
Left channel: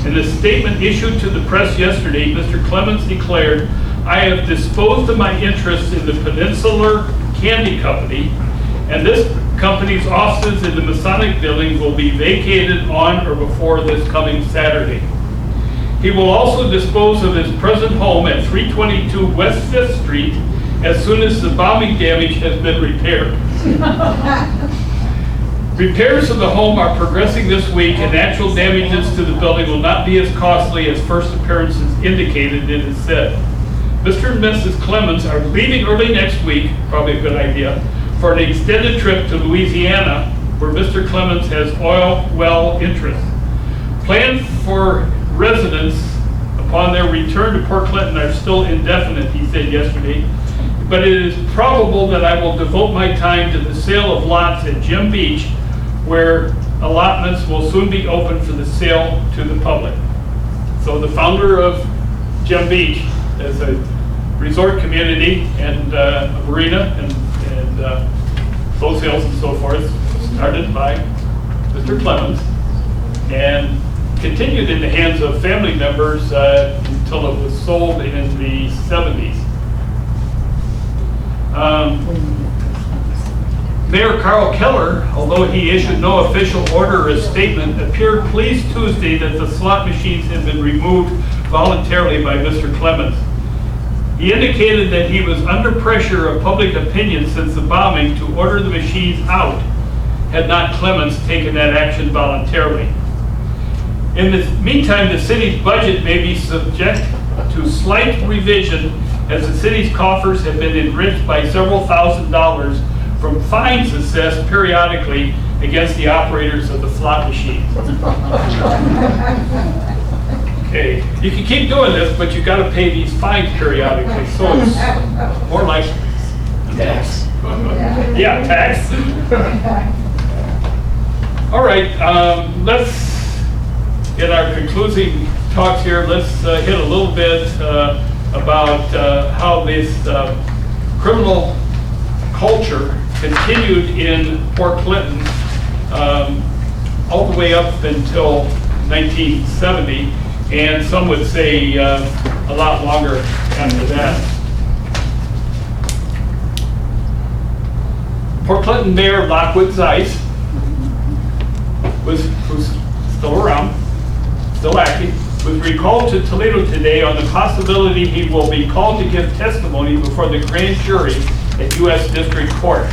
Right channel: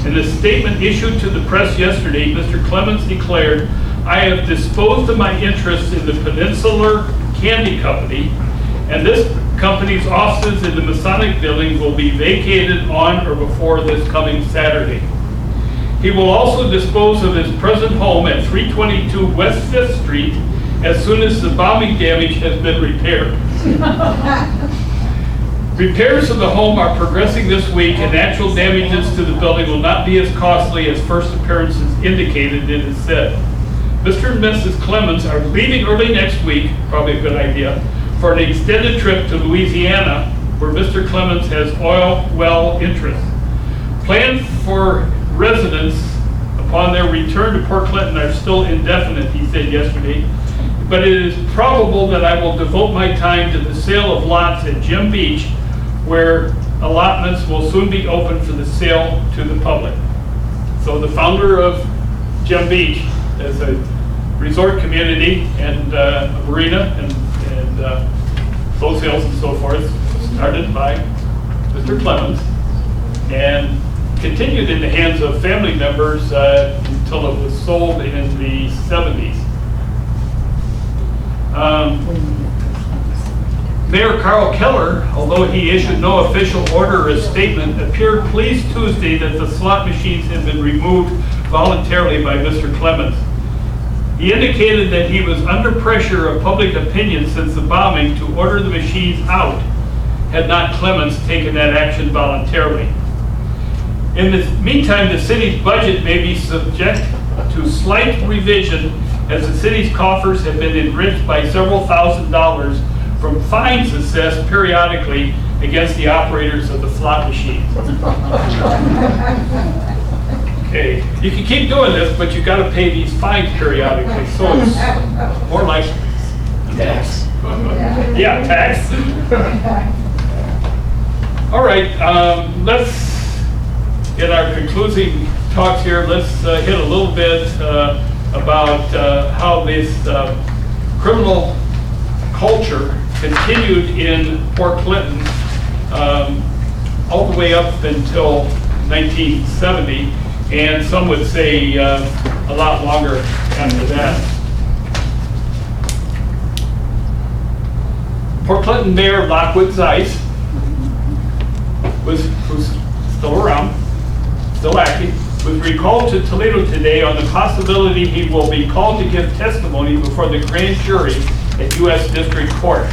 In a statement issued to the press yesterday, Mr. Clemens declared, "I have disposed of my interests in the Peninsular Candy Company, and this company's offices in the Masonic Building will be vacated on or before this coming Saturday. He will also dispose of his present home at 322 West 5th Street as soon as the bombing damage has been repaired." Repairs of the home are progressing this week, and actual damages to the building will not be as costly as first appearances indicated, it is said. Mr. and Mrs. Clemens are leaving early next week, probably a good idea, for an extended trip to Louisiana, where Mr. Clemens has oil well interests. Plans for residents upon their return to Port Clinton are still indefinite, he said yesterday, but it is probable that I will devote my time to the sale of lots at Gem Beach, where allotments will soon be open for the sale to the public. So the founder of Gem Beach as a resort community and a marina and boat sales and so forth, started by Mr. Clemens and continued in the hands of family members until it was sold in the 70s. Mayor Carl Keller, although he issued no official order or statement, appeared pleased Tuesday that the slot machines had been removed voluntarily by Mr. Clemens. He indicated that he was under pressure of public opinion since the bombing to order the machines out, had not Clemens taken that action voluntarily. In the meantime, the city's budget may be subject to slight revision as the city's coffers have been enriched by several $1,000s from fines assessed periodically against the operators of the slot machines. Okay, you can keep doing this, but you got to pay these fines periodically, so it's more like Tax. yeah, tax. All right, let's in our concluding talks here. Let's hit a little bit about how this criminal culture continued in Port Clinton all the way up until 1970, and some would say a lot longer after that. Port Clinton Mayor Lockwood Zeiss who's still around, still active, was recalled to Toledo today on the possibility he will be called to give testimony before the grand jury at U.S. District Court.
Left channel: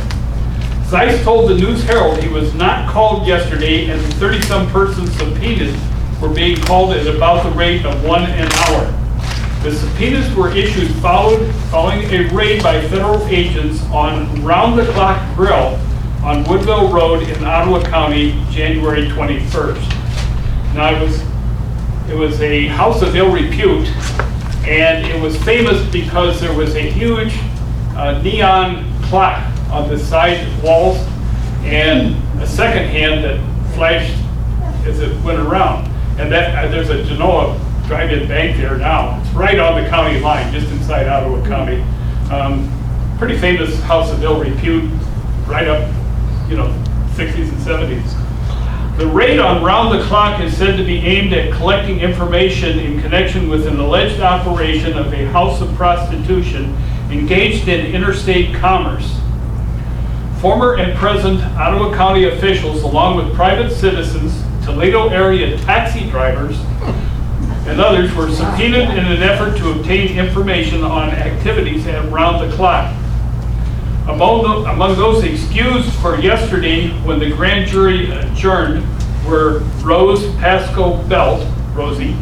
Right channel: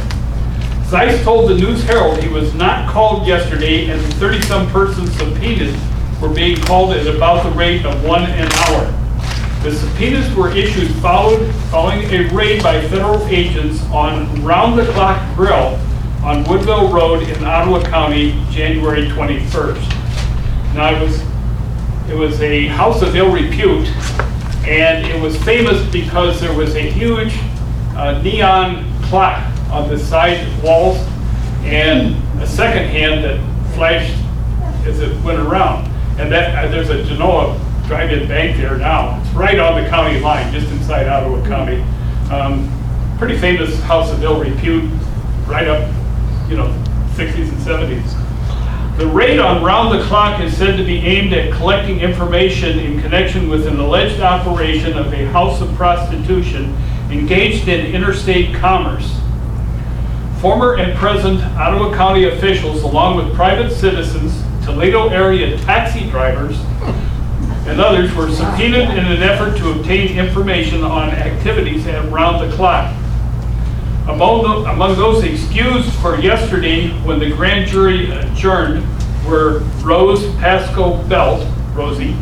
Zeiss told the News Herald he was not called yesterday and the 30-some persons subpoenaed were being called at about the rate of 1 an hour. The subpoenas were issued following a raid by federal agents on Round-the-Clock Grill on Woodville Road in Ottawa County, January 21st. Now it was a house of ill repute, and it was famous because there was a huge neon clock on the side walls and a second hand that flashed as it went around. And that there's a Genoa drive-in bank there now. It's right on the county line, just inside Ottawa County. Pretty famous house of ill repute, right up, 60s and 70s. The raid on Round the Clock is said to be aimed at collecting information in connection with an alleged operation of a house of prostitution engaged in interstate commerce. Former and present Ottawa County officials, along with private citizens, Toledo area taxi drivers, and others were subpoenaed in an effort to obtain information on activities at Round the Clock. Among those excused for yesterday when the grand jury adjourned were Rose Pascoe Belt, Rosie,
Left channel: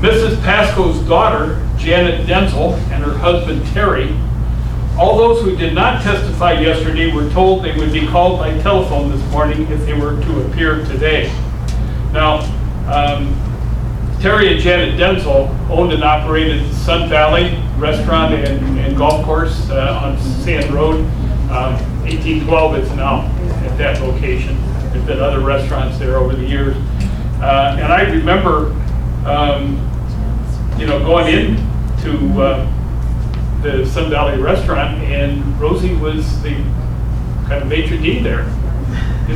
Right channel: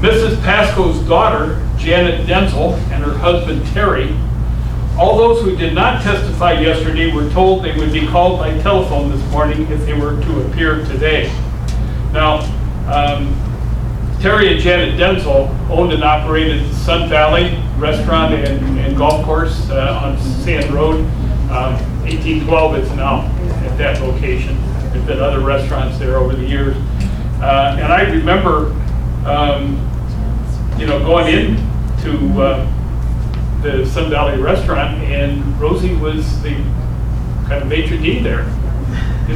Mrs. Pascoe's daughter, Janet Denzel, and her husband, Terry. All those who did not testify yesterday were told they would be called by telephone this morning if they were to appear today. Now, Terry and Janet Denzel owned and operated Sun Valley Restaurant and Golf Course on Sand Road. 1812 is now at that location. There's been other restaurants there over the years. And I remember, going into the Sun Valley Restaurant, and Rosie was the kind of maitre d' there, the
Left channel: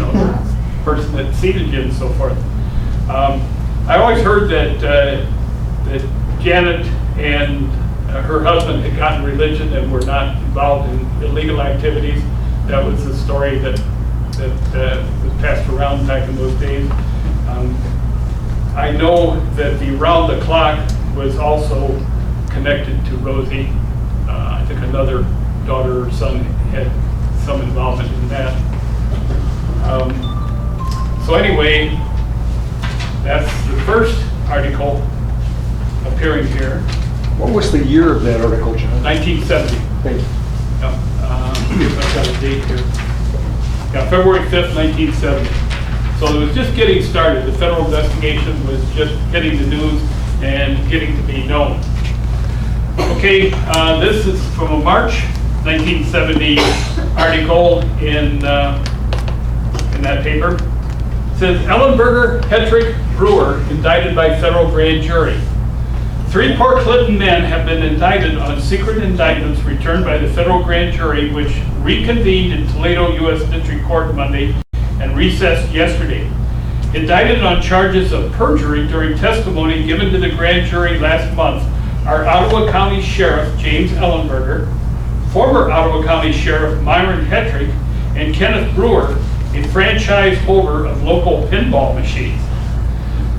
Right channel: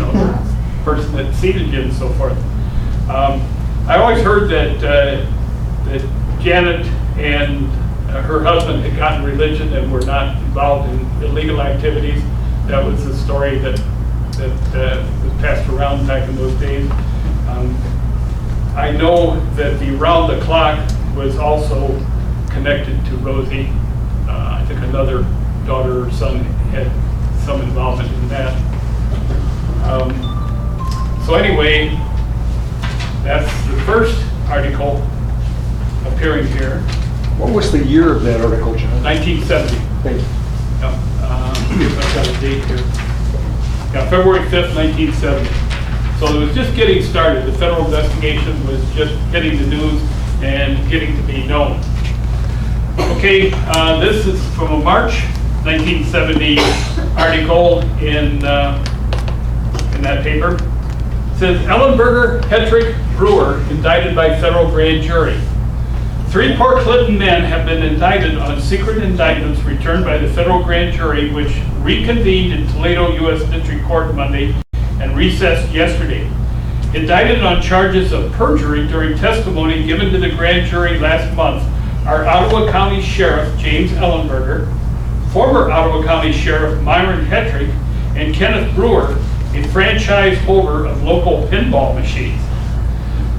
person that seated you and so forth. I always heard that Janet and her husband had gotten religion and were not involved in illegal activities. That was the story that was passed around back in those days. I know that the Round the Clock was also connected to Rosie. I think another daughter or son had some involvement in that. So anyway, that's the first article appearing here. What was the year of that article, John? 1970. Thank you. I've got a date here. Yeah, February 5th, 1970. So it was just getting started. The federal investigation was just hitting the news and getting to be known. Okay, this is from a March 1970 article in that paper. It says, Ellenberger Hetrick Brewer indicted by federal grand jury. 3 Port Clinton men have been indicted on secret indictments returned by the federal grand jury, which reconvened in Toledo U.S. District Court Monday and recessed yesterday. Indicted on charges of perjury during testimony given to the grand jury last month are Ottawa County Sheriff James Ellenberger, former Ottawa County Sheriff Myron Hetrick, and Kenneth Brewer, a franchise holder of local pinball machines.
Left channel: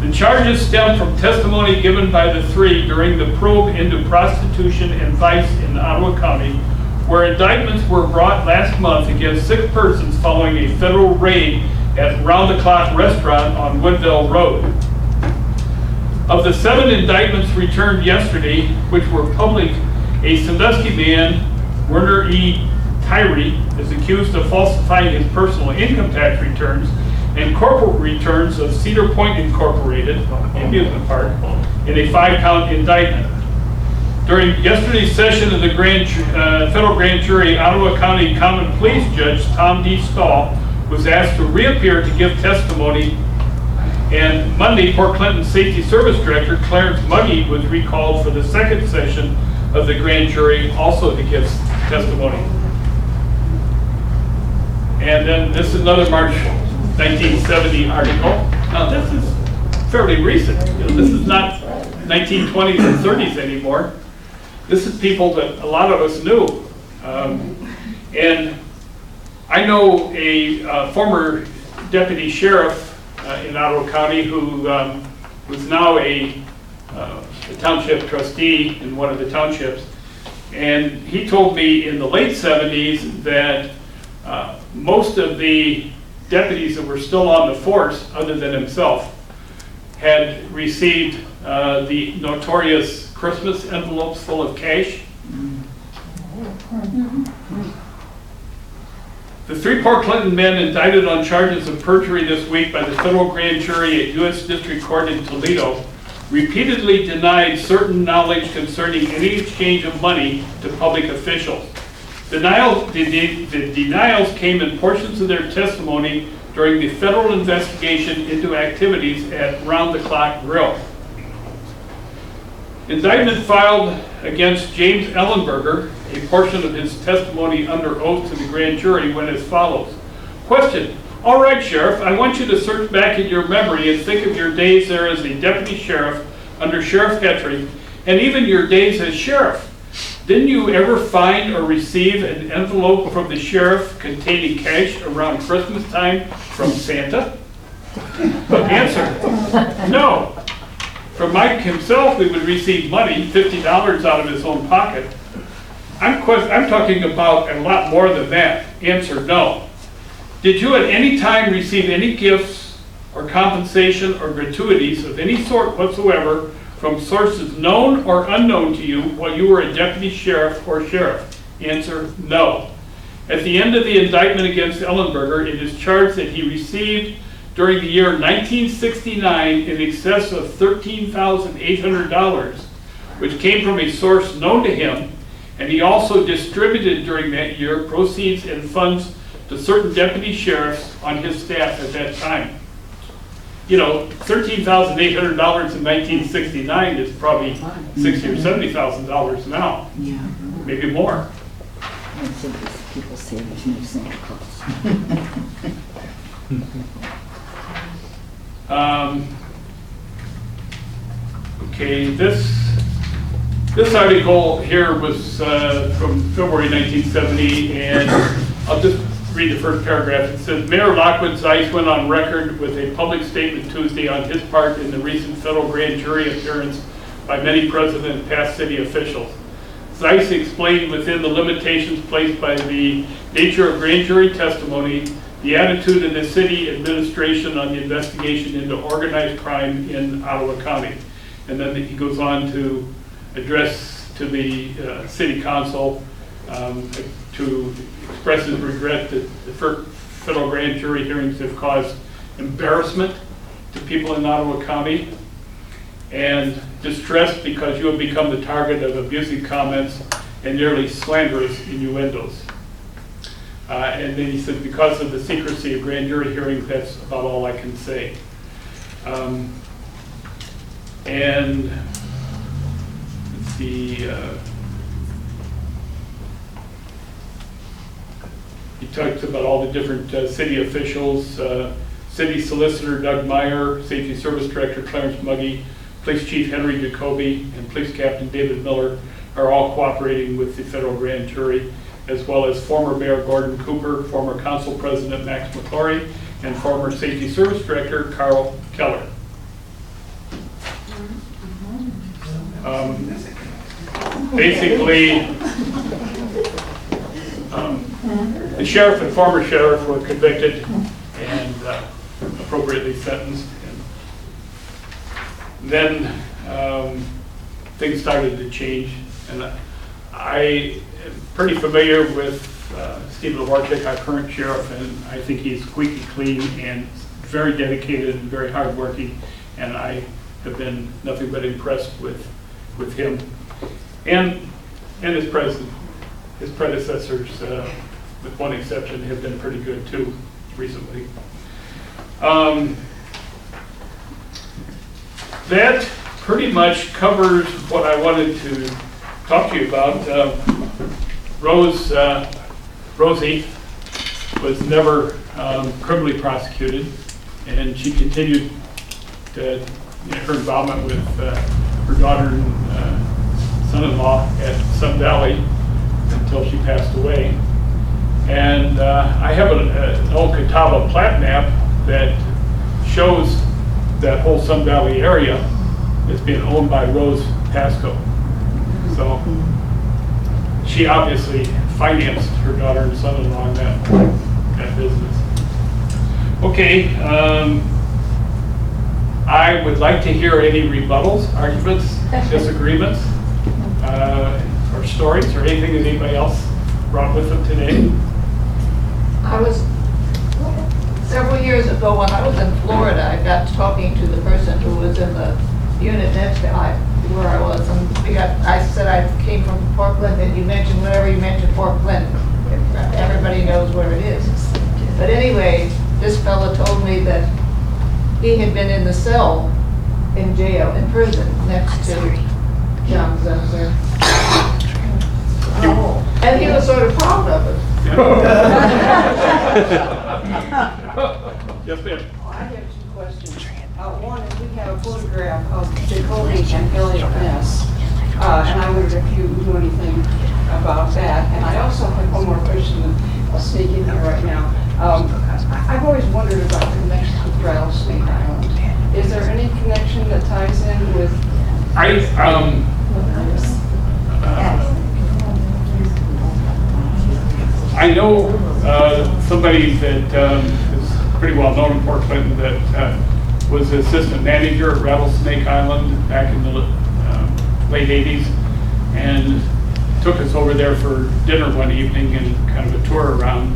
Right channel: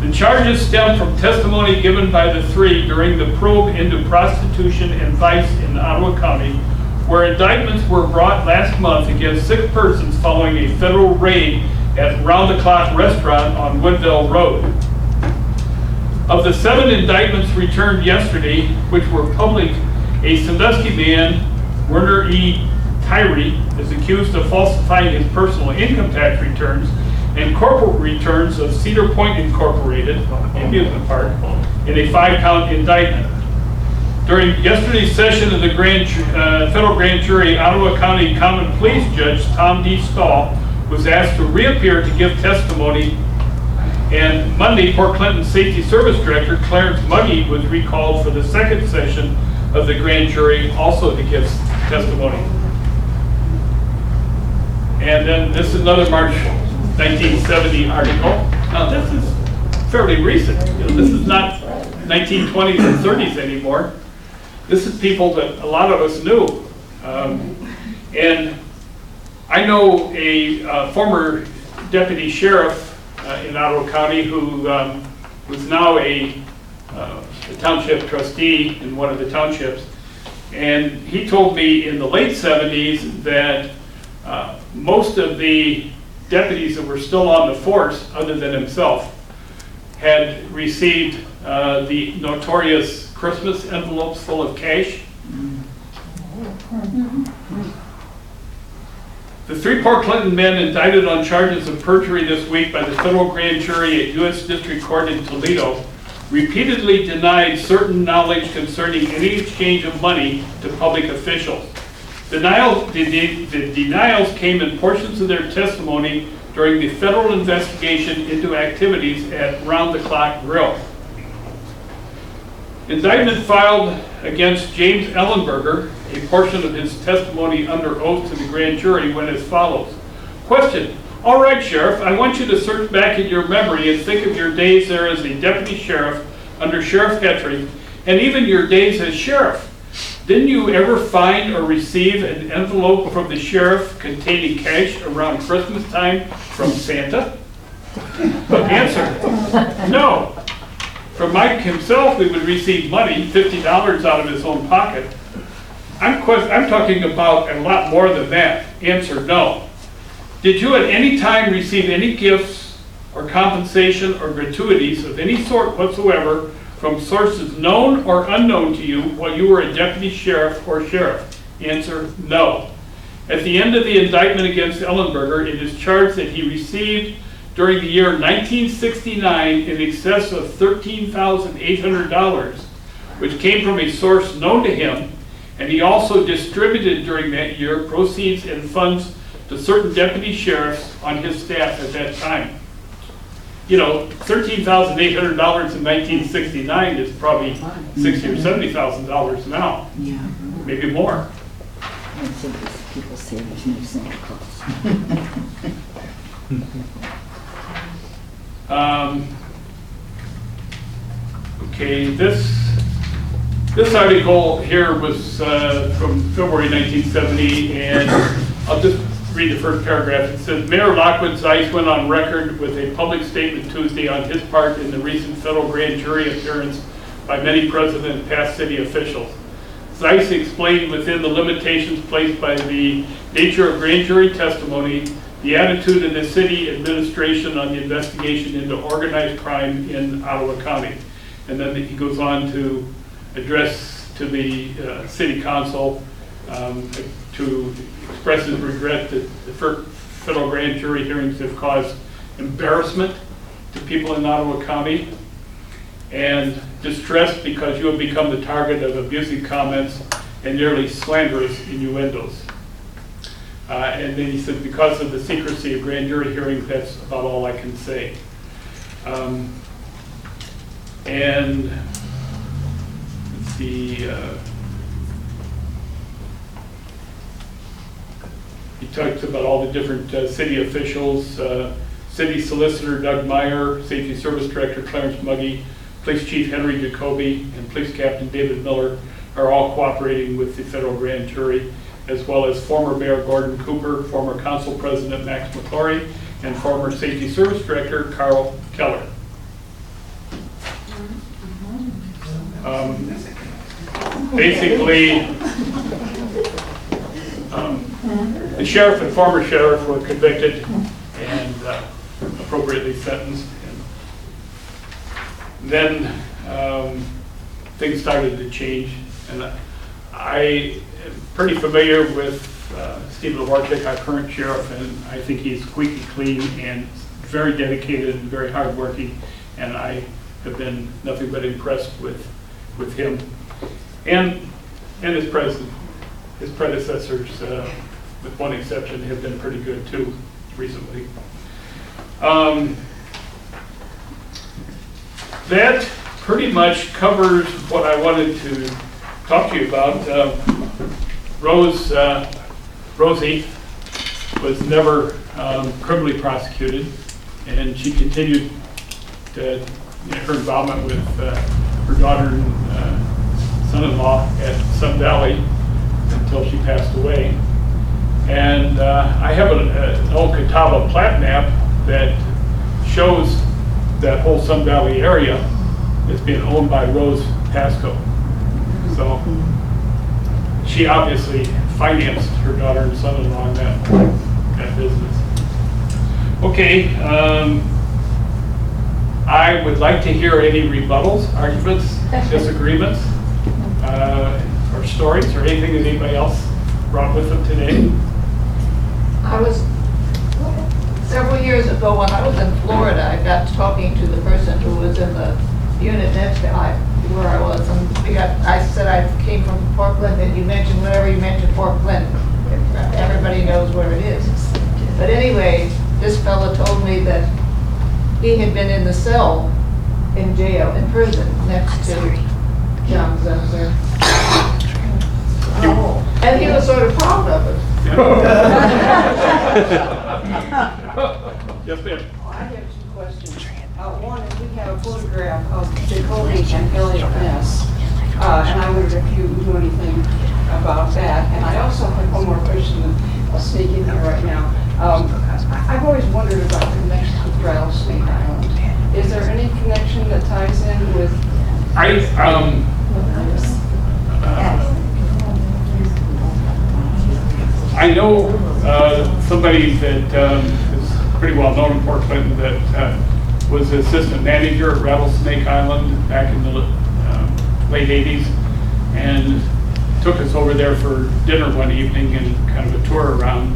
The charges stem from testimony given by the three during the probe into prostitution and vice in Ottawa County, where indictments were brought last month against 6 persons following a federal raid at Round the Clock Restaurant on Woodville Road. Of the 7 indictments returned yesterday, which were public, a Sandusky man, Werner E. Tyree, is accused of falsifying his personal income tax returns and corporate returns of Cedar Point Incorporated, amusement park, in a 5-count indictment. During yesterday's session of the federal grand jury, Ottawa County Common Pleas Judge Tom D. Stahl was asked to reappear to give testimony, and Monday, Port Clinton Safety Service Director Clarence Muggy was recalled for the 2nd session of the grand jury, also to give testimony. And then this is another March 1970 article. Now this is fairly recent. This is not 1920s and 30s anymore. This is people that a lot of us knew. And I know a former deputy sheriff in Ottawa County who was now a township trustee in one of the townships. And he told me in the late 70s that most of the deputies that were still on the force, other than himself, had received the notorious Christmas envelopes full of cash. The 3 Port Clinton men indicted on charges of perjury this week by the federal grand jury at U.S. District Court in Toledo repeatedly denied certain knowledge concerning any exchange of money to public officials. The denials came in portions of their testimony during the federal investigation into activities at Round the Clock Grill. Indictment filed against James Ellenberger, a portion of his testimony under oath to the grand jury, went as follows. Question: all right, Sheriff, I want you to search back in your memory and think of your days there as a deputy sheriff under Sheriff Hetrick, and even your days as sheriff. Didn't you ever find or receive an envelope from the sheriff containing cash around Christmas time from Santa? Answer: no. From Mike himself, we would receive money, $50 out of his own pocket. I'm talking about a lot more than that. Answer: no. Did you at any time receive any gifts or compensation or gratuities of any sort whatsoever from sources known or unknown to you while you were a deputy sheriff or sheriff? Answer: no. At the end of the indictment against Ellenberger, it is charged that he received during the year 1969 in excess of $13,800, which came from a source known to him, and he also distributed during that year proceeds and funds to certain deputy sheriffs on his staff at that time. You know, $13,800 in 1969 is probably $60,000 or $70,000 now, maybe more. People say there's no Santa Claus. Okay, this article here was from February 1970, and I'll just read the first paragraph. It says, Mayor Lockwood Zeiss went on record with a public statement Tuesday on his part in the recent federal grand jury appearance by many present and past city officials. Zeiss explained within the limitations placed by the nature of grand jury testimony the attitude of the city administration on the investigation into organized crime in Ottawa County. And then he goes on to address to the city council to express his regret that the federal grand jury hearings have caused embarrassment to people in Ottawa County and distress because you have become the target of abusive comments and nearly slanderous innuendos. And then he said, because of the secrecy of grand jury hearings, that's about all I can say. And let's see, he talks about all the different city officials, City Solicitor Doug Meyer, Safety Service Director Clarence Muggy, Police Chief Henry Jacoby, and Police Captain David Miller are all cooperating with the federal grand jury, as well as former Mayor Gordon Cooper, former Council President Max McClory, and former Safety Service Director Carl Keller. Basically, the sheriff and former sheriff were convicted and appropriately sentenced. And then things started to change, and I am pretty familiar with Stephen Warczyk, our current sheriff, and I think he's squeaky clean and very dedicated and very hardworking, and I have been nothing but impressed with him and his predecessors, with one exception, have been pretty good too recently. That pretty much covers what I wanted to talk to you about. Rosie was never criminally prosecuted, and she continued to, her involvement with her daughter and son-in-law at Sun Valley until she passed away. And I have an old Catawba plat map that shows that whole Sun Valley area is being owned by Rose Pasco. So she obviously financed her daughter and son-in-law in that business. Okay, I would like to hear any rebuttals, arguments, disagreements, or stories, or anything that anybody else brought with them today. Several years ago when I was in Florida, I got talking to the person who was in the unit next to where I was, and I said I came from Portland, and you mentioned, whenever you mentioned Portland, everybody knows where it is. But anyway, this fellow told me that he had been in the cell in jail, in prison, next to John Gibson. And he was sort of proud of it. Yes, ma'am. I have two questions. One is we have a photograph of Jacoby and Elliot Ness, and I wondered if you knew anything about that. And I also have one more question that I'll sneak in here right now. I've always wondered about the connection with Rattlesnake Island. Is there any connection that ties in with? I know somebody that is pretty well known in Port Clinton that was the assistant manager at Rattlesnake Island back in the late 80s, and took us over there for dinner one evening and kind of a tour around.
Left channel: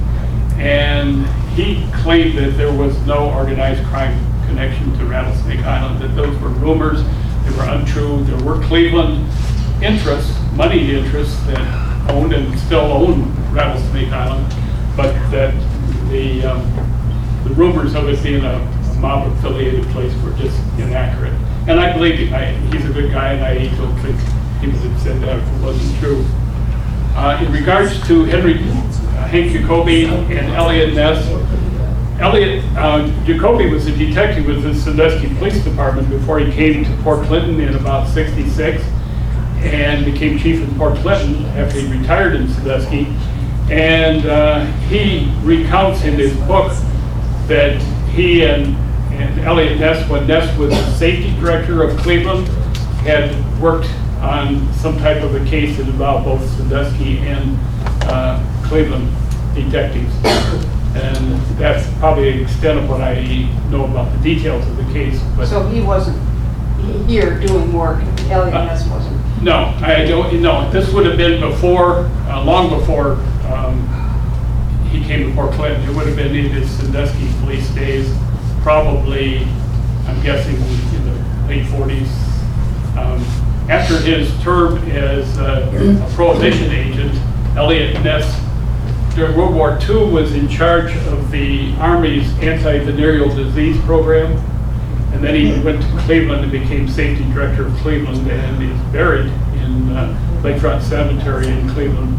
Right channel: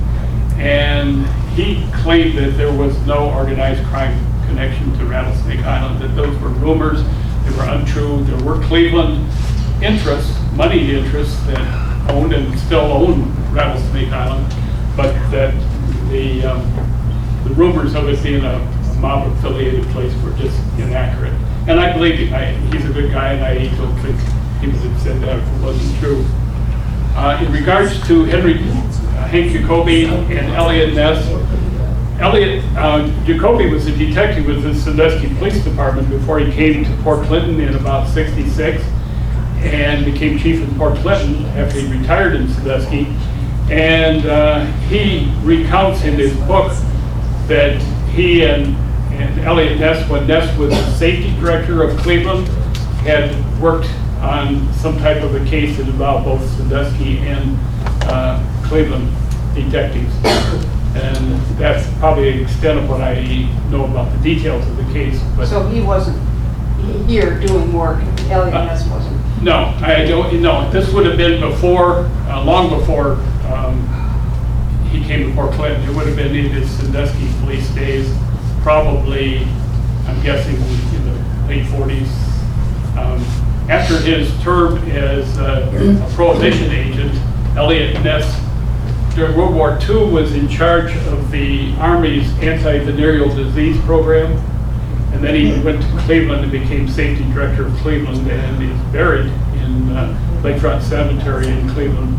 And he claimed that there was no organized crime connection to Rattlesnake Island, that those were rumors, they were untrue. There were Cleveland interests, moneyed interests that owned and still own Rattlesnake Island, but that the rumors of it being a mob-affiliated place were just inaccurate. And I believe him. He's a good guy, and I don't think he would have said that if it wasn't true. In regards to Hank Jacoby and Elliot Ness, Jacoby was a detective with the Sandusky Police Department before he came to Port Clinton in about '66, and became chief in Port Clinton after he retired in Sandusky. And he recounts in his book that he and Elliot Ness, when Ness was the safety director of Cleveland, had worked on some type of a case that involved both Sandusky and Cleveland detectives. And that's probably the extent of what I know about the details of the case. But So he wasn't here doing work, Elliot Ness wasn't? No, I don't. No, this would have been before, long before he came to Port Clinton. It would have been in his Sandusky police days, probably, I'm guessing, in the late 40s. After his term as a prohibition agent, Elliot Ness, during World War II, was in charge of the Army's anti-venereal disease program. And then he went to Cleveland and became safety director of Cleveland, and is buried in Lakefront Cemetery in Cleveland.